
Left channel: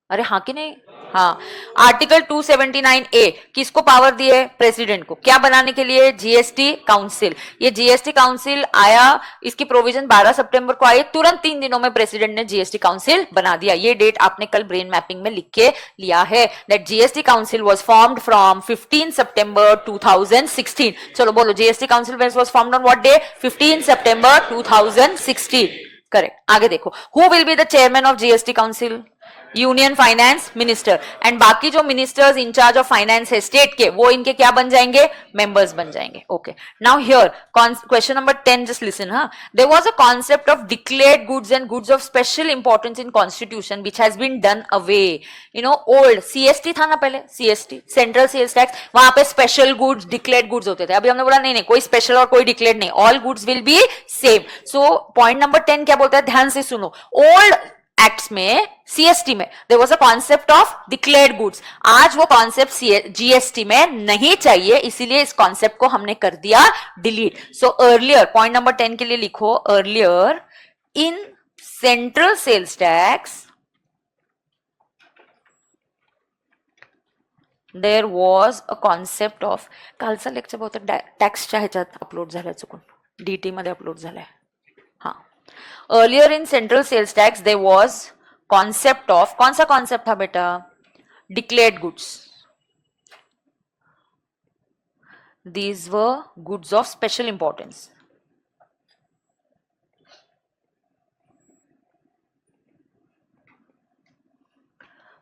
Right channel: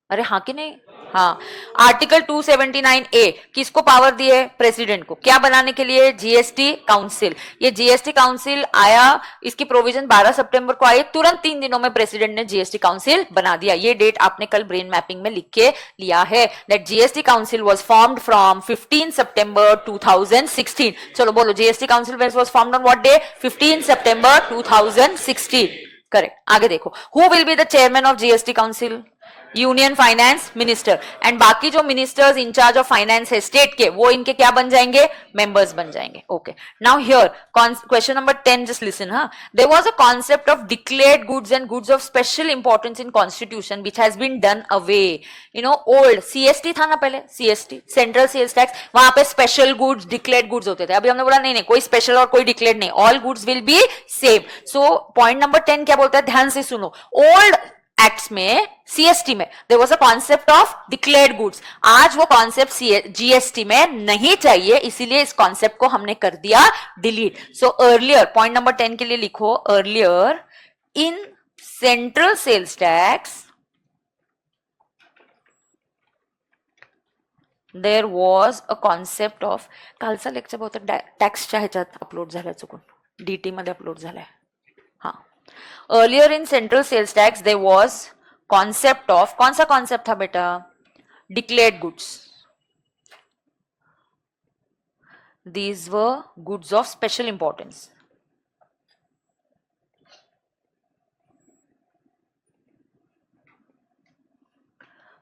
अरे हाँ कि नहीं? हाँ. आर्टिकल 279A किसको पावर दी है? प्रेसिडेंट को. क्या बनाने के लिए? GST council. ये जीएसटी काउंसिल आया, इसकी प्रोविजन 12 सितंबर को आई. तुरंत 3 दिनों में प्रेसिडेंट ने जीएसटी काउंसिल बना दिया. ये डेट आपने कल ब्रेन मैपिंग में लिख के लिया है. That GST council was formed from 15 September 2016. चलो बोलो, GST council was formed on what day? 15 September 2016. Correct. आगे देखो, who will be the chairman of GST council? Union finance minister. And बाकी जो मिनिस्टर्स इंचार्ज ऑफ फाइनेंस है state के, वो इनके क्या बन जाएंगे? मेंबर्स बन जाएंगे. Okay, now here question number 10, just listen. हाँ, there was a concept of declared goods and goods of special importance in constitution which has been done away. Old CST था ना पहले, सीएसटी सेंट्रल सेल्स टैक्स, वहां पे special goods, declared goods होते थे. अभी हमने बोला नहीं, कोई स्पेशल और कोई डिक्लेयर्ड नहीं, all goods will be same. So point number 10 क्या बोलता है? ध्यान से सुनो. ओल्ड एक्ट्स में, सीएसटी में there was a concept of declared goods. आज वो कॉन्सेप्ट जीएसटी में नहीं चाहिए, इसीलिए इस कॉन्सेप्ट को हमने कर दिया delete. So earlier, point number 10 के लिए लिखो, earlier in central sales tax there was a concept of, कालचा लेक्चर बहुतेक टॅक्सच्या ह्याच्यात अपलोड झालाय, चुकून डीटी मध्ये अपलोड झालाय. हा, earlier in central sales tax there was concept of, कौन सा कॉन्सेप्ट था बेटा? Declared goods. These were goods of special importance.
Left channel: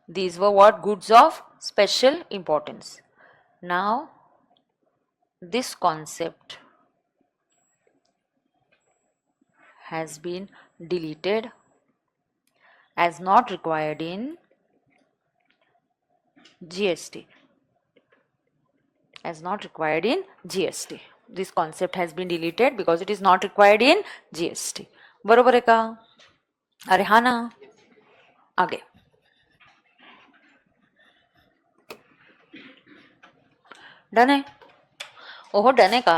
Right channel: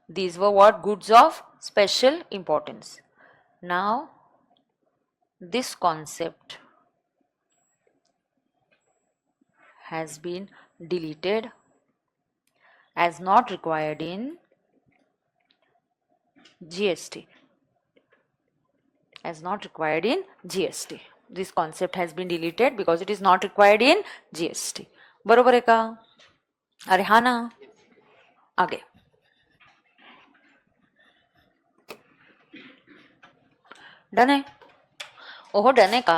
These were what? Goods of special importance. Now, this concept has been deleted as not required in GST. As not required in GST. This concept has been deleted because it is not required in GST. बरोबर है का? अरे हाँ ना. आगे done है. ओहो done है का.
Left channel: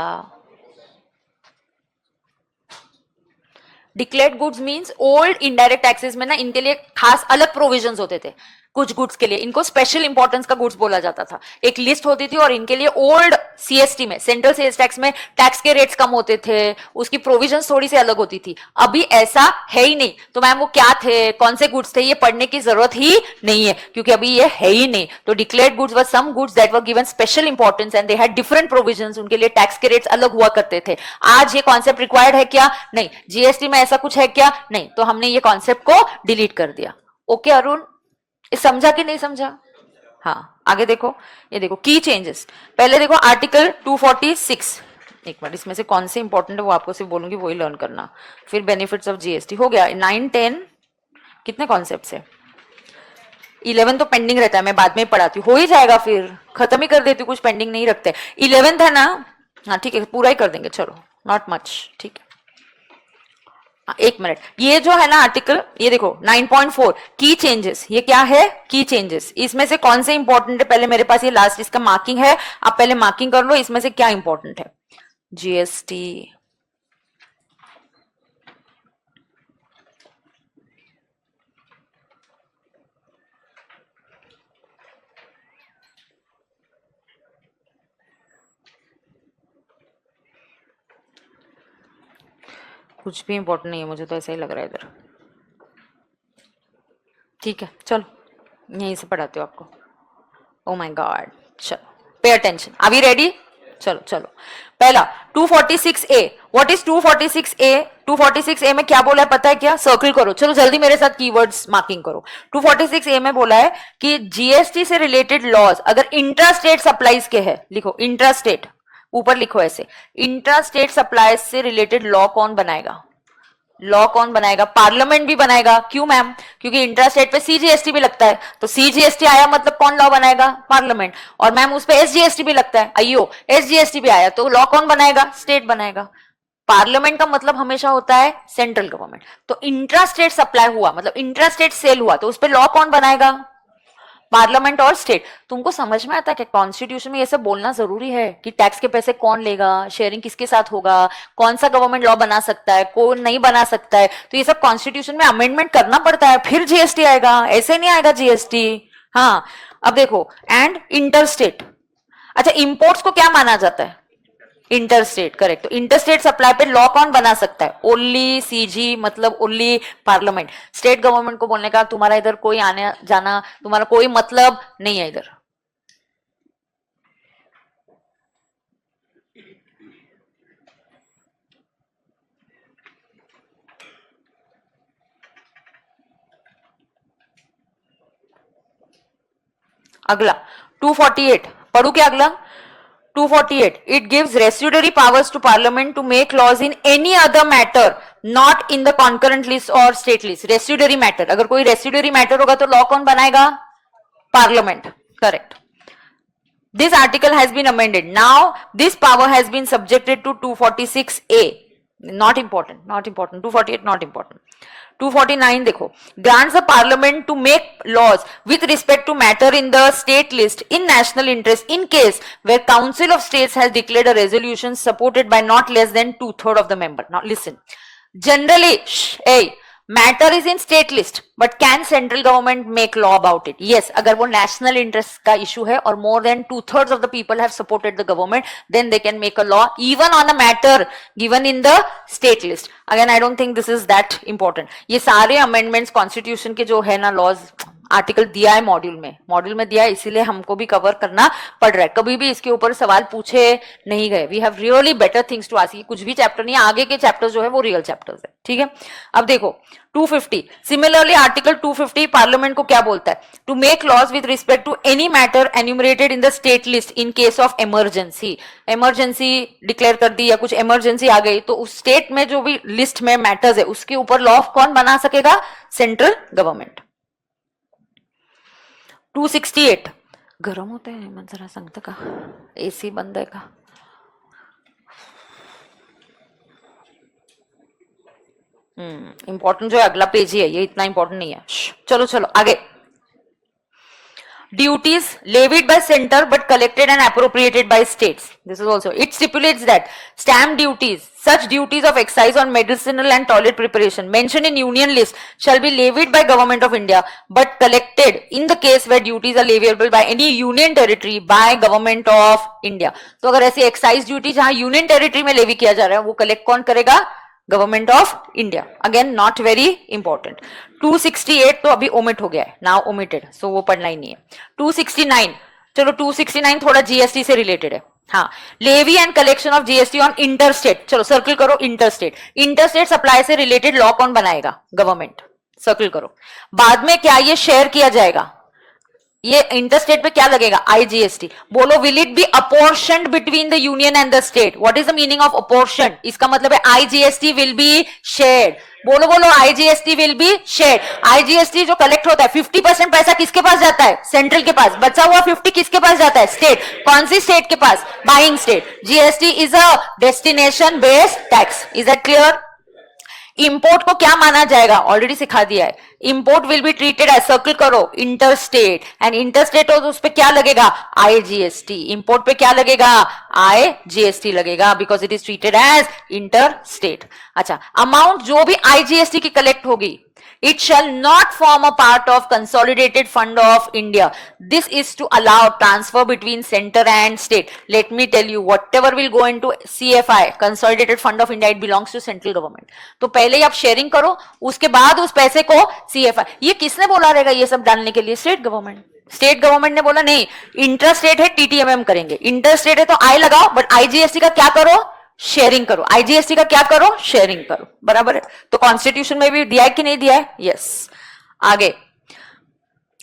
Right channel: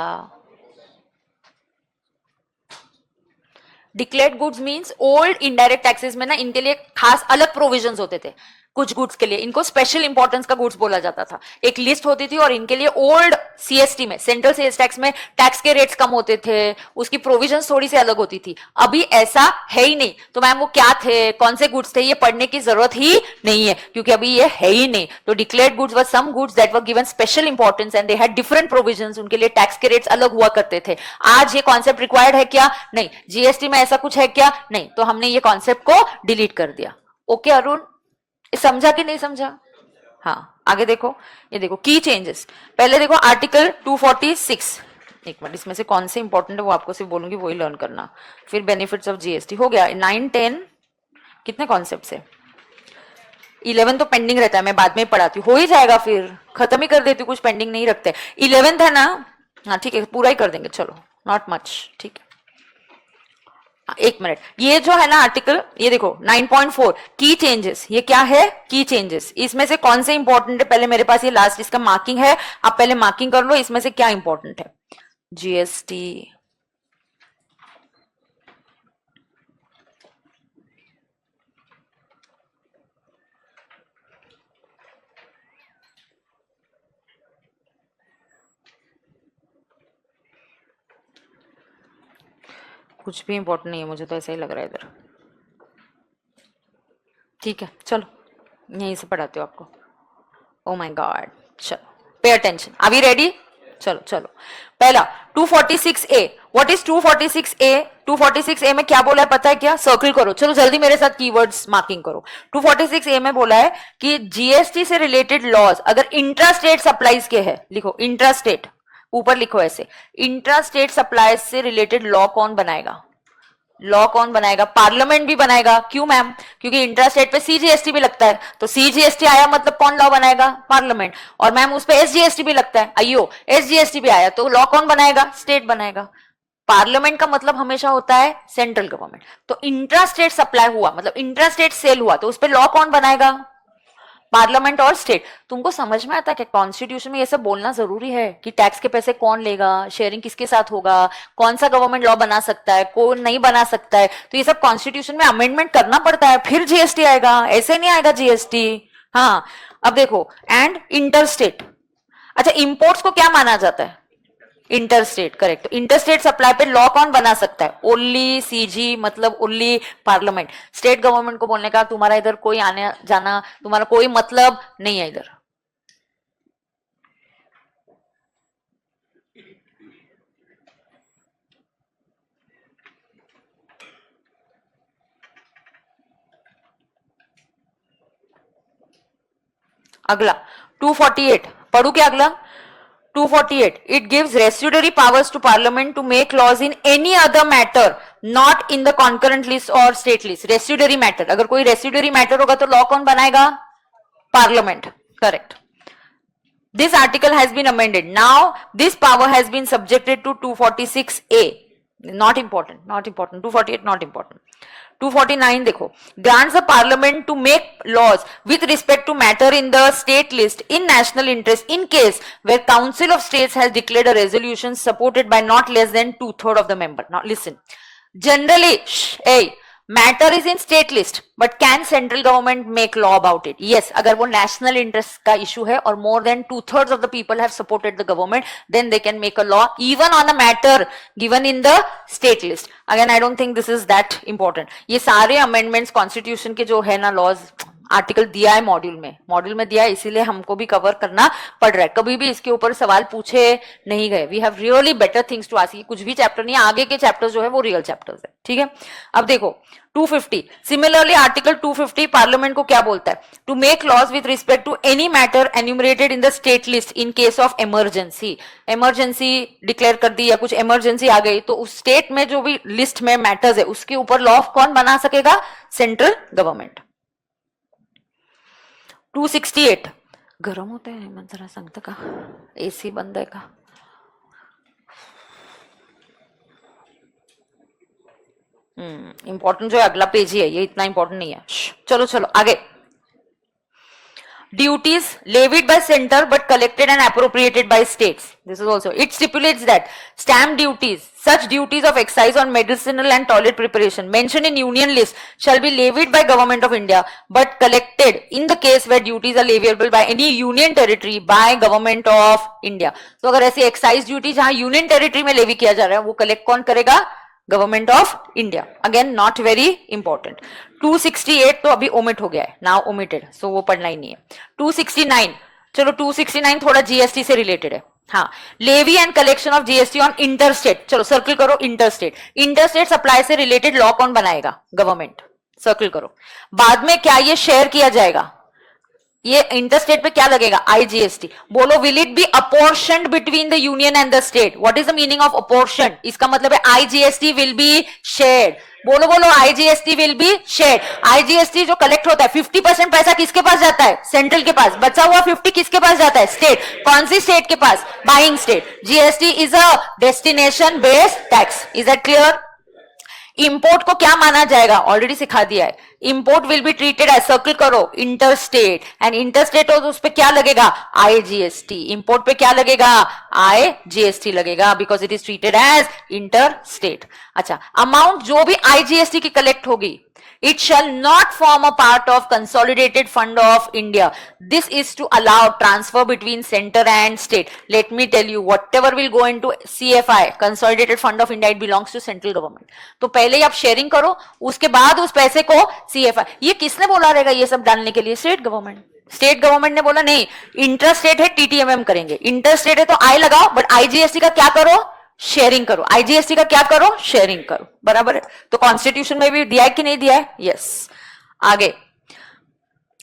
Declared goods means old indirect taxes में ना इनके लिए खास अलग प्रोविजंस होते थे. कुछ गुड्स के लिए इनको स्पेशल इंपॉर्टेंस का गुड्स बोला जाता था. एक लिस्ट होती थी और इनके लिए ओल्ड सीएसटी में, सेंट्रल सेल्स टैक्स में टैक्स के रेट्स कम होते थे, उसकी प्रोविजंस थोड़ी सी अलग होती थी. अभी ऐसा है ही नहीं. तो मैम वो क्या थे, कौन से गुड्स थे, ये पढ़ने की जरूरत ही नहीं है क्योंकि अभी ये है ही नहीं. तो declared goods were some goods that were given special importance and they had different provisions. उनके लिए टैक्स के रेट्स अलग हुआ करते थे. आज ये कॉन्सेप्ट रिक्वायर्ड है क्या? नहीं. जीएसटी में ऐसा कुछ है क्या? नहीं. तो हमने ये कॉन्सेप्ट को डिलीट कर दिया. ओके अरुण, समझा कि नहीं समझा? हाँ, आगे देखो. ये देखो की चेंजेस. पहले देखो आर्टिकल 246. एक मिनट, इसमें से कौन से इंपॉर्टेंट है वो आपको सिर्फ बोलूंगी, वही लर्न करना. फिर बेनिफिट्स ऑफ जीएसटी हो गया. 9, 10 कितने कॉन्सेप्ट है? 11 तो पेंडिंग रहता है, मैं बाद में पढ़ाती हूँ. हो ही जाएगा, फिर खत्म ही कर देती हूँ, कुछ पेंडिंग नहीं रखते. 11 है ना? हाँ ठीक है, पूरा ही कर देंगे. चलो, नॉट मच. ठीक है, एक मिनट. ये जो है ना आर्टिकल, ये देखो 9.4 की चेंजेस. ये क्या है? की चेंजेस. इसमें से कौन से इंपॉर्टेंट है? पहले मेरे पास ये लास्ट इसका मार्किंग है, आप पहले मार्किंग कर लो. इसमें से क्या इंपॉर्टेंट है? जीएसटी, कुछ भी इंपॉर्टेंट नहीं है, मुझे तो ऐसा ही लग रहा है इधर. ठीक है, चलो यहीं से पढ़ाते हो आपको. ओ माय गॉड, चलो पे अटेंशन. Are we ready? चलो चलो. पहला 246A. What is 246A? 246A में क्या बोला है पता है क्या? सर्कल करो. चलो जल्दी मेरे साथ कीवर्ड्स मार्किंग करो. 246A में बोला है कि जीएसटी से रिलेटेड लॉज अगर इंट्रास्टेट सप्लाईज के है, लिखो इंट्रास्टेट, ऊपर लिखो ऐसे, इंट्रास्टेट सप्लाईज से रिलेटेड लॉ कौन बनाएगा? लॉ कौन बनाएगा? पार्लियामेंट भी बनाएगा. क्यों मैम? क्योंकि इंट्रास्टेट पे सीजीएसटी भी लगता है. तो सीजीएसटी आया मतलब कौन लॉ बनाएगा? पार्लियामेंट. और मैम उस पे एसजीएसटी भी लगता है. आइयो, एसजीएसटी भी आया तो लॉ कौन बनाएगा? स्टेट बनाएगा. पार्लियामेंट का मतलब हमेशा होता है सेंट्रल गवर्नमेंट. तो इंट्रास्टेट सप्लाई हुआ मतलब इंट्रास्टेट सेल हुआ तो उस पर लॉ कौन बनाएगा? पार्लियामेंट और स्टेट. तुमको समझ में आता है कि कॉन्स्टिट्यूशन में ये सब बोलना जरूरी है कि टैक्स के पैसे कौन लेगा, शेयरिंग किसके साथ होगा, कौन सा गवर्नमेंट लॉ बना सकता है, कौन नहीं बना सकता है. तो ये सब कॉन्स्टिट्यूशन में अमेंडमेंट करना पड़ता है, फिर जीएसटी आएगा. ऐसे नहीं आएगा जीएसटी. हाँ, अब देखो, एंड इंटरस्टेट. अच्छा, इंपोर्ट्स को क्या माना जाता है? इंटरस्टेट. करेक्ट. तो इंटरस्टेट सप्लाई पे लॉ कौन बना सकता है? ओनली सीजी, मतलब ओनली पार्लियामेंट. स्टेट गवर्नमेंट को बोलने का तुम्हारा इधर कोई आने जाना, तुम्हारा कोई मतलब नहीं है इधर. अगला 248 पढ़ू क्या? अगला 248. It gives residuary powers to Parliament to make laws in any other matter not in the concurrent list or state list. Residuary matter. अगर कोई residuary matter होगा तो लॉ कौन बनाएगा? Parliament. Correct. This article has been amended. Now this power has been subjected to 246A. Not important. Not important. 248 not important. 249 देखो, grants the parliament to make laws with respect to matter in the state list in national interest in case where council of states has declared a resolution supported by not less than 2/3 of the member. Now listen, generally matter is in state list, but can central government make law about it? Yes, अगर वो national interest का issue है और more than 2/3 of the people have supported the government, then they can make a law even on a matter given in the state list. Again, I don't think this is that important. ये सारे amendments constitution के जो है ना laws, article दिया है module में दिया है, इसीलिए हमको भी कवर करना पड़ रहा है. कभी भी इसके ऊपर सवाल पूछे नहीं गए. We have really better things to ask. कुछ भी चैप्टर नहीं, आगे के चैप्टर्स जो है वो रियल चैप्टर्स है. ठीक है, अब देखो 250. सिमिलरली आर्टिकल 250 पार्लियामेंट को क्या बोलता है? To make laws with respect to any matter enumerated in the state list in case of emergency. Emergency declare कर दी या कुछ इमरजेंसी आ गई तो उस स्टेट में जो भी लिस्ट में मैटर्स है उसके ऊपर लॉ कौन बना सकेगा? Central government. 268. गरम होते हैं मन जरा सांगतो का? एसी बंद आहे का? इंपॉर्टेंट जो है अगला पेज ही है, ये इतना इंपॉर्टेंट नहीं है. चलो आगे. Duties levied by center but collected and appropriated by states. This is also, it stipulates that stamp duties, such duties of excise on medicinal and toilet preparation mentioned in union list shall be levied by government of India but collected in the case where duties are leviable by any union territory by government of India. तो अगर ऐसी excise duty जहां union territory में levy किया जा रहा है वो collect कौन करेगा? Government of India. Again not very important. 268 तो अभी ओमिट हो गया है, नाउ ओमिटेड, सो वो पढ़ना ही नहीं है. 269. चलो 269 थोड़ा जीएसटी से रिलेटेड है. हाँ, levy and collection of GST on interstate. चलो सर्कल करो इंटरस्टेट. इंटरस्टेट सप्लाई से रिलेटेड लॉ कौन बनाएगा? गवर्नमेंट. सर्कल करो. बाद में क्या ये शेयर किया जाएगा? ये इंटरस्टेट पे क्या लगेगा? आईजीएसटी. बोलो, will it be apportioned between the union and the state? What is the meaning of apportion? इसका मतलब है आईजीएसटी विल बी शेयर्ड. बोलो IGST will be share. IGST जो कलेक्ट होता है 50% पैसा किसके पास जाता है? सेंट्रल के पास. बचा हुआ 50 किसके पास जाता है? स्टेट. कौन सी स्टेट के पास? Buying state. GST is a destination based tax. Is it clear? Import को क्या माना जाएगा? ऑलरेडी सिखा दिया है. Import will be treated as, circle करो, इंटरस्टेट. एंड इंटरस्टेट हो तो उस पे क्या लगेगा? आईजीएसटी. इंपोर्ट पे क्या लगेगा? आईजीएसटी लगेगा because it is treated as interstate. अच्छा, अमाउंट जो भी आईजीएसटी की कलेक्ट होगी, it shall not form a part of consolidated fund of India. This is to allow transfer between center and state. Let me tell you, whatever will go into CFI, Consolidated Fund of India, it belongs to central government. तो पहले आप sharing करो, उसके बाद उस पैसे को CFI. ये किसने बोला रहेगा ये सब डालने के लिए? State government. स्टेट गवर्नमेंट ने बोला नहीं, इंटरस्टेट है टीटीएमएम करेंगे. इंटरस्टेट है तो आई लगा, बट आईजीएसटी का क्या करो? शेयरिंग करो. आईजीएसटी का क्या करो? शेयरिंग करो. बराबर है. तो कॉन्स्टिट्यूशन में भी दिया है कि नहीं दिया है? यस. आगे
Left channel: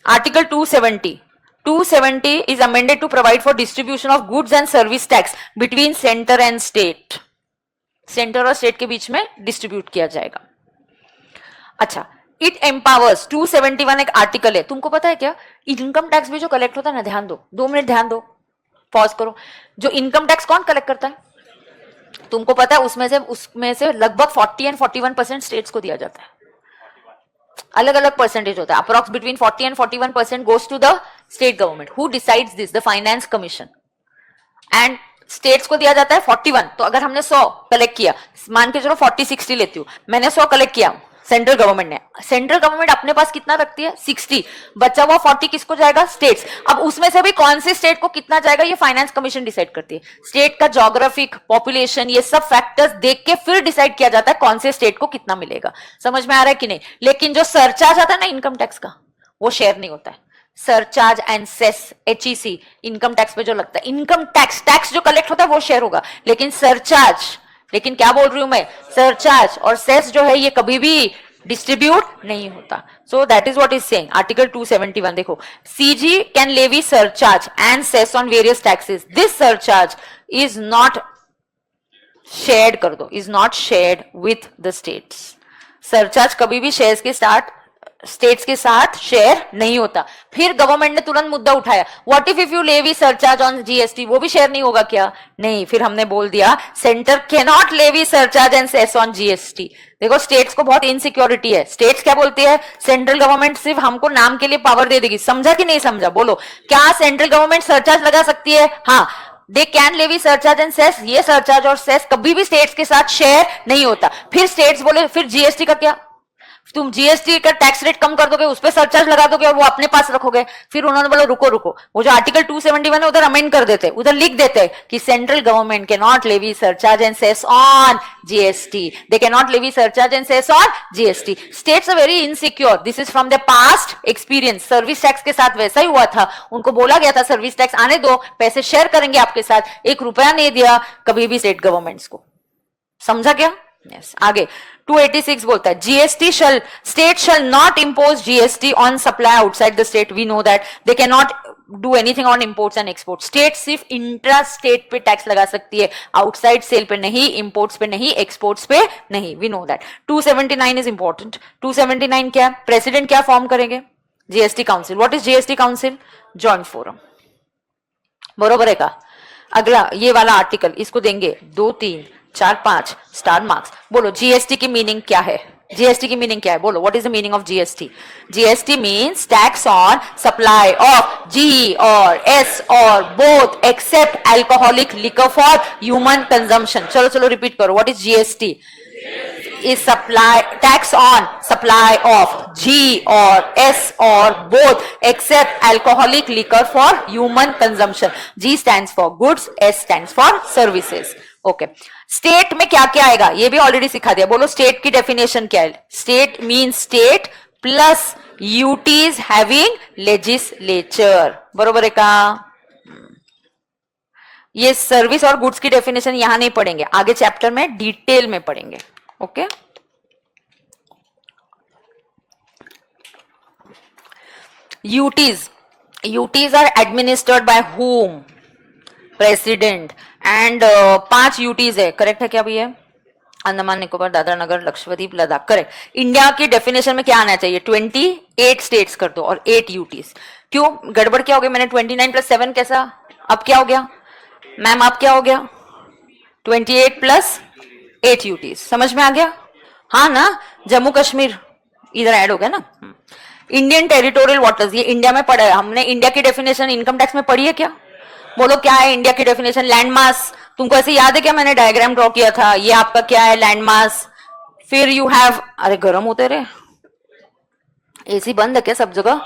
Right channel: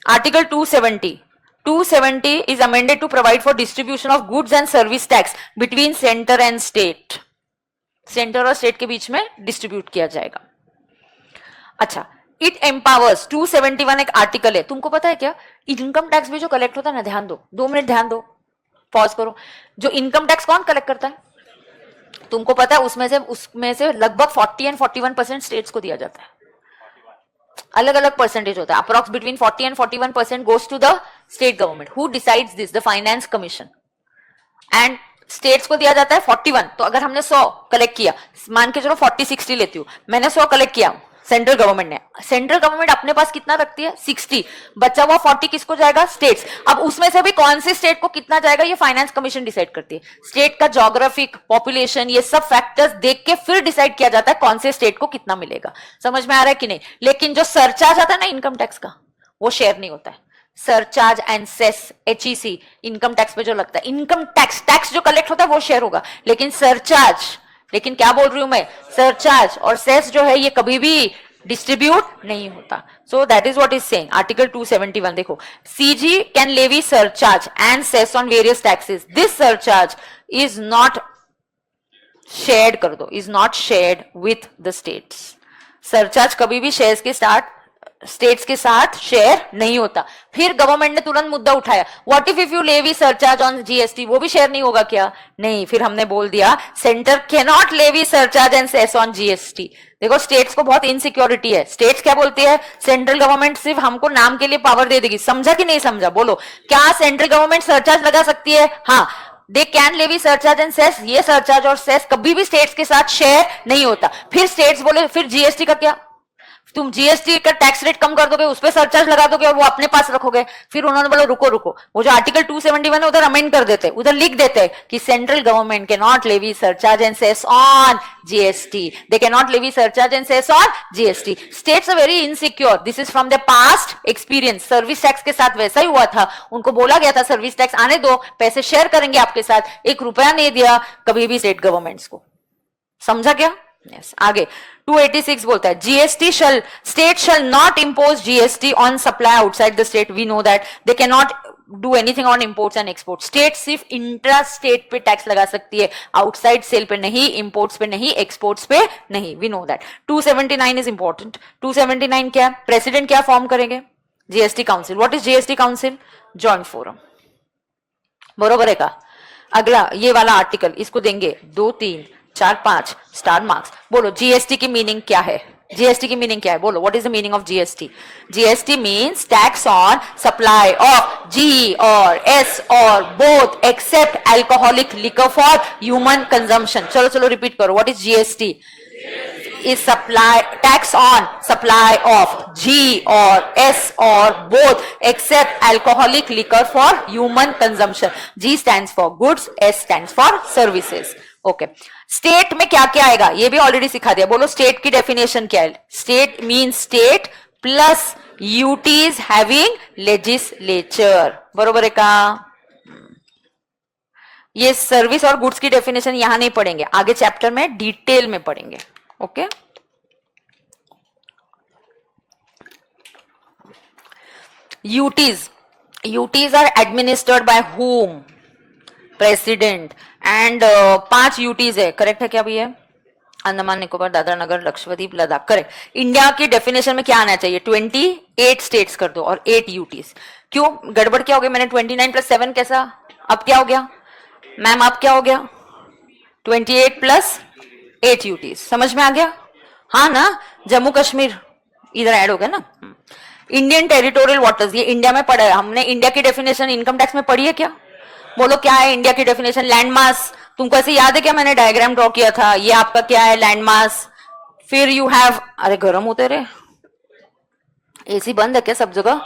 article 270. 270 is amended to provide for distribution of goods and service tax between centre and state. Centre और स्टेट के बीच में डिस्ट्रीब्यूट किया जाएगा. अच्छा, इट एम्पावर्स. 271 एक आर्टिकल है. तुमको पता है क्या? इनकम टैक्स भी जो कलेक्ट होता है ना, ध्यान दो, 2 मिनट ध्यान दो, पॉज करो. जो इनकम टैक्स कौन कलेक्ट करता है? तुमको पता है उसमें से लगभग 40 एंड 41% स्टेट्स को दिया जाता है. अलग अलग परसेंटेज होता है. Approx between 40 and 41% goes to the state government. Who decides this? The finance commission. And states को दिया जाता है 41. तो अगर हमने 100 कलेक्ट किया, मान के चलो 40-60 लेती हूँ, मैंने 100 कलेक्ट किया, सेंट्रल गवर्नमेंट ने. सेंट्रल गवर्नमेंट अपने पास कितना रखती है? 60. बचा हुआ 40 किसको जाएगा? स्टेट्स. अब उसमें से भी कौन से स्टेट को कितना जाएगा ये फाइनेंस कमीशन डिसाइड करती है. स्टेट का ज्योग्राफिक, पॉपुलेशन, ये सब फैक्टर्स देख के फिर डिसाइड किया जाता है कौन से स्टेट को कितना मिलेगा. समझ में आ रहा है कि नहीं? लेकिन जो सरचार्ज आता है ना इनकम टैक्स का, वो शेयर नहीं होता है. Surcharge and cess, HEC, income tax में जो लगता है, इनकम टैक्स जो कलेक्ट होता है वो शेयर होगा. लेकिन सरचार्ज, लेकिन क्या बोल रही हूं मैं, सरचार्ज और सेस जो है ये कभी भी डिस्ट्रीब्यूट नहीं होता. So that is what is saying article 271. देखो, CG can levy surcharge and cess on various taxes. This surcharge is not shared, कर दो, is not shared with the states. Surcharge कभी भी शेयर्स के साथ स्टेट्स के साथ शेयर नहीं होता। फिर गवर्नमेंट ने तुरंत मुद्दा उठाया, what if you levy surcharge on GST, वो भी शेयर नहीं होगा क्या? नहीं, फिर हमने बोल दिया centre can not levy surcharge and cess on GST. देखो स्टेट्स को बहुत इनसिक्योरिटी है, स्टेट्स क्या बोलती है, सेंट्रल गवर्नमेंट सिर्फ हमको नाम के लिए पावर दे देगी। समझा कि नहीं समझा? बोलो, क्या सेंट्रल गवर्नमेंट सरचार्ज लगा सकती है? हाँ, they can levy surcharge and cess. ये सरचार्ज और सेस कभी भी स्टेट्स के साथ शेयर नहीं होता। फिर स्टेट्स बोले फिर जीएसटी का क्या, तुम जीएसटी का टैक्स रेट कम कर दोगे, उस पर सरचार्ज लगा दोगे, वो अपने पास रखोगे। फिर उन्होंने बोला रुको रुको, वो जो आर्टिकल 271 है उधर अमेंड कर देते हैं, उधर लिख देते हैं कि सेंट्रल गवर्नमेंट के not levy surcharge and cess on GST, they can not levy surcharge and cess on GST. States are very insecure, this is from the past experience. Service tax के साथ वैसा ही हुआ था, उनको बोला गया था सर्विस टैक्स आने दो, पैसे शेयर करेंगे आपके साथ, 1 रुपया नहीं दिया कभी भी स्टेट गवर्नमेंट्स को। समझा क्या? यस। आगे 286 बोलता है GST shall state shall not impose GST on supply outside the state. We know that they can not do anything on imports and exports. State सिर्फ इंट्रा स्टेट पे टैक्स लगा सकती है, आउटसाइड सेल पे नहीं, इंपोर्ट्स पे नहीं, exports पे नहीं। We know that. 279 is important. 279 क्या? प्रेसिडेंट क्या फॉर्म करेंगे? GST council. What is GST council? Joint forum. बरोबर है का? अगला ये वाला आर्टिकल, इसको देंगे 2 3 4 5 स्टार मार्क्स। बोलो जीएसटी की मीनिंग क्या है? जीएसटी की मीनिंग क्या है? बोलो, what is the meaning of GST? GST means tax on supply of G और एस और both except alcoholic liquor for human consumption. चलो चलो रिपीट करो, what is GST? is supply tax on supply of G or S or both except alcoholic liquor for human consumption. G stands for goods, S stands for services. Okay state में क्या क्या आएगा ये भी already सिखा दिया। बोलो state की डेफिनेशन क्या है? State means state plus UTs having legislature. बरोबर है का? ये सर्विस और गुड्स की डेफिनेशन यहां नहीं पढ़ेंगे, आगे चैप्टर में डिटेल में पढ़ेंगे। Okay UTs are administered by whom? President. And 5 UTs हैं, करेक्ट है क्या भैया? अंडमान निकोबार, दादरा नगर, लक्षद्वीप, लद्दाख। करेक्ट। इंडिया की डेफिनेशन में क्या आना चाहिए? 28 स्टेट्स कर दो और 8 यूटीज। क्यों गड़बड़ क्या हो गई? मैंने 29 + 7 कैसा? अब क्या हो गया मैम? अब क्या हो गया? 28 + 8 यूटीज। समझ में आ गया? हाँ ना? जम्मू कश्मीर इधर ऐड हो गया ना। इंडियन टेरिटोरियल वाटर्स, ये इंडिया में पढ़ा है हमने। इंडिया की डेफिनेशन इनकम टैक्स में पढ़ी है क्या? बोलो क्या है इंडिया की डेफिनेशन? Land mass. तुमको ऐसे याद है क्या? मैंने डायग्राम ड्रॉ किया था, ये आपका क्या है? Land mass. फिर यू हैव, अरे गर्म होते रहे, एसी बंद है क्या सब जगह?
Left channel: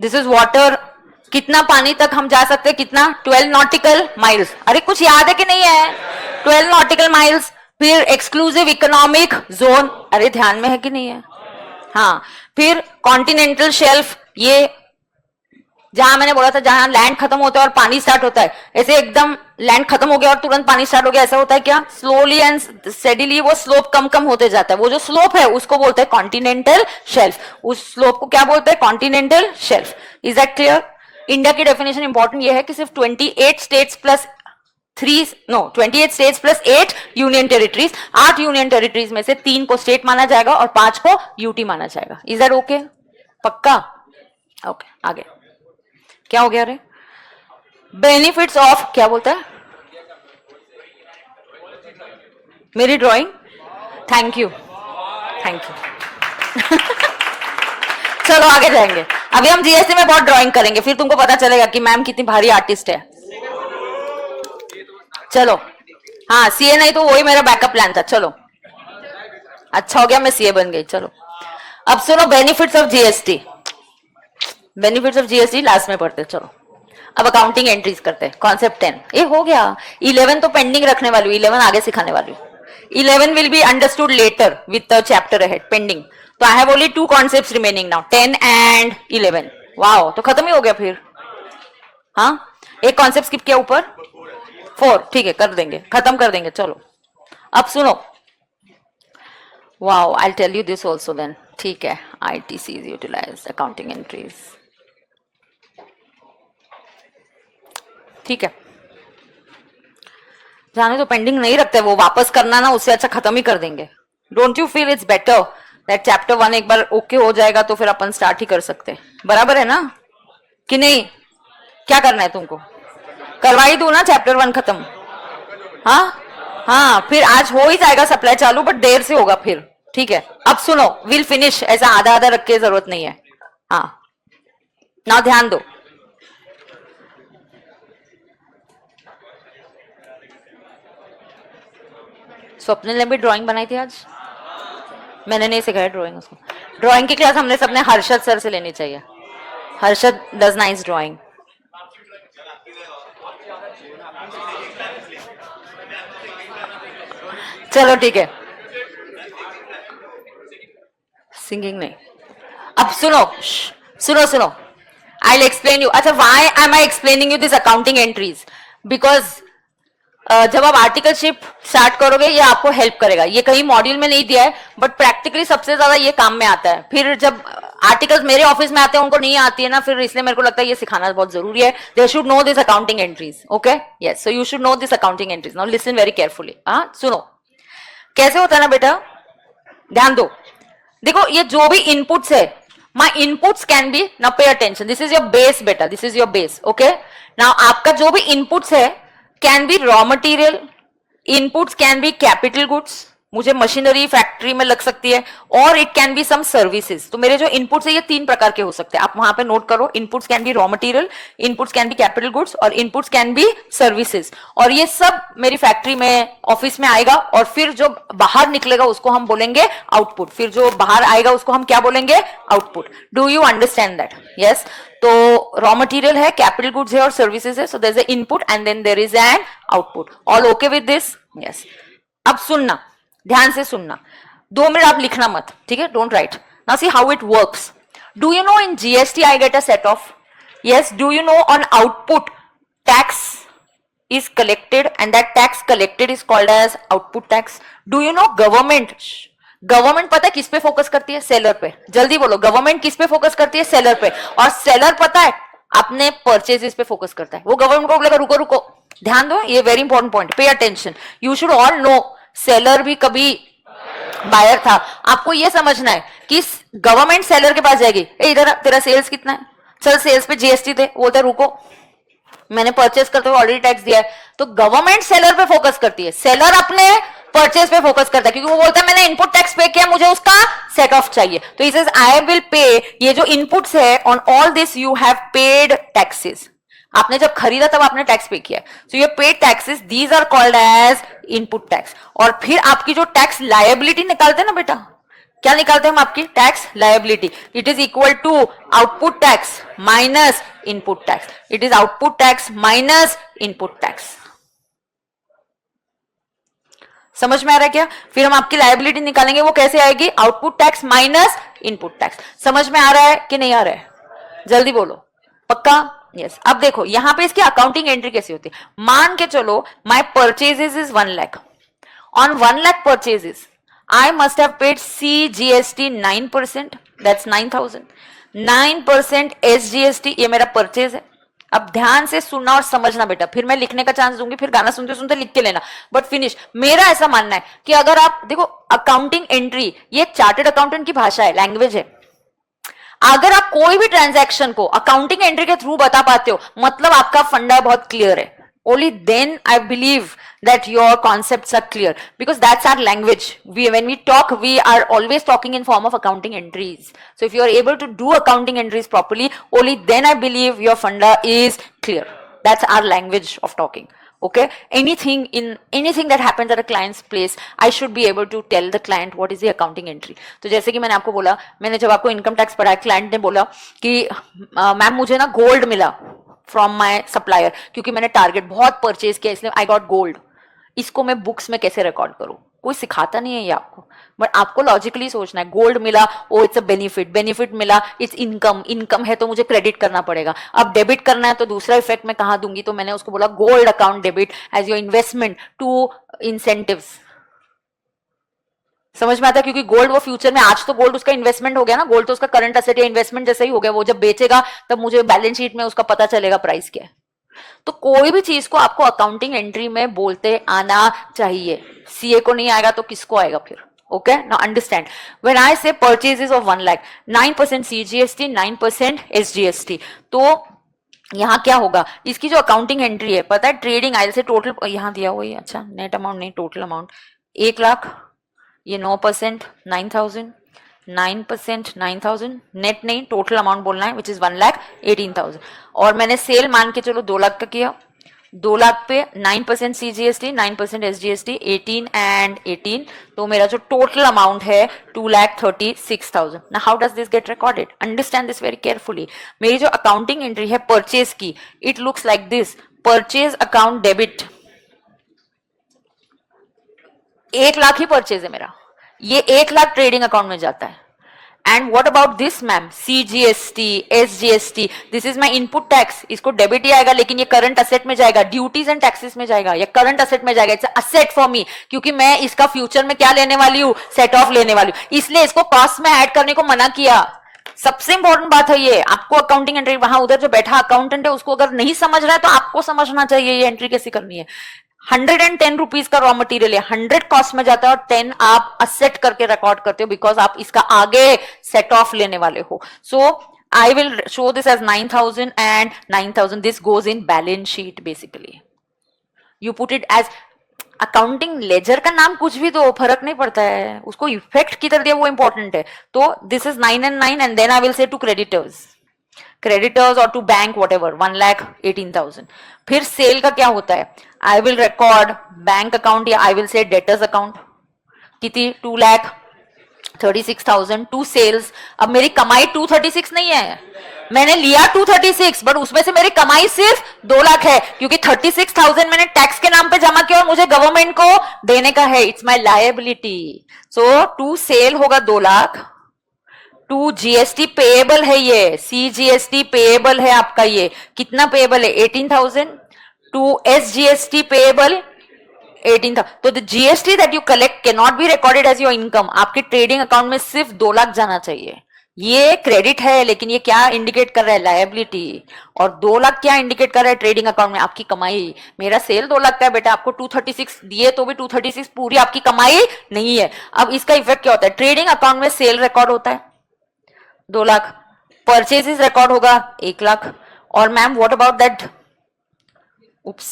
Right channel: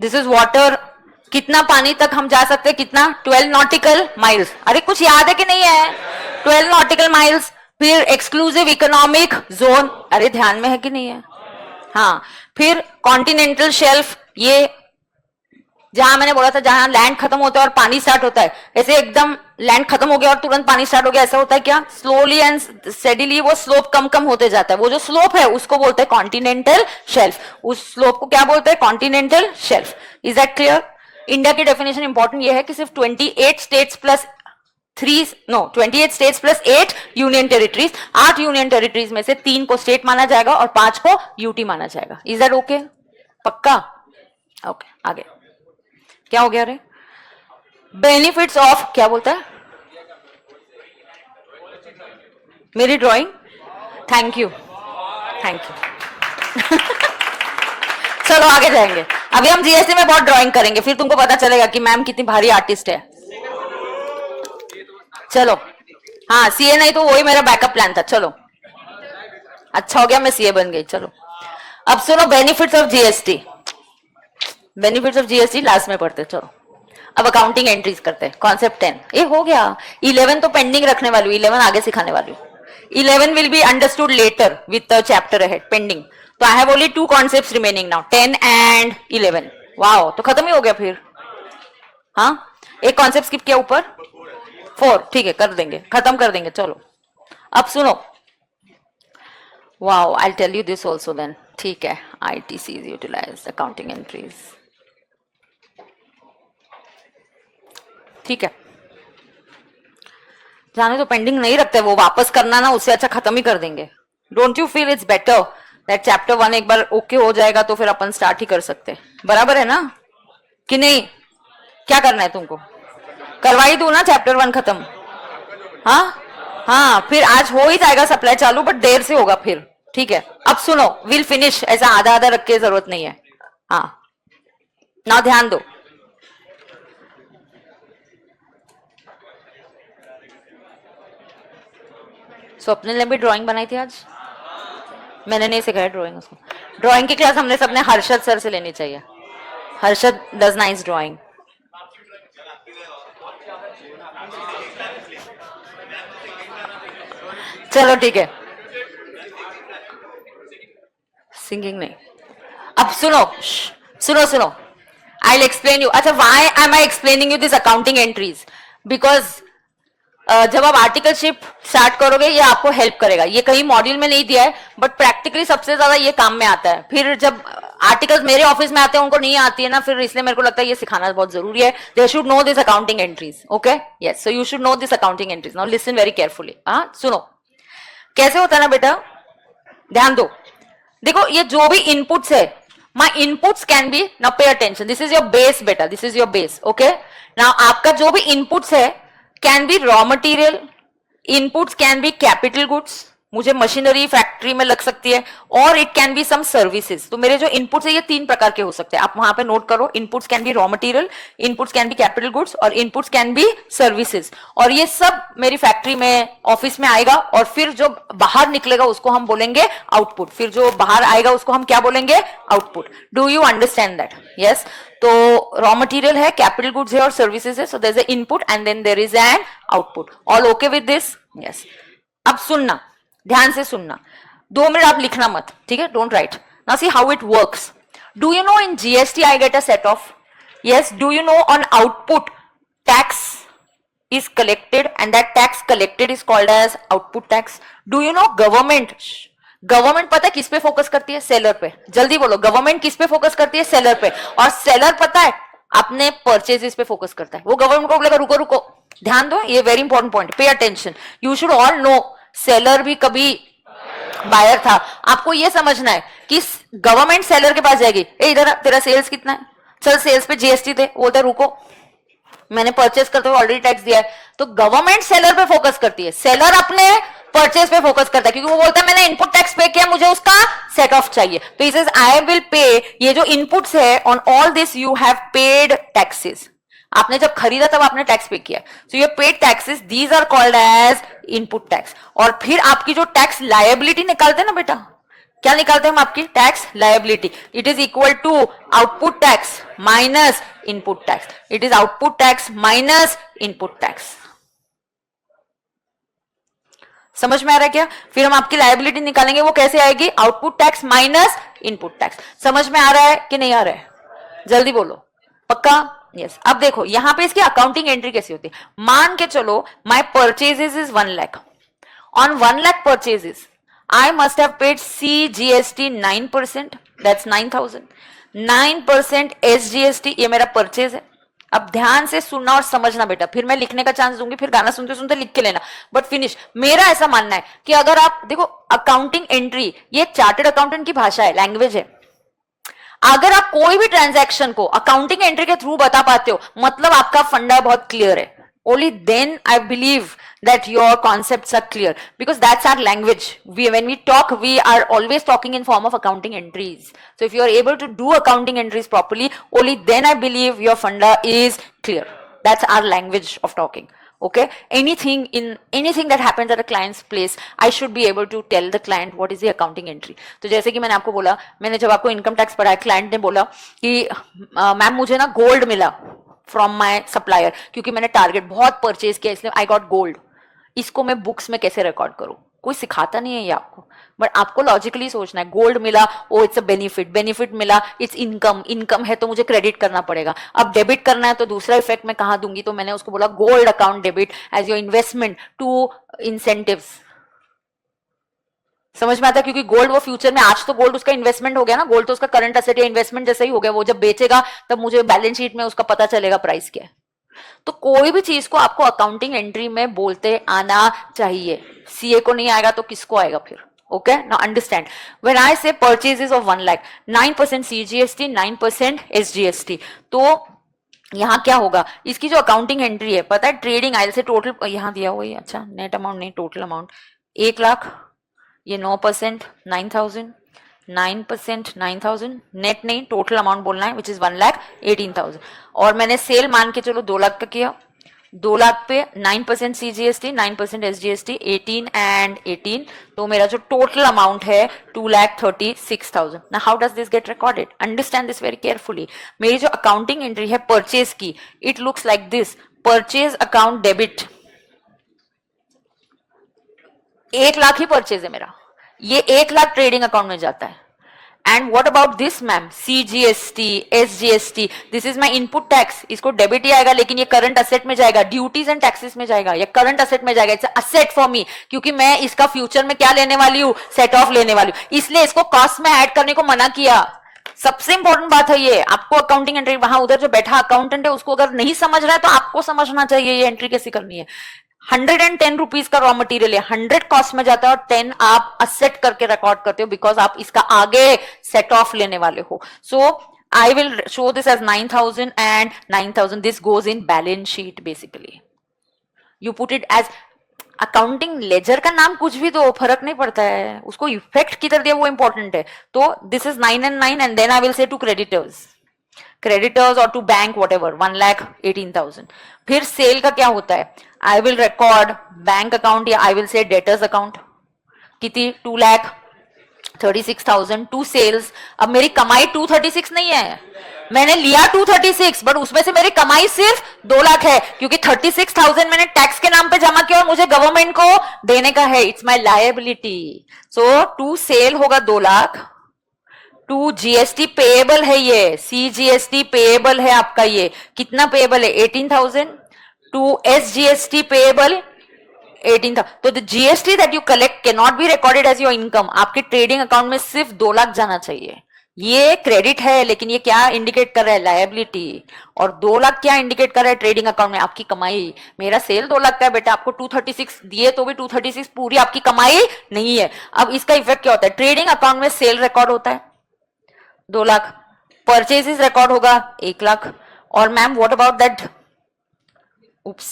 This is water. कितना पानी तक हम जा सकते हैं? कितना? 12 नॉटिकल माइल्स। अरे कुछ याद है कि नहीं है? 12 नॉटिकल माइल्स। फिर एक्सक्लूसिव इकोनॉमिक जोन, अरे ध्यान में है कि नहीं है? हाँ। फिर कॉन्टिनेंटल शेल्फ, ये जहां मैंने बोला था जहां लैंड खत्म होता है और पानी स्टार्ट होता है, ऐसे एकदम लैंड खत्म हो गया और तुरंत पानी स्टार्ट हो गया, ऐसा होता है क्या? स्लोली एंड स्टेडीली वो स्लोप कम कम होते जाता है। वो जो स्लोप है उसको बोलते हैं कॉन्टिनेंटल शेल्फ। उस स्लोप को क्या बोलते हैं? Continental shelf. Is that clear? India की डेफिनेशन इंपॉर्टेंट ये है कि सिर्फ 28 states plus 28 states plus 8 union territories. 8 union territories में से 3 को स्टेट माना जाएगा और 5 को यूटी माना जाएगा। Is that okay? पक्का? ओके आगे क्या हो गया रे? बेनिफिट्स ऑफ, क्या बोलते हैं? मेरी drawing, thank you thank you. चलो आगे जाएंगे। अभी हम जीएसटी में बहुत ड्राइंग करेंगे, फिर तुमको पता चलेगा कि मैम कितनी भारी आर्टिस्ट है। चलो हाँ, सीए नहीं तो वही मेरा बैकअप प्लान था। चलो अच्छा हो गया मैं सीए बन गई। चलो अब सुनो benefits of GST. Benefits of GST last में पढ़ते। चलो अब अकाउंटिंग एंट्रीज करते हैं। कॉन्सेप्ट 10 ये हो गया। 11 तो पेंडिंग रखने वाली हूँ, 11 आगे सिखाने वाली हूँ। 11 will be understood later with the chapter ahead pending. तो I have only 2 concepts remaining now, 10 and 11। Wow, तो खत्म ही हो गया फिर। हाँ एक कॉन्सेप्ट स्किप किया ऊपर, 4 ठीक है, कर देंगे, खत्म कर देंगे। चलो अब सुनो। Wow, I tell you this also then. ठीक है, ITC यूटिलाइज अकाउंटिंग एंट्रीज। ठीक है, जाने तो पेंडिंग नहीं रखते, वो वापस करना ना, उससे अच्छा खत्म ही कर देंगे। Don't you feel it's better that chapter 1 एक बार ओके हो जाएगा तो फिर अपन स्टार्ट ही कर सकते हैं, बराबर है ना कि नहीं? क्या करना है तुमको? करवाई दो ना चैप्टर 1 खत्म। हाँ हाँ, फिर आज हो ही जाएगा सप्लाई चालू, बट देर से होगा फिर, ठीक है? अब सुनो, विल फिनिश, ऐसा आधा आधा रख के जरूरत नहीं है। हाँ ना, ध्यान दो। स्वप्न ने भी ड्राइंग बनाई थी आज, मैंने नहीं सिखाया ड्राइंग उसको। ड्राइंग की क्लास हमने सबने हर्षद सर से लेनी चाहिए। Harshad does nice drawing. चलो ठीक है, सिंगिंग ने। अब सुनो सुनो सुनो, आई विल एक्सप्लेन यू। अच्छा, why am I explaining you this accounting entries? Because जब आप आर्टिकलशिप स्टार्ट करोगे ये आपको हेल्प करेगा। ये कहीं मॉड्यूल में नहीं दिया है, बट प्रैक्टिकली सबसे ज्यादा ये काम में आता है। फिर जब आर्टिकल्स मेरे ऑफिस में आते हैं उनको नहीं आती है ना, फिर इसलिए मेरे को लगता है ये सिखाना बहुत जरूरी है। They should know this accounting entries, okay? Yes, so you should know this accounting entries. Now listen very carefully. हाँ सुनो, कैसे होता है ना बेटा, ध्यान दो। देखो, ये जो भी इनपुट्स है, my inputs can be, now pay attention, this is your base beta, this is your base, okay? now आपका जो भी inputs है can be raw material, inputs can be capital goods, मुझे मशीनरी फैक्ट्री में लग सकती है, और it can be some services. तो मेरे जो इनपुट्स है ये 3 प्रकार के हो सकते हैं, आप वहां पे नोट करो। Inputs can be raw material, inputs can be capital goods, और इनपुट्स कैन बी सर्विसेज। और ये सब मेरी फैक्ट्री में, ऑफिस में आएगा, और फिर जो बाहर निकलेगा उसको हम बोलेंगे आउटपुट। फिर जो बाहर आएगा उसको हम क्या बोलेंगे? Output. Do you understand that? Yes. तो रॉ मटेरियल है, कैपिटल गुड्स है और सर्विसेज है। So there is a input and then there is an output. All okay with this? Yes. अब सुनना, ध्यान से सुनना, 2 मिनट आप लिखना मत, ठीक है? Don't write. Now see how it works. Do you no in GST I get a set of, yes, do you know on output tax is collected and that tax collected is called as output tax? Do you know government पता है किस पे focus करती है? Seller पे। जल्दी बोलो, government किस पे फोकस करती है? सेलर पे। और सेलर पता है अपने परचेजेस पे फोकस करता है। वो गवर्नमेंट को बोलेगा रुको रुको, ध्यान दो, ये very important point, pay attention. You should all know, seller भी कभी बायर था। आपको ये समझना है कि गवर्नमेंट सेलर के पास जाएगी, इधर तेरा सेल्स कितना है, चल सेल्स पे जीएसटी दे, बोलता रुको मैंने परचेस करते हुए ऑलरेडी टैक्स दिया है। तो गवर्नमेंट सेलर पे फोकस करती है, सेलर अपने परचेस पे फोकस करता है, क्योंकि वो बोलता है मैंने इनपुट टैक्स पे किया, मुझे उसका सेट ऑफ चाहिए। तो ही सेज आई विल पे, ये जो इनपुट्स है on all this you have paid taxes. आपने जब खरीदा तब आपने टैक्स पे किया, सो ये paid taxes, these are called as input tax. और फिर आपकी जो टैक्स लायबिलिटी निकालते हैं ना बेटा, क्या निकालते हैं हम? आपकी tax liability. It is equal to output tax minus input tax. It is output tax minus input tax. समझ में आ रहा है क्या? फिर हम आपकी लायबिलिटी निकालेंगे, वो कैसे आएगी? Output tax minus input tax. समझ में आ रहा है कि नहीं आ रहा है? जल्दी बोलो, पक्का? यस। अब देखो यहां पे इसकी अकाउंटिंग एंट्री कैसी होती है। मान के चलो my purchases is 1 lakh. On 1 lakh purchases I must have paid CGST 9%, that's 9,000. 9% SGST, ये मेरा परचेज है। अब ध्यान से सुनना और समझना बेटा, फिर मैं लिखने का चांस दूंगी, फिर गाना सुनते सुनते लिख के लेना, बट फिनिश। मेरा ऐसा मानना है कि अगर आप देखो, अकाउंटिंग एंट्री ये चार्टर्ड अकाउंटेंट की भाषा है, लैंग्वेज है। अगर आप कोई भी ट्रांजैक्शन को अकाउंटिंग एंट्री के थ्रू बता पाते हो, मतलब आपका फंडा बहुत क्लियर है। Only then I believe that your concepts are clear, because that's our language. When we talk, we are always talking in form of accounting entries. So if you are able to do accounting entries properly, only then I believe your funda is clear. That's our language of talking. Okay? Anything that happens at a client's place, I should be able to tell the client what is the accounting entry. तो जैसे कि मैंने आपको बोला, मैंने जब आपको income tax पढ़ाया, क्लाइंट ने बोला कि मैम मुझे ना गोल्ड मिला फ्रॉम माय सप्लायर, क्योंकि मैंने टारगेट बहुत परचेज किया, इसलिए आई गॉट गोल्ड। इसको मैं बुक्स में कैसे रिकॉर्ड करूं? कोई सिखाता नहीं है ये आपको, बट आपको लॉजिकली सोचना है। गोल्ड मिला, oh it's a benefit, benefit मिला, इट्स इनकम, इनकम है तो मुझे क्रेडिट करना पड़ेगा। अब डेबिट करना है तो दूसरा इफेक्ट मैं कहां दूंगी? तो मैंने उसको बोला gold account debit as your investment to incentives. समझ में आता है? क्योंकि गोल्ड वो फ्यूचर में, आज तो गोल्ड उसका इन्वेस्टमेंट हो गया ना, गोल्ड तो उसका करंट एसेट या इन्वेस्टमेंट जैसा ही हो गया। वो जब बेचेगा तब मुझे बैलेंस शीट में उसका पता चलेगा प्राइस क्या है। तो कोई भी चीज को आपको अकाउंटिंग एंट्री में बोलते आना चाहिए। सीए को नहीं आएगा तो किसको आएगा फिर? Okay, now understand. When I say purchases of 1 lakh, 9% CGST, 9% SGST. तो यहाँ क्या होगा, इसकी जो अकाउंटिंग एंट्री है, पता है ट्रेडिंग आयल से टोटल यहाँ दिया हुआ है, अच्छा नेट अमाउंट नहीं, टोटल अमाउंट 1 लाख, ये 9% 9,000, 9% 9,000, नेट नहीं टोटल अमाउंट बोलना है, विच इज 1,18,000। और मैंने सेल मान के चलो 2 लाख का किया, 2 लाख पे 9% CGST, 9% SGST, 18 and 18, तो मेरा जो टोटल अमाउंट है 2,36,000। Now how does this get recorded? Understand this very carefully. मेरी जो अकाउंटिंग एंट्री है परचेज की, it looks like this: purchase account debit, 1 lakh he purchase है मेरा, ये 1 लाख ट्रेडिंग अकाउंट में जाता है। And what about this ma'am, CGST, SGST, this is my input tax, इसको डेबिट ही आएगा, लेकिन ये करंट असेट में जाएगा, ड्यूटीज एंड टैक्सेस में जाएगा, ये करंट असेट में जाएगा। इट्स असेट फॉर मी, क्योंकि मैं इसका फ्यूचर में क्या लेने वाली हूँ, सेट ऑफ लेने वाली हूँ, इसलिए इसको कॉस्ट में ऐड करने को मना किया। सबसे इंपॉर्टेंट बात है ये, आपको अकाउंटिंग एंट्री, वहां उधर जो बैठा अकाउंटेंट है उसको अगर नहीं समझ रहा है तो आपको समझना चाहिए ये एंट्री कैसे करनी है। 110 रुपीज का रॉ मटेरियल है, 100 कॉस्ट में जाता है और 10 आप असेट करके रिकॉर्ड करते हो, बिकॉज आप इसका आगे सेट ऑफ लेने वाले हो। So I will show this as 9,000 and 9,000, this goes in balance sheet. Basically you put it as accounting ledger, का नाम कुछ भी दो, फर्क नहीं पड़ता है, उसको इफेक्ट किधर दिया वो इंपॉर्टेंट है। तो this is 9 and 9 and then I will say to creditors or to bank whatever, 1,18,000। फिर सेल का क्या होता है, I will record bank account या I will say debtors account, कितनी 2,36,000 टू सेल्स। अब मेरी कमाई 236 नहीं है, मैंने लिया 236, बट उसमें से मेरी कमाई सिर्फ 2 लाख है, क्योंकि 36,000 मैंने टैक्स के नाम पे जमा किया और मुझे गवर्नमेंट को देने का है, it's my liability. So to sale होगा 2 लाख, टू जीएसटी पेएबल है, ये CGST पेएबल है आपका, ये कितना पेएबल है 18,000, टू SGST पेएबल 18,000। तो the GST that you collect can not be recorded as your income, आपके ट्रेडिंग अकाउंट में सिर्फ 2 लाख जाना चाहिए। ये क्रेडिट है, लेकिन ये क्या इंडिकेट कर रहा है, लायबिलिटी। और 2 लाख क्या इंडिकेट कर रहा है ट्रेडिंग अकाउंट में, आपकी कमाई। मेरा सेल 2 लाख का है बेटा, आपको 236 दिए तो भी 236 पूरी आपकी कमाई नहीं है। अब इसका इफेक्ट क्या होता है, ट्रेडिंग अकाउंट में सेल रिकॉर्ड होता है 2 लाख, परचेजेस रिकॉर्ड होगा 1 लाख। और ma'am what about that, oops,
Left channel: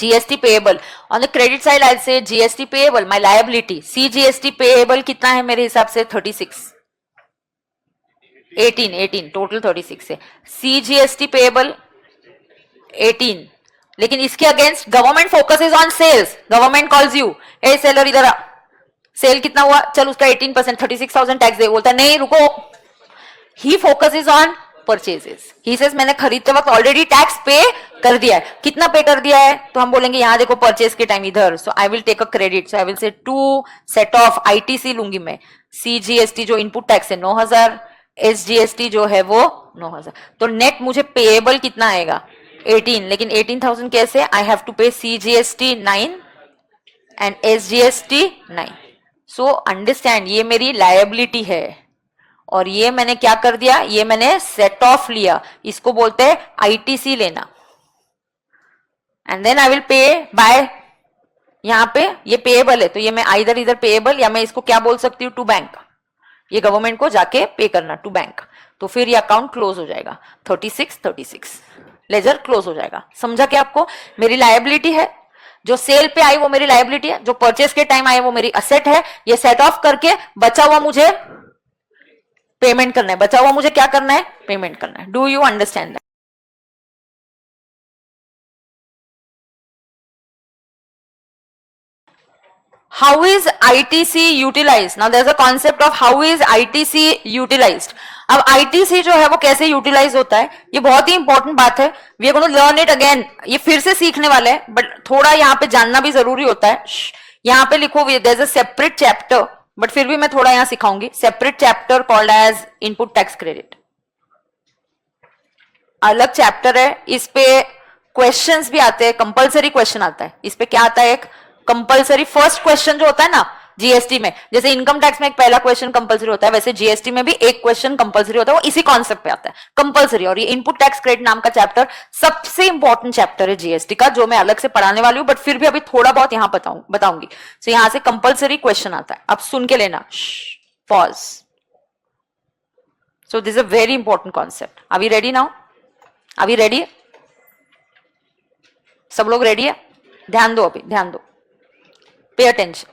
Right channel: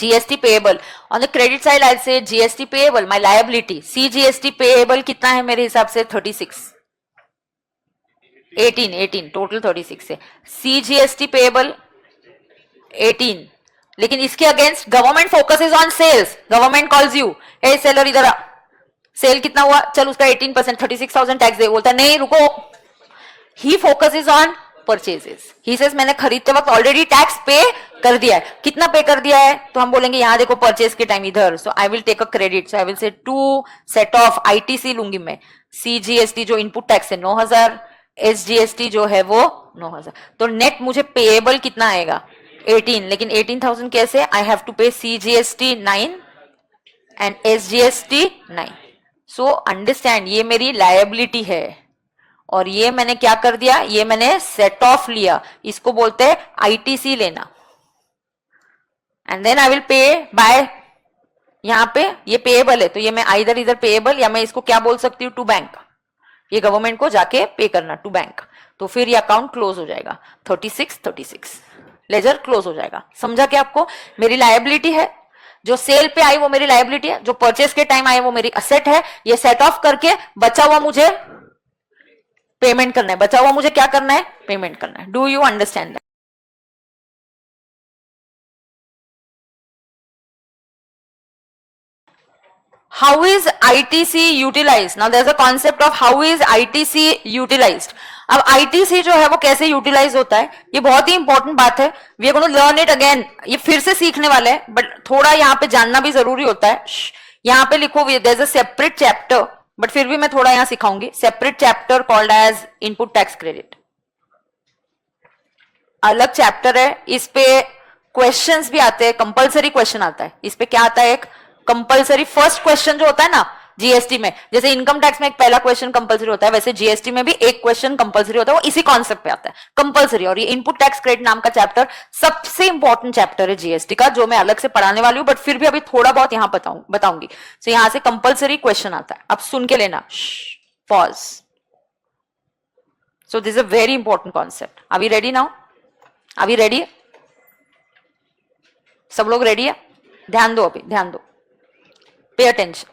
GST payable on the credit side, I'll say GST payable, my liability, CGST payable कितना है मेरे हिसाब से 36, 18 टोटल 36 है, CGST payable 18, लेकिन इसके against government focuses on sales, government calls you, hey seller इधर आ, सेल कितना हुआ, चल उसका 18% 36,000 टैक्स दे, बोलता नहीं रुको, he focuses on purchases. He says मैंने खरीदते वक्त ऑलरेडी टैक्स पे कर दिया है, कितना पे कर दिया है, तो हम बोलेंगे यहाँ देखो परचेज के टाइम इधर, so I will take a credit, so I will say to set off ITC लूंगी मैं, CGST जो इनपुट टैक्स है 9,000, SGST जो है वो 9,000, तो नेट मुझे पेएबल कितना आएगा 18, लेकिन 18,000 कैसे, आई हैव टू पे CGST 9 and SGST 9। So understand, ये मेरी लायबिलिटी है और ये मैंने क्या कर दिया, ये मैंने सेट ऑफ लिया, इसको बोलते हैं ITC लेना। And then I will pay by, यहाँ पे ये पेएबल है तो ये मैं इधर पेएबल, या मैं इसको क्या बोल सकती हूँ, टू बैंक, ये गवर्नमेंट को जाके पे करना टू बैंक, तो फिर ये अकाउंट क्लोज हो जाएगा 36 लेजर क्लोज हो जाएगा। समझा कि आपको, मेरी लायबिलिटी है, जो सेल पे आई वो मेरी लायबिलिटी है, जो परचेज के टाइम आई वो मेरी असेट है, ये सेट ऑफ करके बचा हुआ मुझे पेमेंट करना है, बचा हुआ मुझे क्या करना है, पेमेंट करना है। Do you understand that? How is ITC utilized? Now there's a concept of how is ITC utilized. अब ITC जो है वो कैसे यूटिलाइज होता है, ये बहुत ही इंपॉर्टेंट बात है, we are going to learn it again, ये फिर से सीखने वाले हैं, बट थोड़ा यहाँ पे जानना भी जरूरी होता है। यहाँ पे लिखो there is a separate chapter, but फिर भी मैं थोड़ा यहाँ सिखाऊंगी, separate chapter called as input tax credit, अलग चैप्टर है, इस पे क्वेश्चंस भी आते हैं, कंपलसरी क्वेश्चन आता है, इस पे क्या आता है, एक कंपलसरी फर्स्ट क्वेश्चन जो होता है ना, जीएसटी में जैसे इनकम टैक्स में एक पहला क्वेश्चन कंपलसरी होता है, वैसे जीएसटी में भी एक क्वेश्चन कंपलसरी होता है, वो इसी कॉन्सेप्ट पे आता है कंपलसरी। और ये इनपुट टैक्स क्रेडिट नाम का चैप्टर सबसे इंपॉर्टेंट चैप्टर है जीएसटी का, जो मैं अलग से पढ़ाने वाली हूँ, बट फिर भी अभी थोड़ा बहुत यहाँ बताऊंगी। तो यहाँ से कंपलसरी क्वेश्चन आता है, अब सुन के लेना, pause. So this is a very important concept. Are we ready now? Are we ready? सब लोग रेडी है? ध्यान दो, अभी ध्यान दो, pay attention.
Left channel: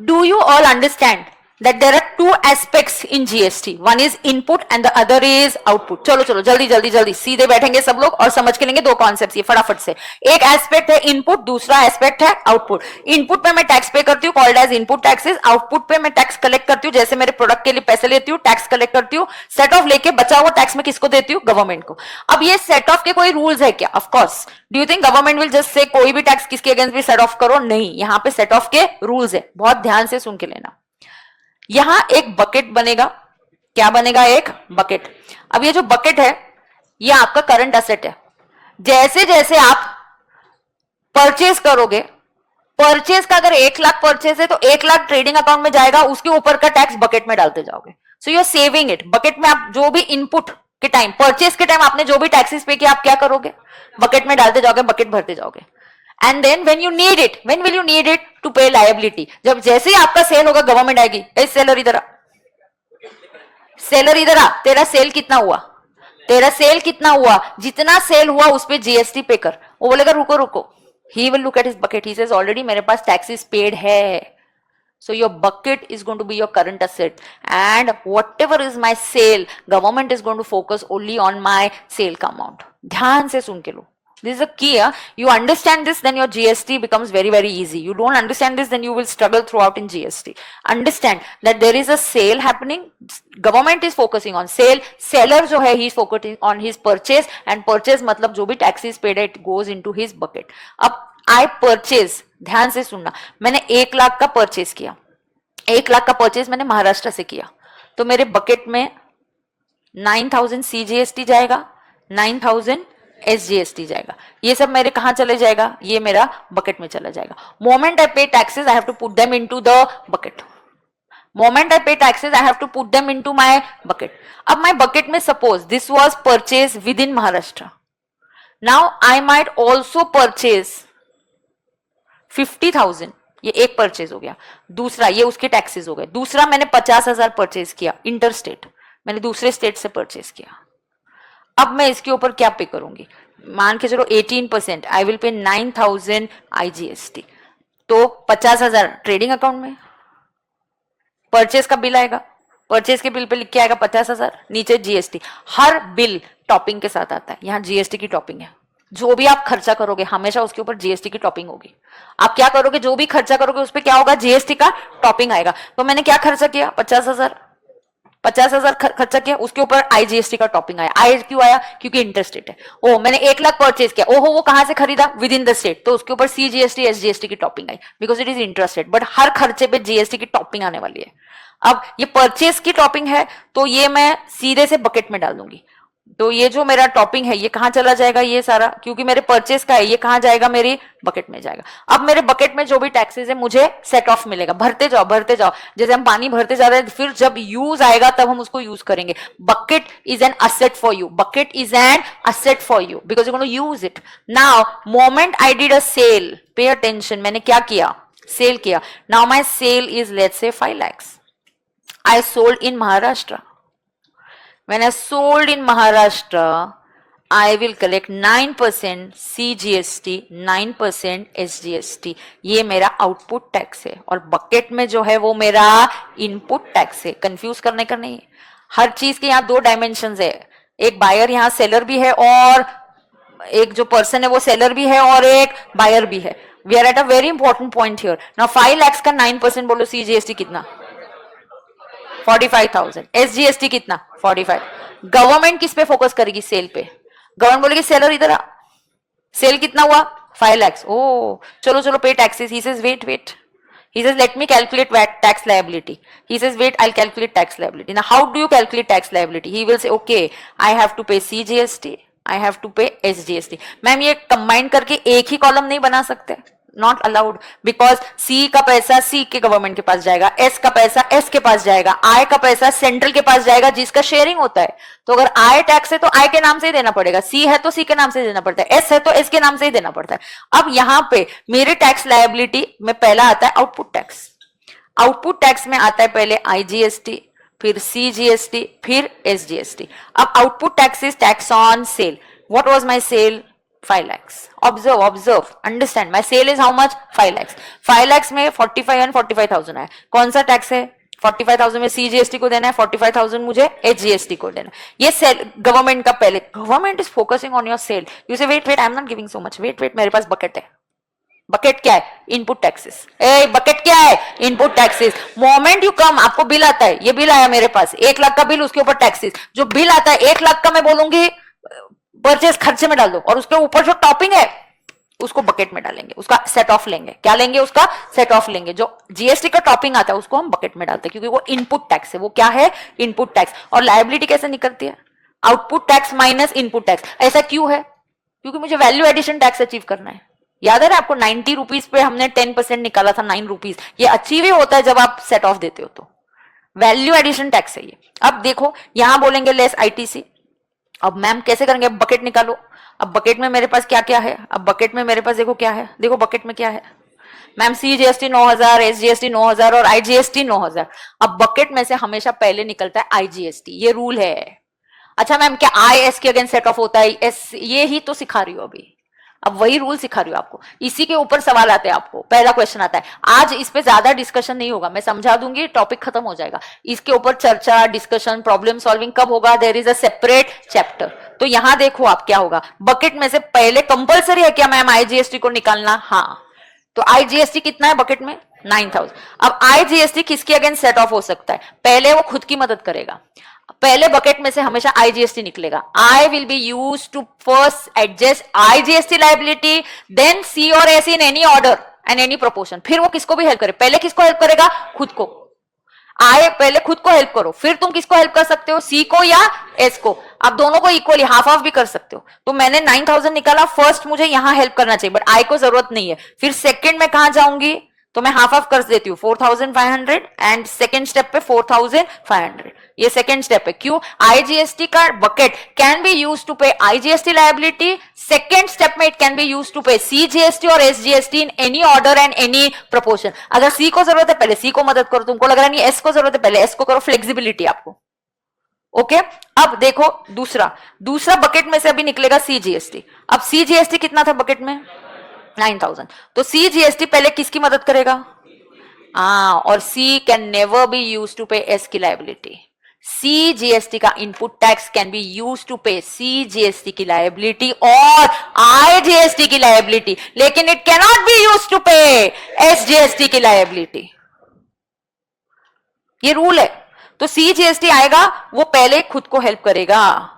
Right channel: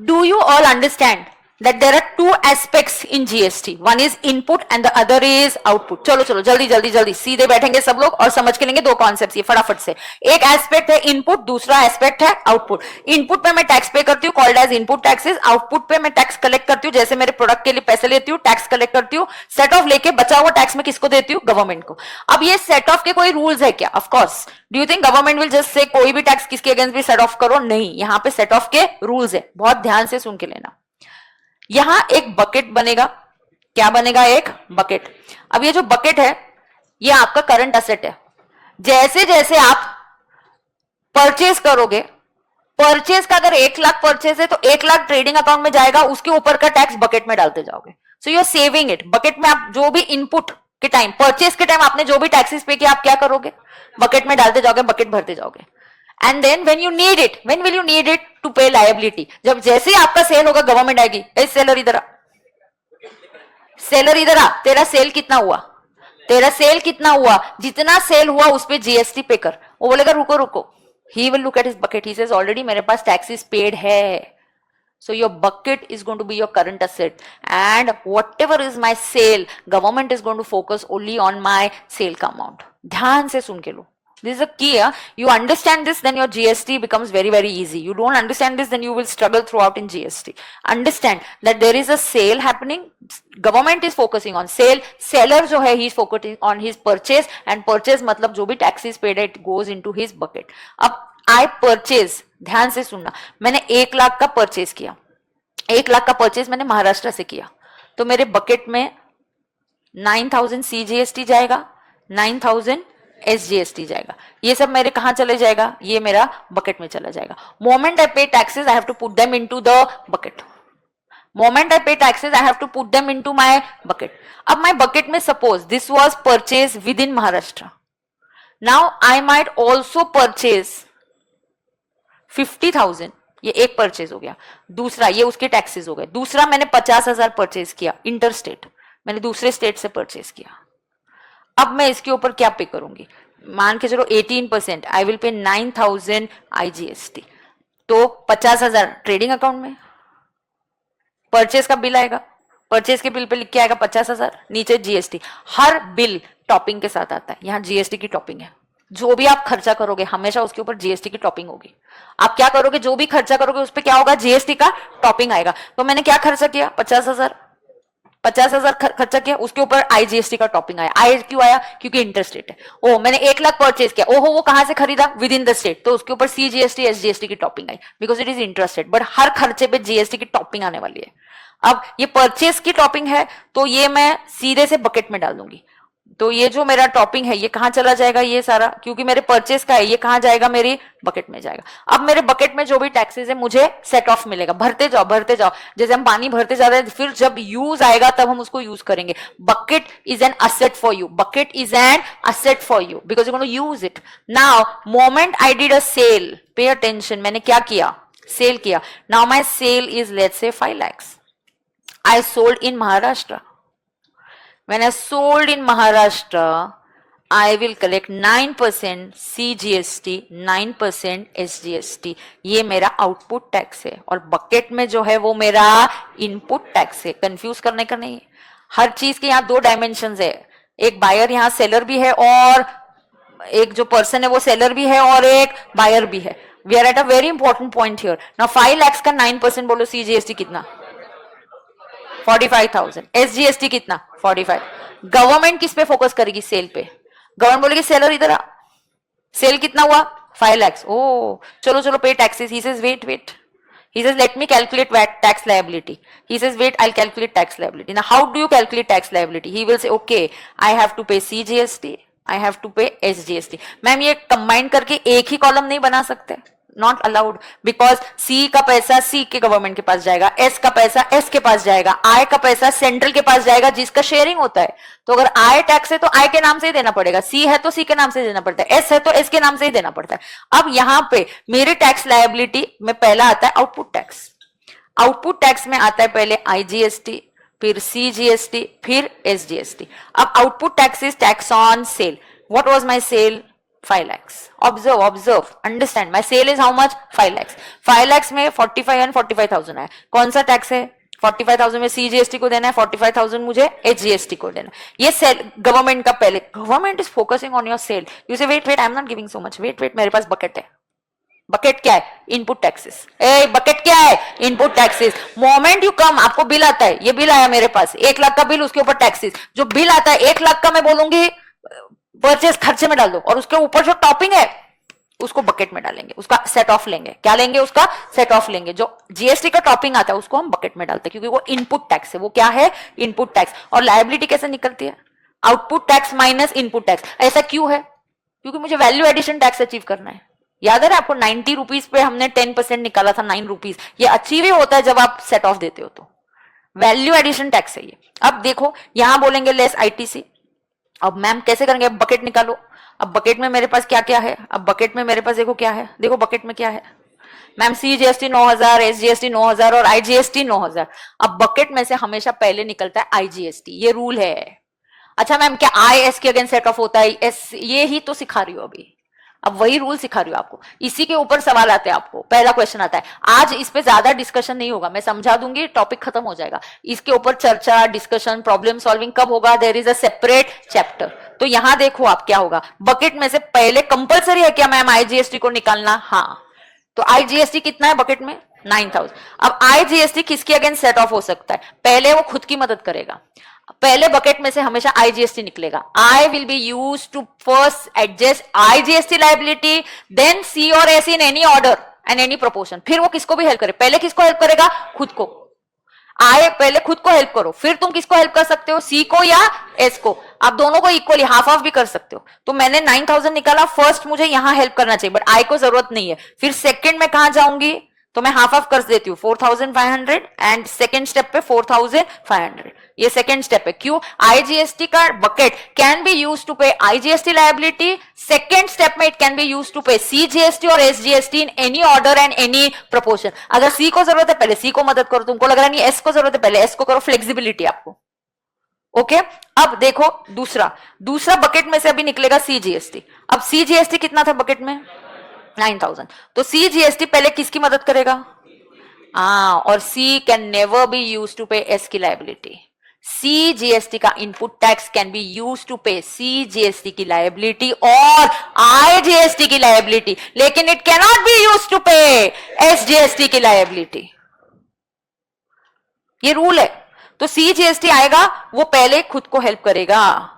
Do you all understand that there are two aspects in GST? One is input and the other is output. चलो चलो जल्दी सीधे बैठेंगे सब लोग और समझ के लेंगे दो कॉन्सेप्ट्स ये फटाफट से। एक एस्पेक्ट है इनपुट, दूसरा एस्पेक्ट है आउटपुट। इनपुट पे मैं टैक्स पे करती हूँ, called as input taxes. Output पे मैं टैक्स कलेक्ट करती हूँ, जैसे मेरे प्रोडक्ट के लिए पैसे लेती हूँ, टैक्स कलेक्ट करती हूँ, सेट ऑफ लेके बचा हुआ टैक्स में किसको देती हूँ? गवर्नमेंट को। अब ये सेट ऑफ के कोई रूल्स है क्या? Of course. Do you think government will just say कोई भी टैक्स किसके अगेंस्ट भी सेट ऑफ करो? नहीं, यहाँ पे सेट ऑफ के रूल्स है, बहुत ध्यान से सुन के लेना। यहां एक बकेट बनेगा, क्या बनेगा? एक बकेट। अब ये जो बकेट है ये आपका करंट एसेट है। जैसे जैसे आप परचेज करोगे, परचेज का अगर 1 लाख परचेज है तो 1 लाख ट्रेडिंग अकाउंट में जाएगा, उसके ऊपर का टैक्स बकेट में डालते जाओगे। So you are saving it. Bucket में आप जो भी इनपुट के टाइम, परचेज के टाइम आपने जो भी टैक्सेस पे किया, आप क्या करोगे? बकेट में डालते जाओगे, बकेट भरते जाओगे। And then when you need it, when will you need it to pay liability? जब जैसे ही आपका सेल होगा, गवर्नमेंट आएगी, ए सेलर इधर आ, सेलर इधर आ, तेरा सेल कितना हुआ? तेरा सेल कितना हुआ? जितना सेल हुआ उस पे जीएसटी पे कर। वो बोलेगा रुको रुको, he will look at his bucket, he says already मेरे पास taxes paid है। So your bucket is going to be your current asset, and whatever is my sale, government is going to focus only on my sale का amount। ध्यान से सुन के लो, this is a key. You understand this, then your GST becomes very very easy. You don't understand this, then you will struggle throughout in GST. Understand that there is a sale happening, government is focusing on sale, seller जो है he is focusing on his purchase, and purchase मतलब जो भी taxes paid it goes into his bucket. अब I purchase, ध्यान से सुनना, मैंने 1 लाख का परचेज किया, 1 लाख का परचेज मैंने महाराष्ट्र से किया, तो मेरे बकेट में 9,000 CGST जाएगा, 9,000 SGST जाएगा। ये सब मेरे कहां चले जाएगा? ये मेरा बकेट में चला जाएगा। Moment I pay taxes I have to put them into the bucket. Moment I pay taxes I have to put them into my bucket. अब माय बकेट में suppose this was purchase within Maharashtra, now I might also purchase 50,000। ये एक purchase हो गया। दूसरा, ये उसके taxes हो गए। दूसरा, मैंने 50,000 परचेज किया इंटर स्टेट, मैंने दूसरे स्टेट से परचेज किया। अब मैं इसके ऊपर क्या पे करूंगी? मान के चलो 18%, आई विल पे 9,000 IGST। तो 50,000 ट्रेडिंग अकाउंट में, परचेज का बिल आएगा, परचेज के बिल पे लिख के आएगा 50,000, नीचे जीएसटी। हर बिल टॉपिंग के साथ आता है, यहाँ जीएसटी की टॉपिंग है। जो भी आप खर्चा करोगे हमेशा उसके ऊपर जीएसटी की टॉपिंग होगी। आप क्या करोगे? जो भी खर्चा करोगे उस पर क्या होगा? जीएसटी का टॉपिंग आएगा। तो मैंने क्या खर्चा किया? 50,000 खर्चा किया, उसके ऊपर आईजीएसटी का टॉपिंग आया। आई क्यों आया? क्योंकि इंटरस्टेट है। ओ, मैंने 1 लाख परचेज किया, ओहो वो कहां से खरीदा? विद इन द स्टेट, तो उसके ऊपर सीजीएसटी एसजीएसटी की टॉपिंग आई, because it is interstate. But हर खर्चे पे जीएसटी की टॉपिंग आने वाली है। अब ये परचेज की टॉपिंग है तो ये मैं सीधे से बकेट में डाल दूंगी। तो ये जो मेरा टॉपिंग है ये कहां चला जाएगा? ये सारा, क्योंकि मेरे परचेज का है, ये कहां जाएगा? मेरी बकेट में जाएगा। अब मेरे बकेट में जो भी टैक्सेस है मुझे सेट ऑफ मिलेगा। भरते जाओ भरते जाओ, जैसे हम पानी भरते जा रहे हैं, फिर जब यूज आएगा तब हम उसको यूज करेंगे। Bucket is an asset for you, bucket is an asset for you because you gonna use it. Now moment I did a sale, pay attention, मैंने क्या किया? सेल किया। Now my sale is let's say 5 lakhs। I sold in Maharashtra. When I sold in Maharashtra, I will collect 9% CGST, 9% SGST. ये मेरा output tax है, और bucket में जो है वो मेरा इनपुट टैक्स है। कंफ्यूज करने का नहीं है। हर चीज के यहाँ 2 डायमेंशंस है। एक बायर यहाँ सेलर भी है, और एक जो पर्सन है वो सेलर भी है, और एक बायर भी है। We are at a very important point here. Now 5 lakhs का 9% बोलो, CGST कितना? 45,000। SGST कितना? 45। गवर्नमेंट किस पे फोकस करेगी? सेल पे। गवर्नमेंट बोलेगी सेलर इधर आ, सेल कितना हुआ? 5 lakhs। ओ चलो चलो पे taxes. He says wait. He says let me calculate VAT tax liability. He says wait, I'll calculate tax liability. Now how do you calculate tax liability? He will say okay, I have to pay CGST, I have to pay SGST. Ma'am ये combine करके एक ही column नहीं बना सकते? Not allowed, because सी का पैसा सी के government के पास जाएगा, एस का पैसा एस के पास जाएगा, आई का पैसा सेंट्रल के पास जाएगा जिसका शेयरिंग होता है। तो अगर आई टैक्स है तो आई के नाम से ही देना पड़ेगा, सी है तो सी के नाम से देना पड़ता है, एस है तो एस के नाम से ही देना पड़ता है। अब यहाँ पे मेरे टैक्स लायबिलिटी में पहला आता है आउटपुट टैक्स। आउटपुट टैक्स में आता है पहले आईजीएसटी, फिर सीजीएसटी, फिर एसजीएसटी। अब output tax is tax on sale. What was my sale? 5 lakhs. Observe, understand. My sale is how much? 5 lakhs. 5 lakhs में 45 and 45,000 है। कौन सा टैक्स है? 45,000 में सीजीएसटी को देना है, 45,000 मुझे एचजीएसटी को देना है। ये सेल गवर्नमेंट का पहले, government is focusing on your sale. You say wait I am not giving so much, wait मेरे पास बकेट है। बकेट क्या है? Input taxes. बकेट क्या है? Input taxes. Moment you come, आपको बिल आता है, ये बिल आया मेरे पास 1 लाख का बिल, उसके ऊपर टैक्सेस। जो बिल आता है 1 लाख का, मैं बोलूंगी परचेज खर्चे में डाल दो, और उसके ऊपर जो टॉपिंग है उसको बकेट में डालेंगे, उसका सेट ऑफ लेंगे। क्या लेंगे? उसका सेट ऑफ लेंगे। जो जीएसटी का टॉपिंग आता है उसको हम बकेट में डालते हैं, क्योंकि वो इनपुट टैक्स है। वो क्या है? Input tax. और लायबिलिटी कैसे निकलती है? Output tax minus input tax. ऐसा क्यों है? क्योंकि मुझे वैल्यू एडिशन टैक्स अचीव करना है। याद है ना आपको 90 रुपीज पे हमने 10% निकाला था, 9 रुपीज। ये अचीव ही होता है जब आप सेट ऑफ देते हो, तो वैल्यू एडिशन टैक्स है ये। अब देखो यहां बोलेंगे लेस आईटीसी। अब मैम कैसे करेंगे? अब बकेट निकालो। अब बकेट में मेरे पास क्या क्या है? अब बकेट में मेरे पास देखो क्या है, देखो बकेट में क्या है मैम, सीजीएसटी 9,000, एसजीएसटी 9,000 और आईजीएसटी 9,000। अब बकेट में से हमेशा पहले निकलता है आईजीएसटी, ये रूल है। अच्छा मैम क्या आईएस के अगेंस्ट सेट ऑफ होता है? एस, ये ही तो सिखा रही हो अभी, अब वही रूल सिखा रही हूँ आपको। इसी के ऊपर सवाल आते हैं आपको, पहला क्वेश्चन आता है। आज इस पे ज्यादा डिस्कशन नहीं होगा, मैं समझा दूंगी, टॉपिक खत्म हो जाएगा। इसके ऊपर चर्चा, डिस्कशन, प्रॉब्लम सॉल्विंग कब होगा? There is a separate chapter. तो यहां देखो आप क्या होगा, बकेट में से पहले कंपलसरी है क्या मैम आईजीएसटी को निकालना? हाँ, तो आईजीएसटी कितना है बकेट में? 9,000। अब आईजीएसटी किसके अगेंस्ट सेट ऑफ हो सकता है? पहले वो खुद की मदद करेगा। पहले बकेट में से हमेशा आईजीएसटी निकलेगा। I will be use to first adjust IGST liability, then C और S in any order and any proportion. फिर वो किसको भी हेल्प करे? पहले किसको हेल्प करेगा? खुद को। आए पहले खुद को हेल्प करो, फिर तुम किसको हेल्प कर सकते हो? सी को या एस को। आप दोनों को इक्वली हाफ हाफ भी कर सकते हो। तो मैंने 9,000 निकाला, फर्स्ट मुझे यहां हेल्प करना चाहिए, बट आई को जरूरत नहीं है। फिर सेकंड में कहां जाऊंगी? तो मैं हाफ हाफ कर देती हूँ, 4,500 एंड सेकंड स्टेप पे 4,500। ये सेकंड स्टेप है। क्यों? आईजीएसटी का bucket can be use to pay IGST liability, second step में it can be use to pay CGST और SGST in any order and any proportion. अगर सी को जरूरत है पहले सी को मदद करो, तुमको लग रहा नहीं एस को जरूरत है पहले एस को करो, फ्लेक्सिबिलिटी आपको। ओके अब देखो दूसरा बकेट में से अभी निकलेगा सीजीएसटी। अब सीजीएसटी कितना था बकेट में? 9,000। तो सीजीएसटी पहले किसकी मदद करेगा? और C can never be use to pay S की लायबिलिटी। सीजीएसटी का input tax can be use to pay CGST की लायबिलिटी और आईजीएसटी की लायबिलिटी, लेकिन it can not be use to pay SGST की लायबिलिटी। ये रूल है। तो सीजीएसटी आएगा, वो पहले खुद को हेल्प करेगा,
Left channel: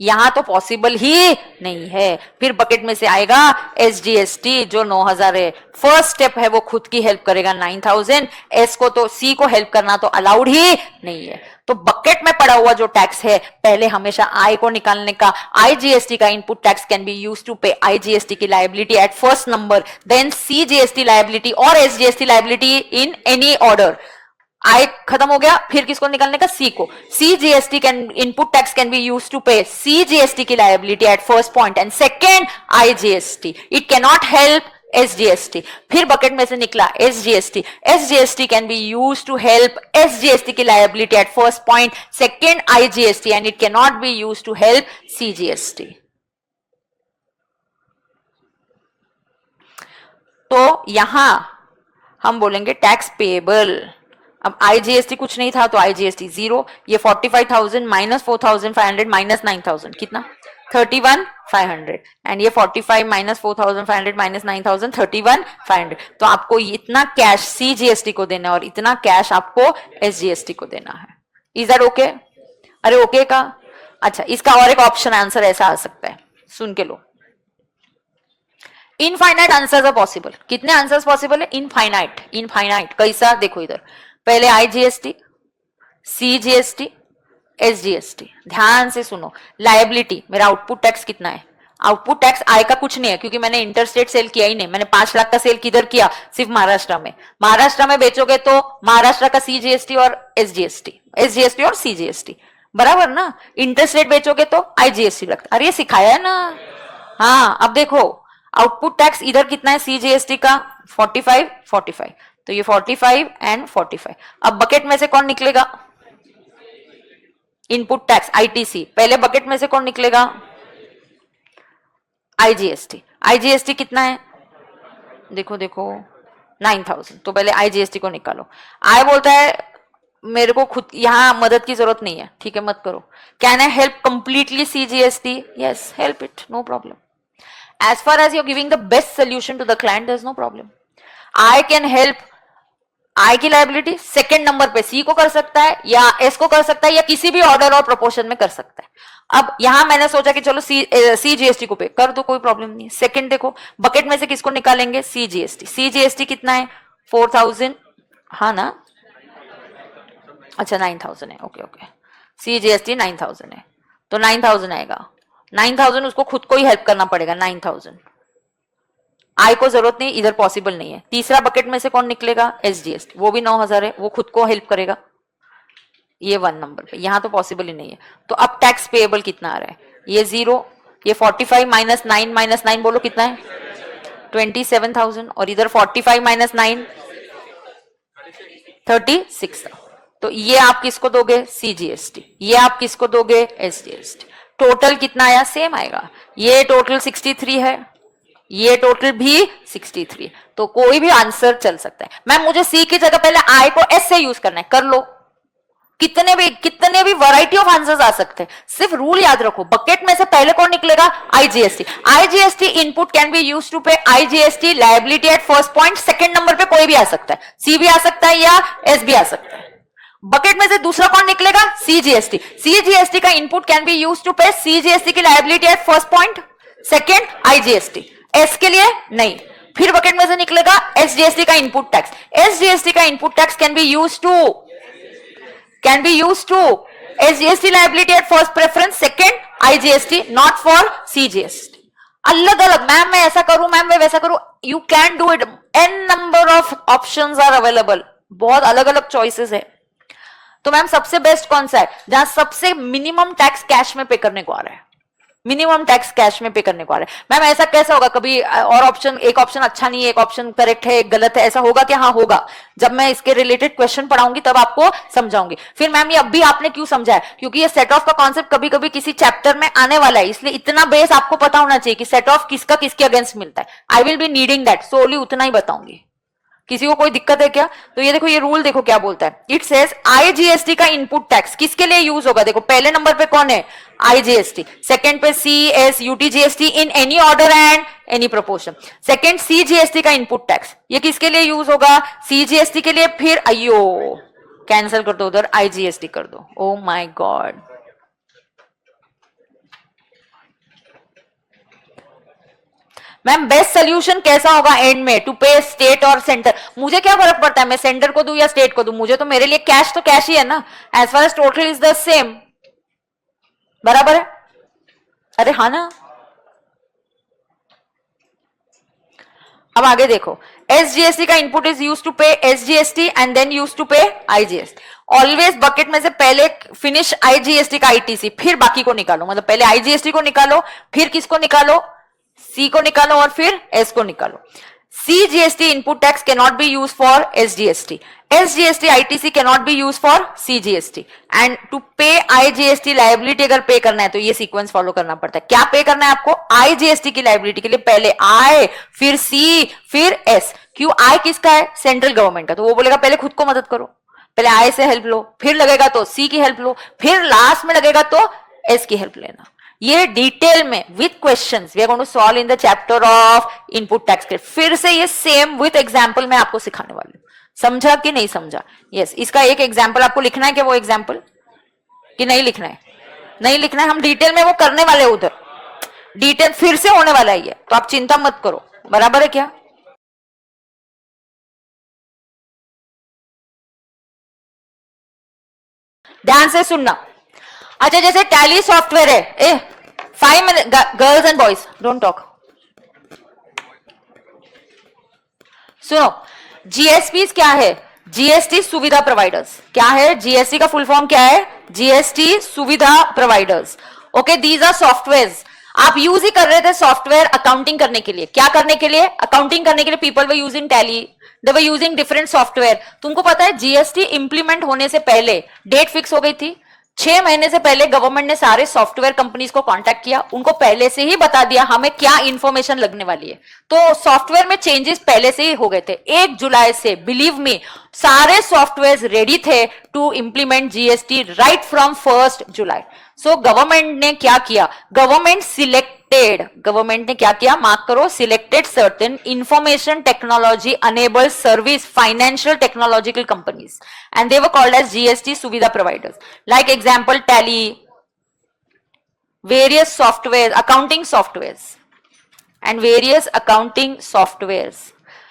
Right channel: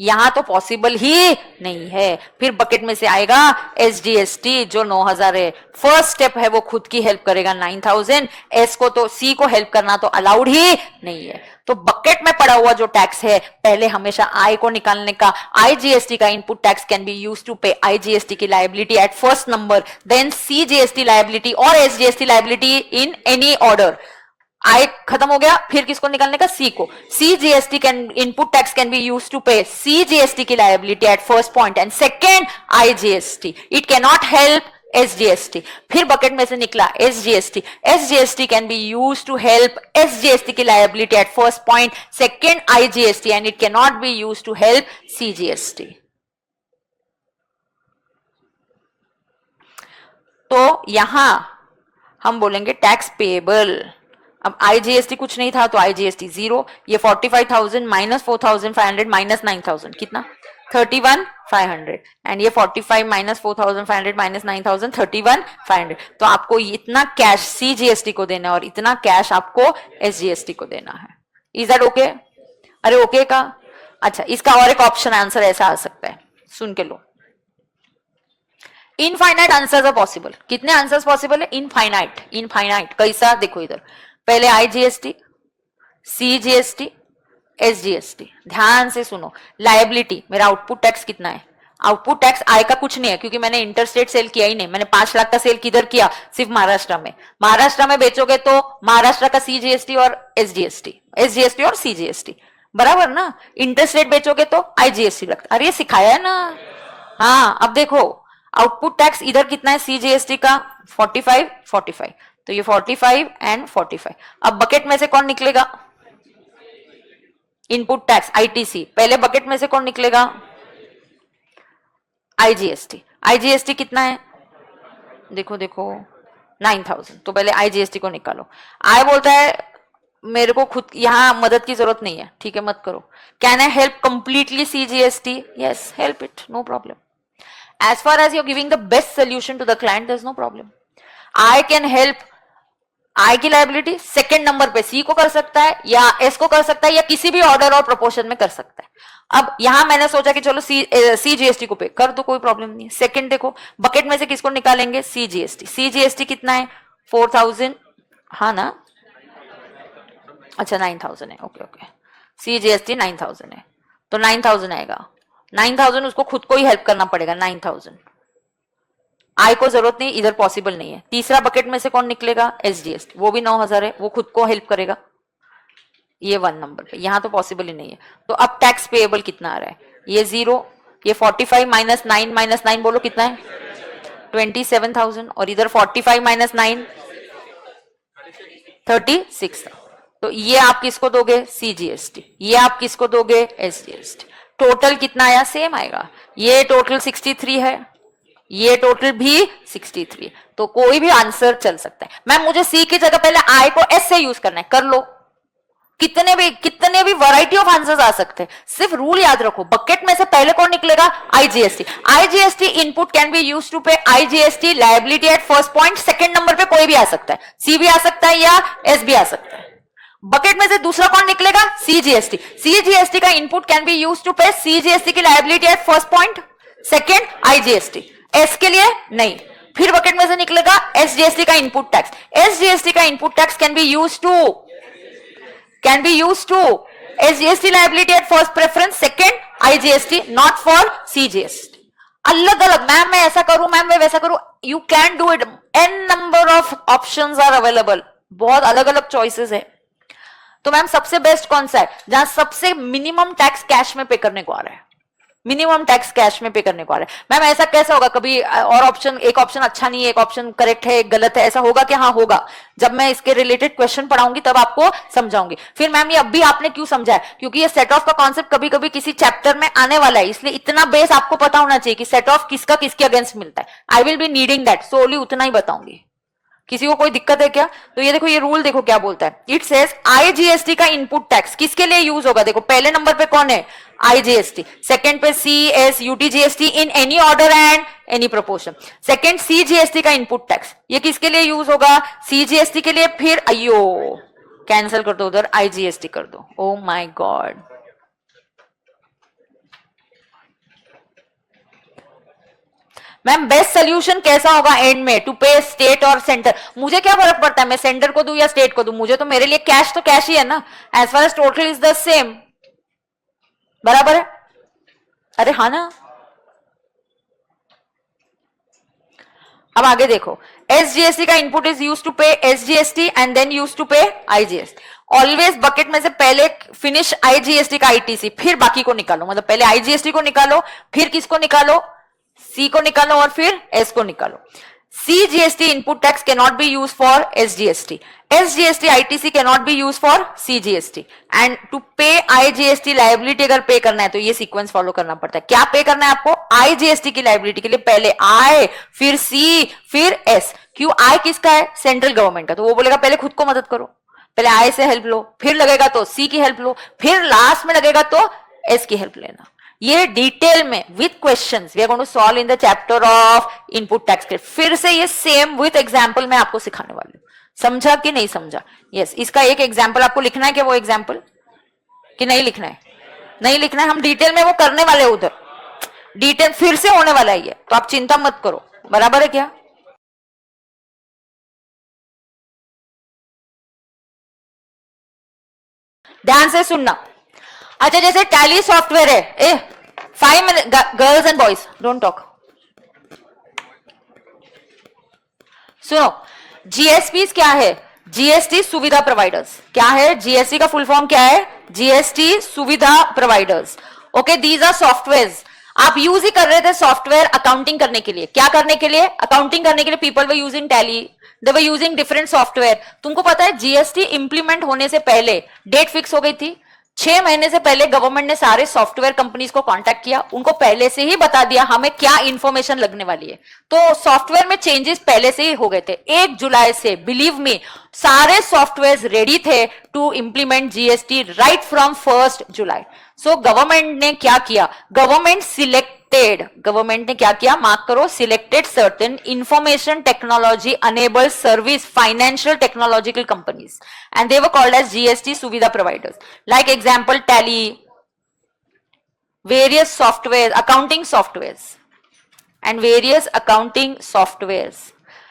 यहां तो पॉसिबल ही नहीं है। फिर बकेट में से आएगा एसजीएसटी जो 9,000 है। फर्स्ट स्टेप है वो खुद की हेल्प करेगा 9,000, एस को तो सी को हेल्प करना तो अलाउड ही नहीं है। तो बकेट में पड़ा हुआ जो टैक्स है पहले हमेशा आई को निकालने का। आईजीएसटी का input tax can be use to pay IGST की liability at first number, then CGST liability और SGST liability in any order. I खत्म हो गया, फिर किसको निकालने का? सी को। CGST can input tax can be use to pay CGST की liability at first point and second IGST, it can not help SGST. फिर बकेट में से निकला SGST. SGST can be use to help SGST की liability at first point, second IGST and it can not be use to help CGST. तो यहां हम बोलेंगे tax payable. अब आईजीएसटी कुछ नहीं था तो आईजीएसटी 0। ये 45,000 माइनस 4,500 माइनस 9,000 कितना? 31,500 एंड ये 45 माइनस 4,500 माइनस 9,000 31,500। तो आपको इतना कैश सीजीएसटी को देना है और इतना कैश आपको एसजीएसटी को देना है। Is that okay? अरे ओके का? अच्छा इसका और एक ऑप्शन आंसर ऐसा आ सकता है, सुन के लो। Infinite answers are possible. कितने आंसर्स पॉसिबल है? इनफाइनाइट। इनफाइनाइट कैसा? देखो इधर पहले आईजीएसटी, सीजीएसटी, एसजीएसटी। ध्यान से सुनो। लायबिलिटी मेरा आउटपुट टैक्स कितना है? आउटपुट टैक्स आय का कुछ नहीं है क्योंकि मैंने इंटरस्टेट सेल किया ही नहीं, मैंने 5 लाख का सेल किधर किया, सिर्फ महाराष्ट्र में। महाराष्ट्र में बेचोगे तो महाराष्ट्र का सीजीएसटी और एसजीएसटी और सीजीएसटी बराबर ना, इंटरस्टेट बेचोगे तो आईजीएसटी लगता। अरे सिखाया है ना। हाँ अब देखो आउटपुट टैक्स इधर कितना है सीजीएसटी का 45, तो ये 45 एंड 45। अब बकेट में से कौन निकलेगा, इनपुट टैक्स आईटीसी, पहले बकेट में से कौन निकलेगा, आईजीएसटी कितना है, देखो 9000, तो पहले आईजीएसटी को निकालो। आय बोलता है मेरे को खुद यहां मदद की जरूरत नहीं है, ठीक है मत करो। Can I help completely CGST, yes help it, no problem. As far as you're giving the best solution to the client, there's no problem. I can help. I की लायबिलिटी सेकेंड नंबर पे सी को कर सकता है या S को कर सकता है या किसी भी ऑर्डर और प्रोपोर्शन में कर सकता है। अब यहां मैंने सोचा कि चलो सीजीएसटी को पे कर दो, कोई प्रॉब्लम नहीं है। सेकेंड देखो बकेट में से किसको निकालेंगे, सीजीएसटी कितना है 4000, हाँ ना, अच्छा 9000 है, ओके सीजीएसटी 9000 है, तो 9000 आएगा। 9000 उसको खुद को ही हेल्प करना पड़ेगा, 9000 आय को जरूरत नहीं, इधर पॉसिबल नहीं है। तीसरा बकेट में से कौन निकलेगा, एसजीएसटी, वो भी 9000 है, वो खुद को हेल्प करेगा, ये 1 नंबर पे, यहां तो पॉसिबल ही नहीं है। तो अब टैक्स पेएबल कितना आ रहा है, ये 0, ये 45 माइनस 9 बोलो कितना है 27,000, और इधर 45 माइनस 9 36। तो ये आप किसको दोगे, सीजीएसटी, ये आप किसको दोगे, एसजीएसटी। टोटल कितना आया, सेम आएगा। ये टोटल 63 है, ये टोटल भी 63, तो कोई भी आंसर चल सकता है। मैम मुझे सी की जगह पहले आई को एस से यूज करना है, कर लो, कितने भी वैरायटी ऑफ आंसर्स आ सकते हैं। सिर्फ रूल याद रखो, बकेट में से पहले कौन निकलेगा, IGST input can be use to pay IGST liability at first point. Second number पे कोई भी आ सकता है, सी भी आ सकता है या एस भी आ सकता है। बकेट में से दूसरा कौन निकलेगा, सीजीएसटी का input can be use to pay CGST की liability at first point, second IGST, S के लिए नहीं। फिर बकेट में से निकलेगा एसजीएसटी का इनपुट टैक्स, एसजीएसटी का input tax can be use to SGST liability at first preference, second IGST, not for CGST. अलग अलग, मैम मैं ऐसा करूं, मैम मैं वैसा करूं, you can do it, an number of options are available, बहुत अलग अलग चॉइसेस हैं। तो मैम सबसे बेस्ट कौन सा है, जहां सबसे मिनिमम टैक्स कैश में पे करने को आ रहा है, मिनिमम टैक्स कैश में पे करने को आ रहा है। मैम ऐसा कैसा होगा, कभी और ऑप्शन, एक ऑप्शन अच्छा नहीं है, एक ऑप्शन करेक्ट है, एक गलत है, ऐसा होगा क्या, हाँ होगा। जब मैं इसके रिलेटेड क्वेश्चन पढ़ाऊंगी तब आपको समझाऊंगी। फिर मैम ये अभी आपने क्यों समझा है, क्योंकि ये सेट ऑफ का कॉन्सेप्ट कभी कभी किसी चैप्टर में आने वाला है, इसलिए इतना बेस आपको पता होना चाहिए कि सेट ऑफ किसका किसके अगेंस्ट मिलता है। I will be needing that, solely उतना ही बताऊंगी। किसी को कोई दिक्कत है क्या, तो ये देखो ये रूल देखो क्या बोलता है, इट सेज आईजीएसटी का इनपुट टैक्स किसके लिए यूज होगा, देखो पहले नंबर पे कौन है, आईजीएसटी, सेकंड पे C S UTGST in any order and any proportion, second CGST का इनपुट टैक्स, ये किसके लिए यूज होगा, सीजीएसटी के लिए। फिर अयो कैंसिल कर दो, उधर आईजीएसटी कर दो, oh my God. Ma'am best solution कैसा होगा एंड में, टू पे स्टेट और सेंटर, मुझे क्या फर्क पड़ता है मैं सेंटर को दूं या स्टेट को दूं, मुझे तो मेरे लिए कैश तो कैश ही है ना, as far as total is the same, बराबर है। अरे हाँ ना। अब आगे देखो, एसजीएसटी का input is use to pay SGST and then use to pay IGST. Always bucket में से पहले फिनिश आईजीएसटी का आईटीसी, फिर बाकी को निकालो, मतलब पहले आईजीएसटी को निकालो, फिर किसको निकालो, सी को निकालो और फिर एस को निकालो। CGST input tax can not be use for SGST, SGST ITC can not be use for CGST, and to pay IGST liability अगर पे करना है तो ये सीक्वेंस फॉलो करना पड़ता है। क्या पे करना है आपको, आईजीएसटी की लायबिलिटी के लिए पहले आई, फिर सी, फिर एस। क्यों, आई किसका है, सेंट्रल गवर्नमेंट का, तो वो बोलेगा पहले खुद को मदद करो, पहले आई से हेल्प लो, फिर लगेगा तो सी की हेल्प लो, फिर लास्ट में लगेगा तो एस की हेल्प लेना। ये डिटेल में with questions we are going to solve in the chapter of input tax credit. फिर से ये सेम विथ एग्जांपल मैं आपको सिखाने वाली हूँ, समझा कि नहीं समझा। यस, इसका एक एग्जांपल आपको लिखना है क्या, वो एग्जांपल कि नहीं लिखना है, नहीं लिखना है, हम डिटेल में वो करने वाले हैं, उधर डिटेल फिर से होने वाला है, तो आप चिंता मत करो, बराबर है क्या। ध्यान से सुनना। अच्छा जैसे टैली सॉफ्टवेयर है, 5 minutes, girls and boys, don't talk. सुनो, जीएसपी क्या है? जीएसटी सुविधा प्रोवाइडर्स। क्या है? जीएसटी का फुल फॉर्म क्या है? जीएसटी सुविधा providers. Okay, these are software. आप यूज ही कर रहे थे सॉफ्टवेयर अकाउंटिंग करने के लिए। क्या करने के लिए? अकाउंटिंग करने के लिए people were using tally, they were using different software. तुमको पता है जीएसटी इंप्लीमेंट होने से पहले डेट फिक्स हो गई थी। 6 महीने से पहले गवर्नमेंट ने सारे सॉफ्टवेयर कंपनीज को कांटेक्ट किया, उनको पहले से ही बता दिया हमें क्या इंफॉर्मेशन लगने वाली है। तो सॉफ्टवेयर में चेंजेस पहले से ही हो गए थे। 1 जुलाई से बिलीव मी सारे सॉफ्टवेयर रेडी थे to implement GST right from 1 July. So government ने क्या किया? गवर्नमेंट ने क्या किया? मार्क करो, selected certain information technology enable service financial technological companies and they were called as GST सुविधा providers. Like example Tally, various software, accounting software and various accounting software.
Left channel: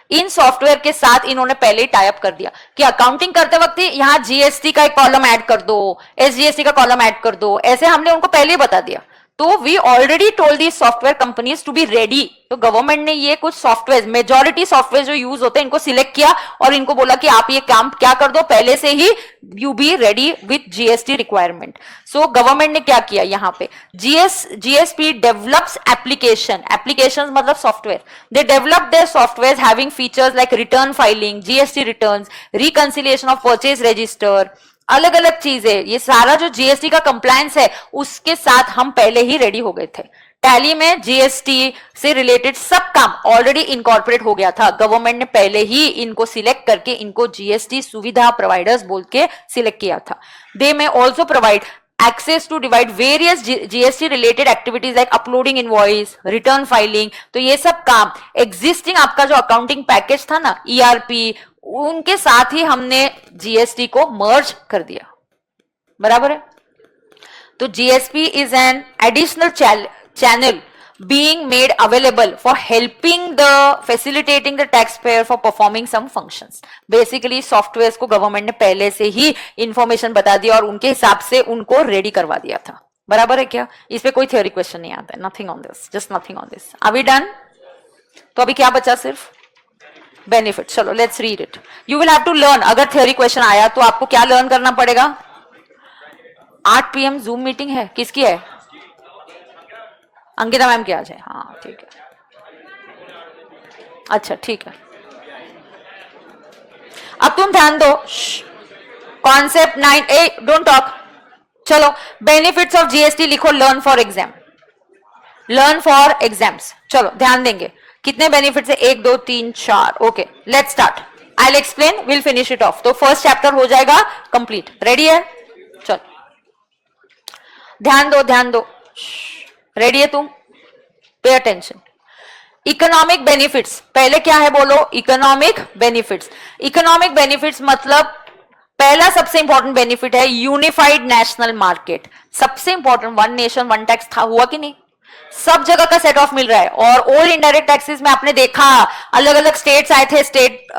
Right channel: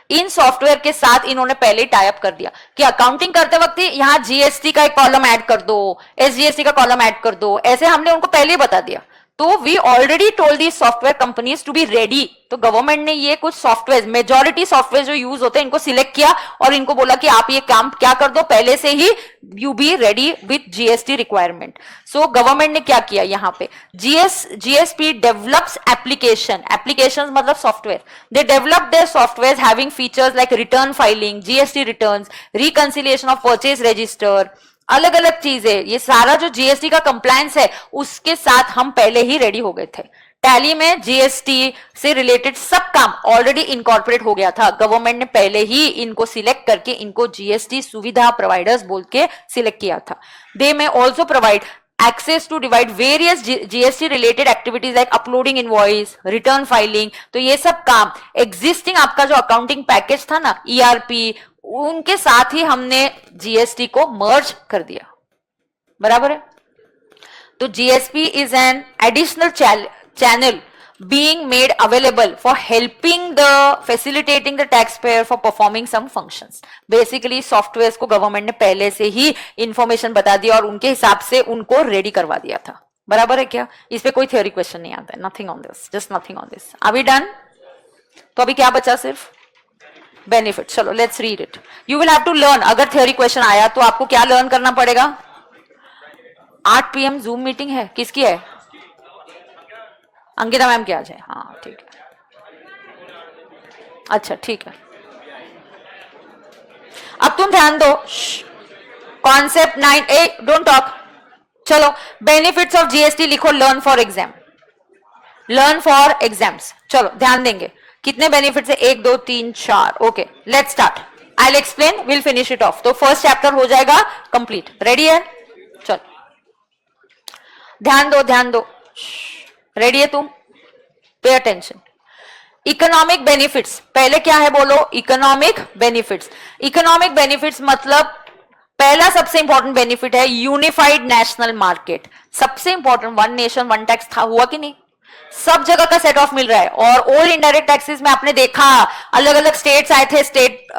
इन software के साथ इन्होंने पहले ही टाई अप कर दिया कि अकाउंटिंग करते वक्त यहां जीएसटी का एक कॉलम ऐड कर दो, एसजीएसटी का कॉलम ऐड कर दो, ऐसे हमने उनको पहले ही बता दिया। तो we already told the software companies to be ready. तो गवर्नमेंट ने ये कुछ सॉफ्टवेयर, मेजॉरिटी सॉफ्टवेयर जो यूज होते हैं, इनको सिलेक्ट किया और इनको बोला कि आप ये काम क्या कर दो पहले से ही, you be ready with GST requirement. So government ने क्या किया? यहाँ पे जीएसपी डेवलप्स एप्लीकेशन मतलब software. They develop their software having features like return filing, GST returns, reconciliation of purchase register, अलग अलग चीजें। ये सारा जो जीएसटी का कंप्लायंस है उसके साथ हम पहले ही रेडी हो गए थे। टैली में जीएसटी से रिलेटेड सब काम ऑलरेडी इनकॉर्पोरेट हो गया था। गवर्नमेंट ने पहले ही इनको सिलेक्ट करके इनको जीएसटी सुविधा प्रोवाइडर्स बोल के सिलेक्ट किया था। दे में also provide access to divide various GST related activities like uploading invoice, return filing। तो ये सब काम existing आपका जो अकाउंटिंग पैकेज था ना, ERP, उनके साथ ही हमने जीएसटी को मर्ज कर दिया। बराबर है? तो GSP is an additional channel being made available for helping facilitating the taxpayer for performing some functions। Basically software को गवर्नमेंट ने पहले से ही इंफॉर्मेशन बता दिया और उनके हिसाब से उनको रेडी करवा दिया था। बराबर है क्या? इस पे कोई थ्योरी क्वेश्चन नहीं आता है। Nothing on this, just nothing on this. अभी डन? तो अभी क्या बचा? सिर्फ बेनिफिट। चलो let's read it. You will have to learn. अगर थ्योरी क्वेश्चन आया तो आपको क्या लर्न करना पड़ेगा? 8 PM जूम मीटिंग है। किसकी है? अंकिता मैम की आज है। हाँ ठीक है, अच्छा ठीक है। अब तुम ध्यान दो, कॉन्सेप्ट 9, डोंट टॉक। चलो बेनिफिट्स ऑफ जीएसटी लिखो, learn for exam, learn for exams. चलो ध्यान देंगे कितने बेनिफिट्स है? 1 2 3 4। Okay let's start. I will explain, will finish it of. तो फर्स्ट चैप्टर हो जाएगा कंप्लीट। रेडी है? चलो ध्यान दो, ध्यान दो। रेडी है तुम? Pay attention. इकोनॉमिक बेनिफिट्स, पहले क्या है बोलो? Economic benefits. इकोनॉमिक बेनिफिट्स मतलब पहला सबसे इंपॉर्टेंट बेनिफिट है यूनिफाइड नेशनल मार्केट। सबसे important, one nation one tax था, हुआ कि नहीं? सब जगह का सेट ऑफ मिल रहा है। और इनडायरेक्ट टैक्सेस में आपने देखा अलग अलग स्टेट्स आए थे।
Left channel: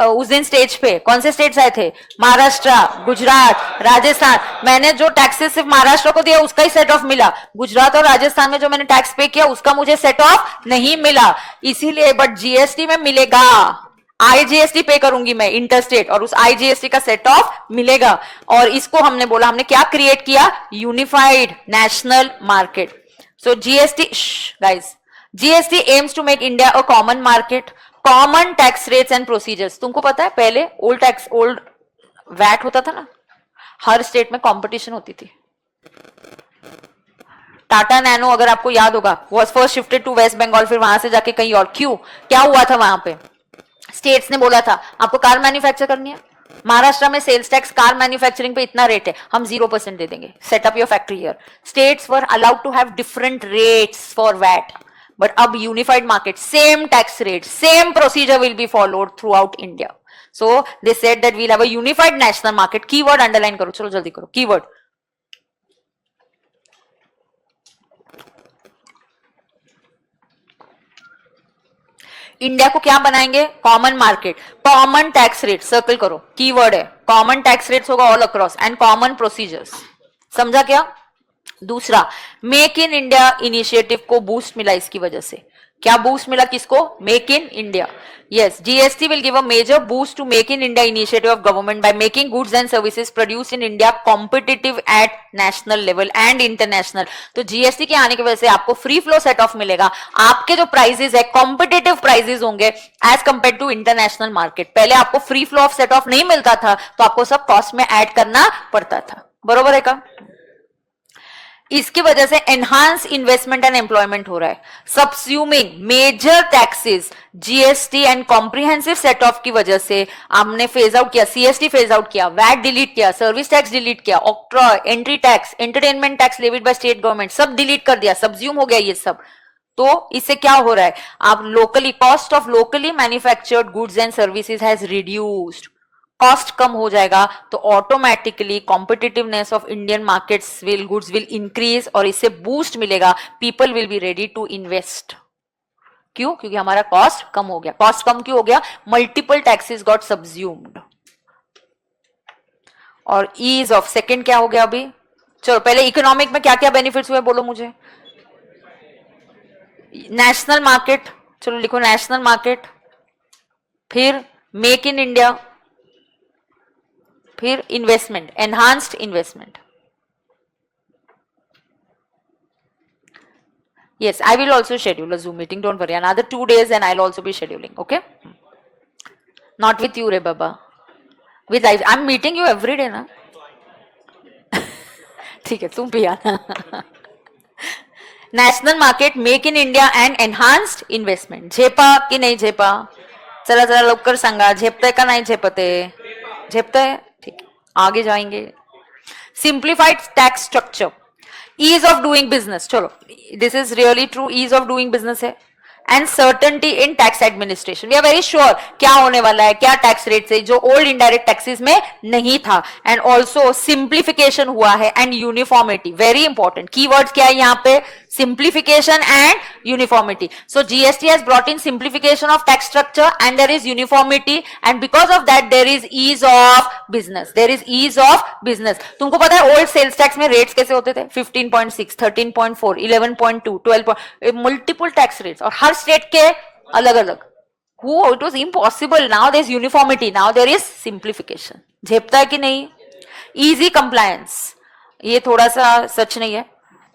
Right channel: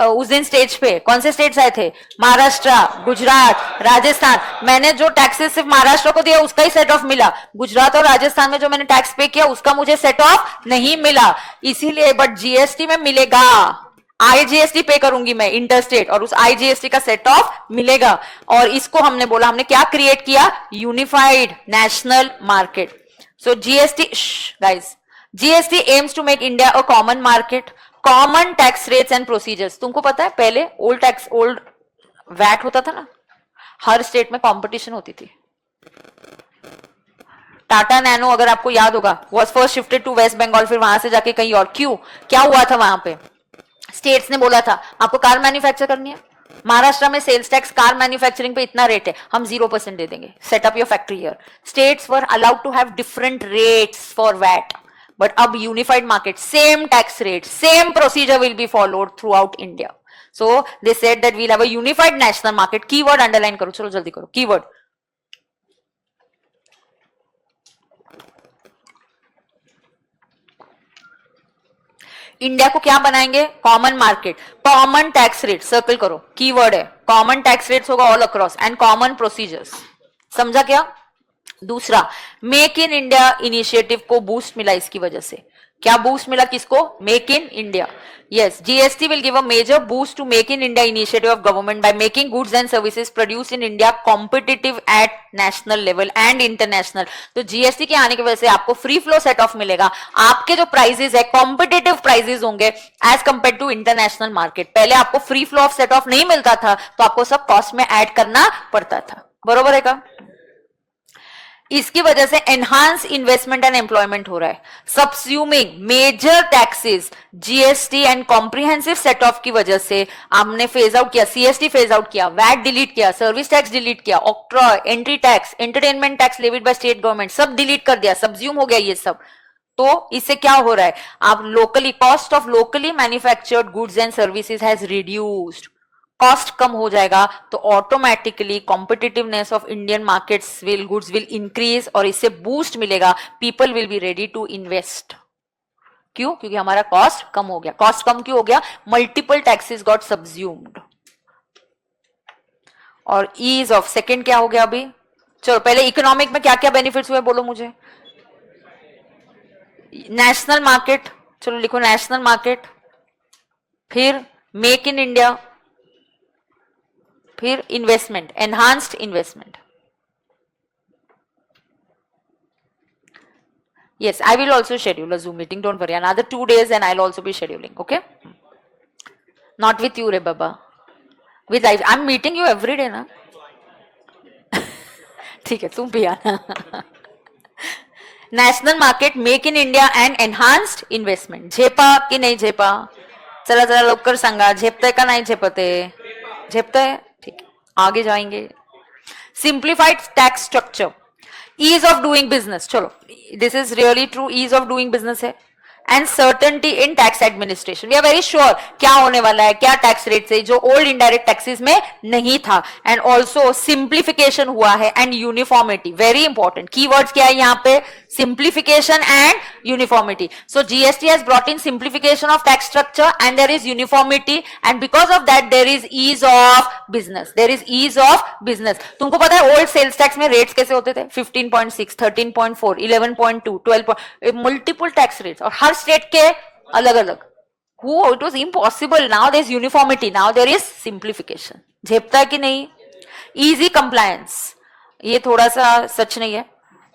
उस दिन स्टेज पे कौन से स्टेट्स आए थे? महाराष्ट्र, गुजरात, राजस्थान। मैंने जो टैक्सेस सिर्फ महाराष्ट्र को दिया उसका ही सेट ऑफ मिला। गुजरात और राजस्थान में जो मैंने टैक्स पे किया उसका मुझे सेट ऑफ नहीं मिला। इसीलिए बट जीएसटी में मिलेगा। आईजीएसटी पे करूंगी मैं इंटरस्टेट और उस आईजीएसटी का सेट ऑफ मिलेगा। और इसको हमने बोला, हमने क्या क्रिएट किया? Unified national market. So GST, guys, GST aims to make India a common market, common tax rates and procedures। तुमको पता है पहले ओल्ड वैट होता था ना, हर स्टेट में कंपटीशन होती थी। टाटा नैनो अगर आपको याद होगा was first shifted to West Bengal, फिर वहां से जाके कहीं और। क्यों? क्या हुआ था वहां पे? स्टेट्स ने बोला था आपको कार मैन्युफैक्चर करनी है, महाराष्ट्र में सेल्स टैक्स कार मैन्युफैक्चरिंग पे इतना रेट है, हम 0% दे देंगे, set up your factory here. States were allowed to have different rates for VAT, but अब unified market, same tax rate, same procedure will be followed throughout India. So they said that we'll have a unified national market. Keyword underline करो, चलो जल्दी करो keyword. India को क्या बनाएंगे? Common market, common tax rate, circle करो, keyword है common tax rates होगा all across and common procedures. समझा क्या? दूसरा, मेक इन इंडिया इनिशिएटिव को बूस्ट मिला इसकी वजह से। क्या बूस्ट मिला किसको? Make in India. Yes, GST will give a major boost to make in India initiative of government by making goods and services produce in India competitive at national level and international. तो GST के आने की वजह से आपको free flow set of मिलेगा, आपके जो प्राइसेस है कॉम्पिटिटिव प्राइसेस होंगे as compare to international market. पहले आपको free flow of set off नहीं मिलता था तो आपको सब कॉस्ट में ऐड करना पड़ता था, बरोबर है का? इसकी वजह से एनहांस इन्वेस्टमेंट एंड एम्प्लॉयमेंट हो रहा है। Subsuming major taxes, GST and comprehensive set off की वजह से हमने फेज आउट किया, सीएसटी फेज आउट किया, वैट डिलीट किया, सर्विस टैक्स डिलीट किया, octroi, entry tax, entertainment tax levied by state government, सब डिलीट कर दिया, सब्ज्यूम हो गया ये सब। तो इससे क्या हो रहा है? आप locally, cost of locally manufactured goods and services has reduced, cost कम हो जाएगा तो automatically competitiveness of Indian markets will, goods will increase और इससे बूस्ट मिलेगा, people will be ready to invest. क्यों? क्योंकि हमारा कॉस्ट कम हो गया। कॉस्ट कम क्यों हो गया? Multiple taxes got subsumed. और ईज ऑफ, सेकेंड क्या हो गया अभी? चलो पहले इकोनॉमिक में क्या क्या बेनिफिट्स हुए बोलो मुझे। नेशनल मार्केट, चलो लिखो नेशनल मार्केट, फिर मेक इन इंडिया, फिर investment, enhanced investment. Yes, I will also schedule a Zoom meeting. Don't worry, another 2 days and I'll also be scheduling. Okay? Not with you, Re Baba. With I, I'm meeting you every day, na? ठीक है, तुम भी आना। National market, make in India and enhanced investment. झेपा कि नहीं झेपा? चला चला लवकर सांगा, झेपता है का नहीं झेपते? झेपता है, ठीक है, आगे जाएंगे। Simplified tax structure, ease of doing business, चलो this is really true, ease of doing business है। And certainty in tax administration, we are very sure क्या होने वाला है, क्या टैक्स रेट से, जो ओल्ड इनडायरेक्ट टैक्सेस में नहीं था। एंड ऑल्सो सिंप्लीफिकेशन हुआ है and uniformity, very important keywords क्या है यहाँ पे? Simplification and uniformity. So GST has brought in simplification of tax structure and there is uniformity and because of that there is ease of business, there is ease of business. तुमको पता है old sales tax में rates कैसे होते थे? 15.6, 13.4, 11.2, 12, multiple tax rates और हर state के अलग अलग। It was impossible, now there is uniformity, now there is simplification. झेपता है कि नहीं? इजी कंप्लायंस, ये थोड़ा सा सच नहीं है।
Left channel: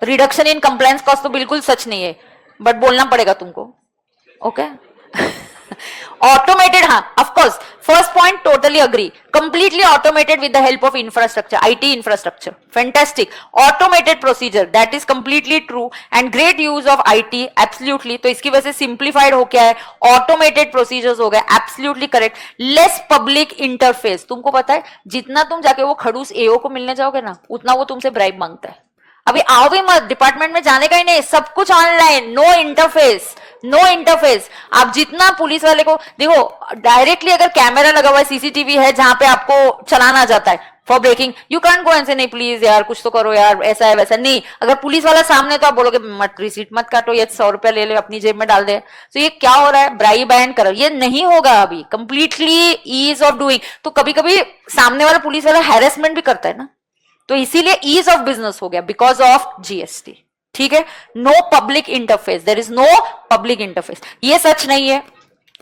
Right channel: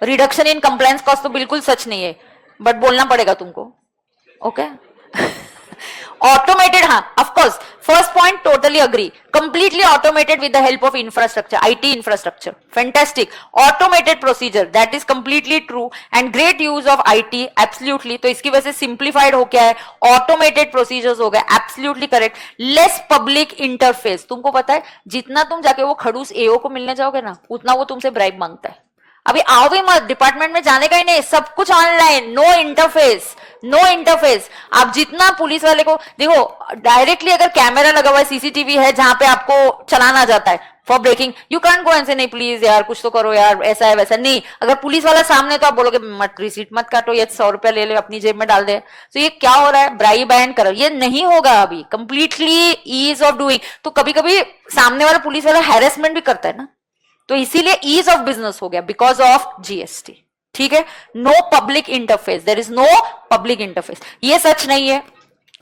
रिडक्शन इन कंप्लायंस कॉस्ट तो बिल्कुल सच नहीं है, बट बोलना पड़ेगा तुमको। ओके ऑटोमेटेड, हाँ of course, first point totally agree, completely automated with the help of infrastructure, IT infrastructure, fantastic. Automated procedure, that is completely true and great use of IT, absolutely. तो इसकी वजह से simplified हो गया है, automated procedures हो गए, absolutely correct. Less public interface, तुमको पता है जितना तुम जाके वो खड़ूस एओ को मिलने जाओगे ना, उतना वो तुमसे ब्राइब मांगता है। अभी आओ भी मत, डिपार्टमेंट में जाने का ही नहीं, सब कुछ online, no interface, no interface. आप जितना पुलिस वाले को देखो, डायरेक्टली अगर कैमरा लगा हुआ है, सीसीटीवी है जहां पे आपको चलाना जाता है for breaking, you can go and से नहीं प्लीज यार कुछ तो करो यार, ऐसा है वैसा नहीं। अगर पुलिस वाला सामने तो आप बोलोगे मत, रिसीट मत काटो, ये 100 रुपया ले ले अपनी जेब में डाल दे। तो ये क्या हो रहा है? ब्राइब एंड करो, ये नहीं होगा अभी, कंप्लीटली ईज ऑफ डूइंग। तो कभी कभी सामने वाला पुलिस वाला हैरेसमेंट भी करता है ना, तो इसीलिए ईज ऑफ बिजनेस हो गया बिकॉज ऑफ जीएसटी। ठीक है, no public interface, there is no public interface. ये सच नहीं है,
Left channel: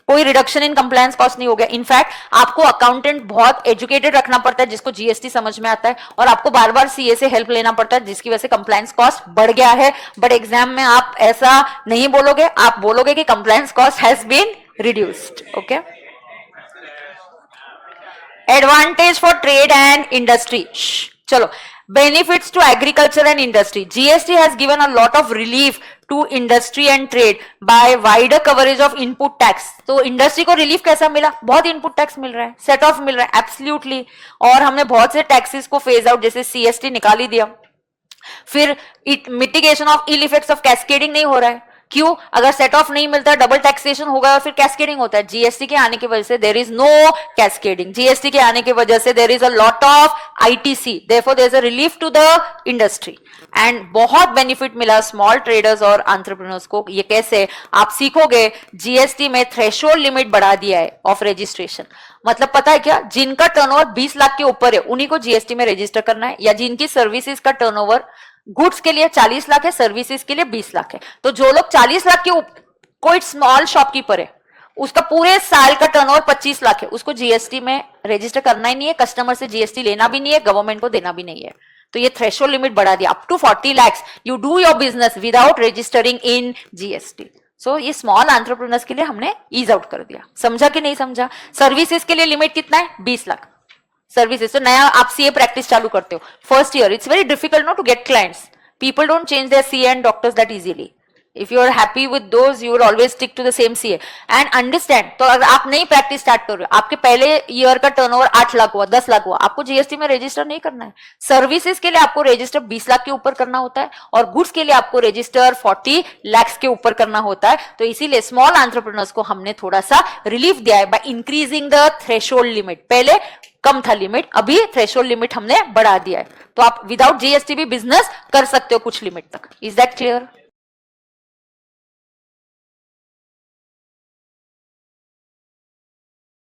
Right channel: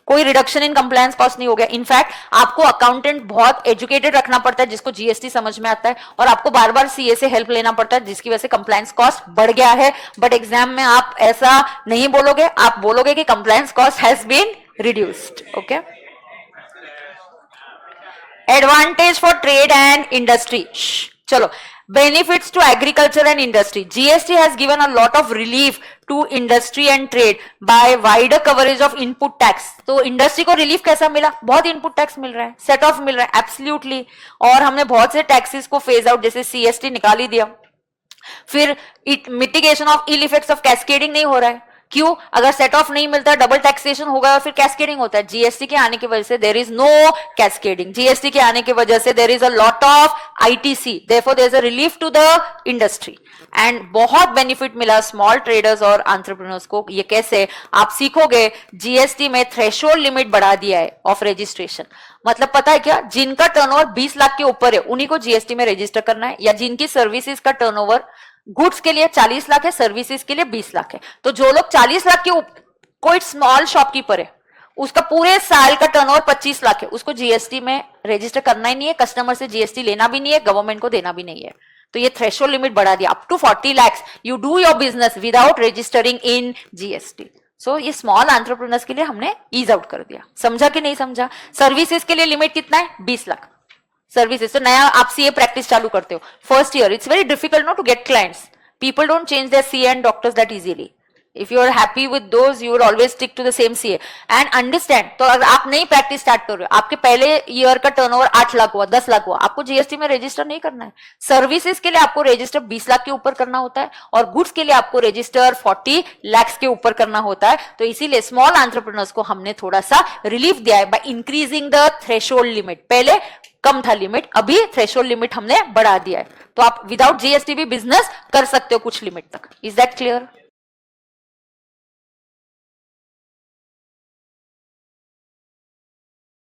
कोई रिडक्शन इन कंप्लायंस कॉस्ट नहीं हो गया। इनफैक्ट आपको अकाउंटेंट बहुत एजुकेटेड रखना पड़ता है जिसको जीएसटी समझ में आता है, और आपको बार बार सीए से हेल्प लेना पड़ता है जिसकी वजह से कंप्लायंस कॉस्ट बढ़ गया है। बट एग्जाम में आप ऐसा नहीं बोलोगे, आप बोलोगे कि compliance cost has been reduced. Okay, advantage for trade and industry, चलो benefits to agriculture and industry, GST has given a lot of relief to industry and trade by wider coverage of input tax। तो industry को relief कैसा मिला? बहुत input tax मिल रहा है, set of मिल रहा है, एब्सोल्युटली। और हमने बहुत से टैक्सेस को फेज आउट, जैसे सीएसटी निकाल ही दिया। फिर mitigation of ill effects of cascading नहीं हो रहा है। क्यों? अगर सेट ऑफ नहीं मिलता, डबल टैक्सेशन होगा और फिर कैस्केडिंग होता है। जीएसटी के आने की वजह से there is no cascading, GST के आने की वजह से there is a lot of ITC, therefore there is a relief to the industry and बहुत बेनिफिट मिला स्मॉल ट्रेडर्स और एंटरप्रेन्योर्स को। ये कैसे? आप सीखोगे, जीएसटी में थ्रेशोल्ड लिमिट बढ़ा दिया है ऑफ रजिस्ट्रेशन। मतलब पता है क्या? जिनका टर्नओवर 20 लाख के ऊपर है उन्हीं को जीएसटी में रजिस्टर करना है, या जिनकी सर्विसेज का टर्नओवर गुड्स के लिए 40 लाख है, सर्विसेज के लिए 20 लाख है। तो जो लोग 40 लाख के कोई स्मॉल शॉपकीपर है, उसका पूरे साल का टर्नओवर 25 लाख है, उसको जीएसटी में रजिस्टर करना ही नहीं है, कस्टमर से जीएसटी लेना भी नहीं है, गवर्नमेंट को देना भी नहीं है। तो ये थ्रेशोल्ड लिमिट बढ़ा दिया, up to 40 lakhs you do your business without registering in GST. So ये स्मॉल एंटरप्रेन्योर्स के लिए हमने ईज आउट कर दिया। समझा कि नहीं समझा? सर्विसेज के लिए लिमिट कितना है? 20 लाख सर्विसेज। तो नया आप सीए प्रैक्टिस चालू करते हो first year, it's very difficult no to get clients, people don't change their CA and doctors that easily. If you are happy with those, you will always stick to the same CA and understand। तो अगर आप नई practice start कर रहे हो, आपके पहले year का टर्नओवर 8 लाख हुआ, 10 लाख हुआ, आपको जीएसटी में रजिस्टर नहीं करना है। सर्विसेज के लिए आपको रजिस्टर 20 लाख के ऊपर करना होता है और गुड्स के लिए आपको रजिस्टर 40 लाख के ऊपर करना होता है। तो इसीलिए स्मॉल एंटरप्रेन्योर्स को हमने थोड़ा सा रिलीफ दिया है by increasing the threshold limit. पहले कम था लिमिट, अभी थ्रेशोल्ड लिमिट हमने बढ़ा दिया है। तो आप विदाउट जीएसटी भी बिजनेस कर सकते हो कुछ लिमिट तक। Is that clear?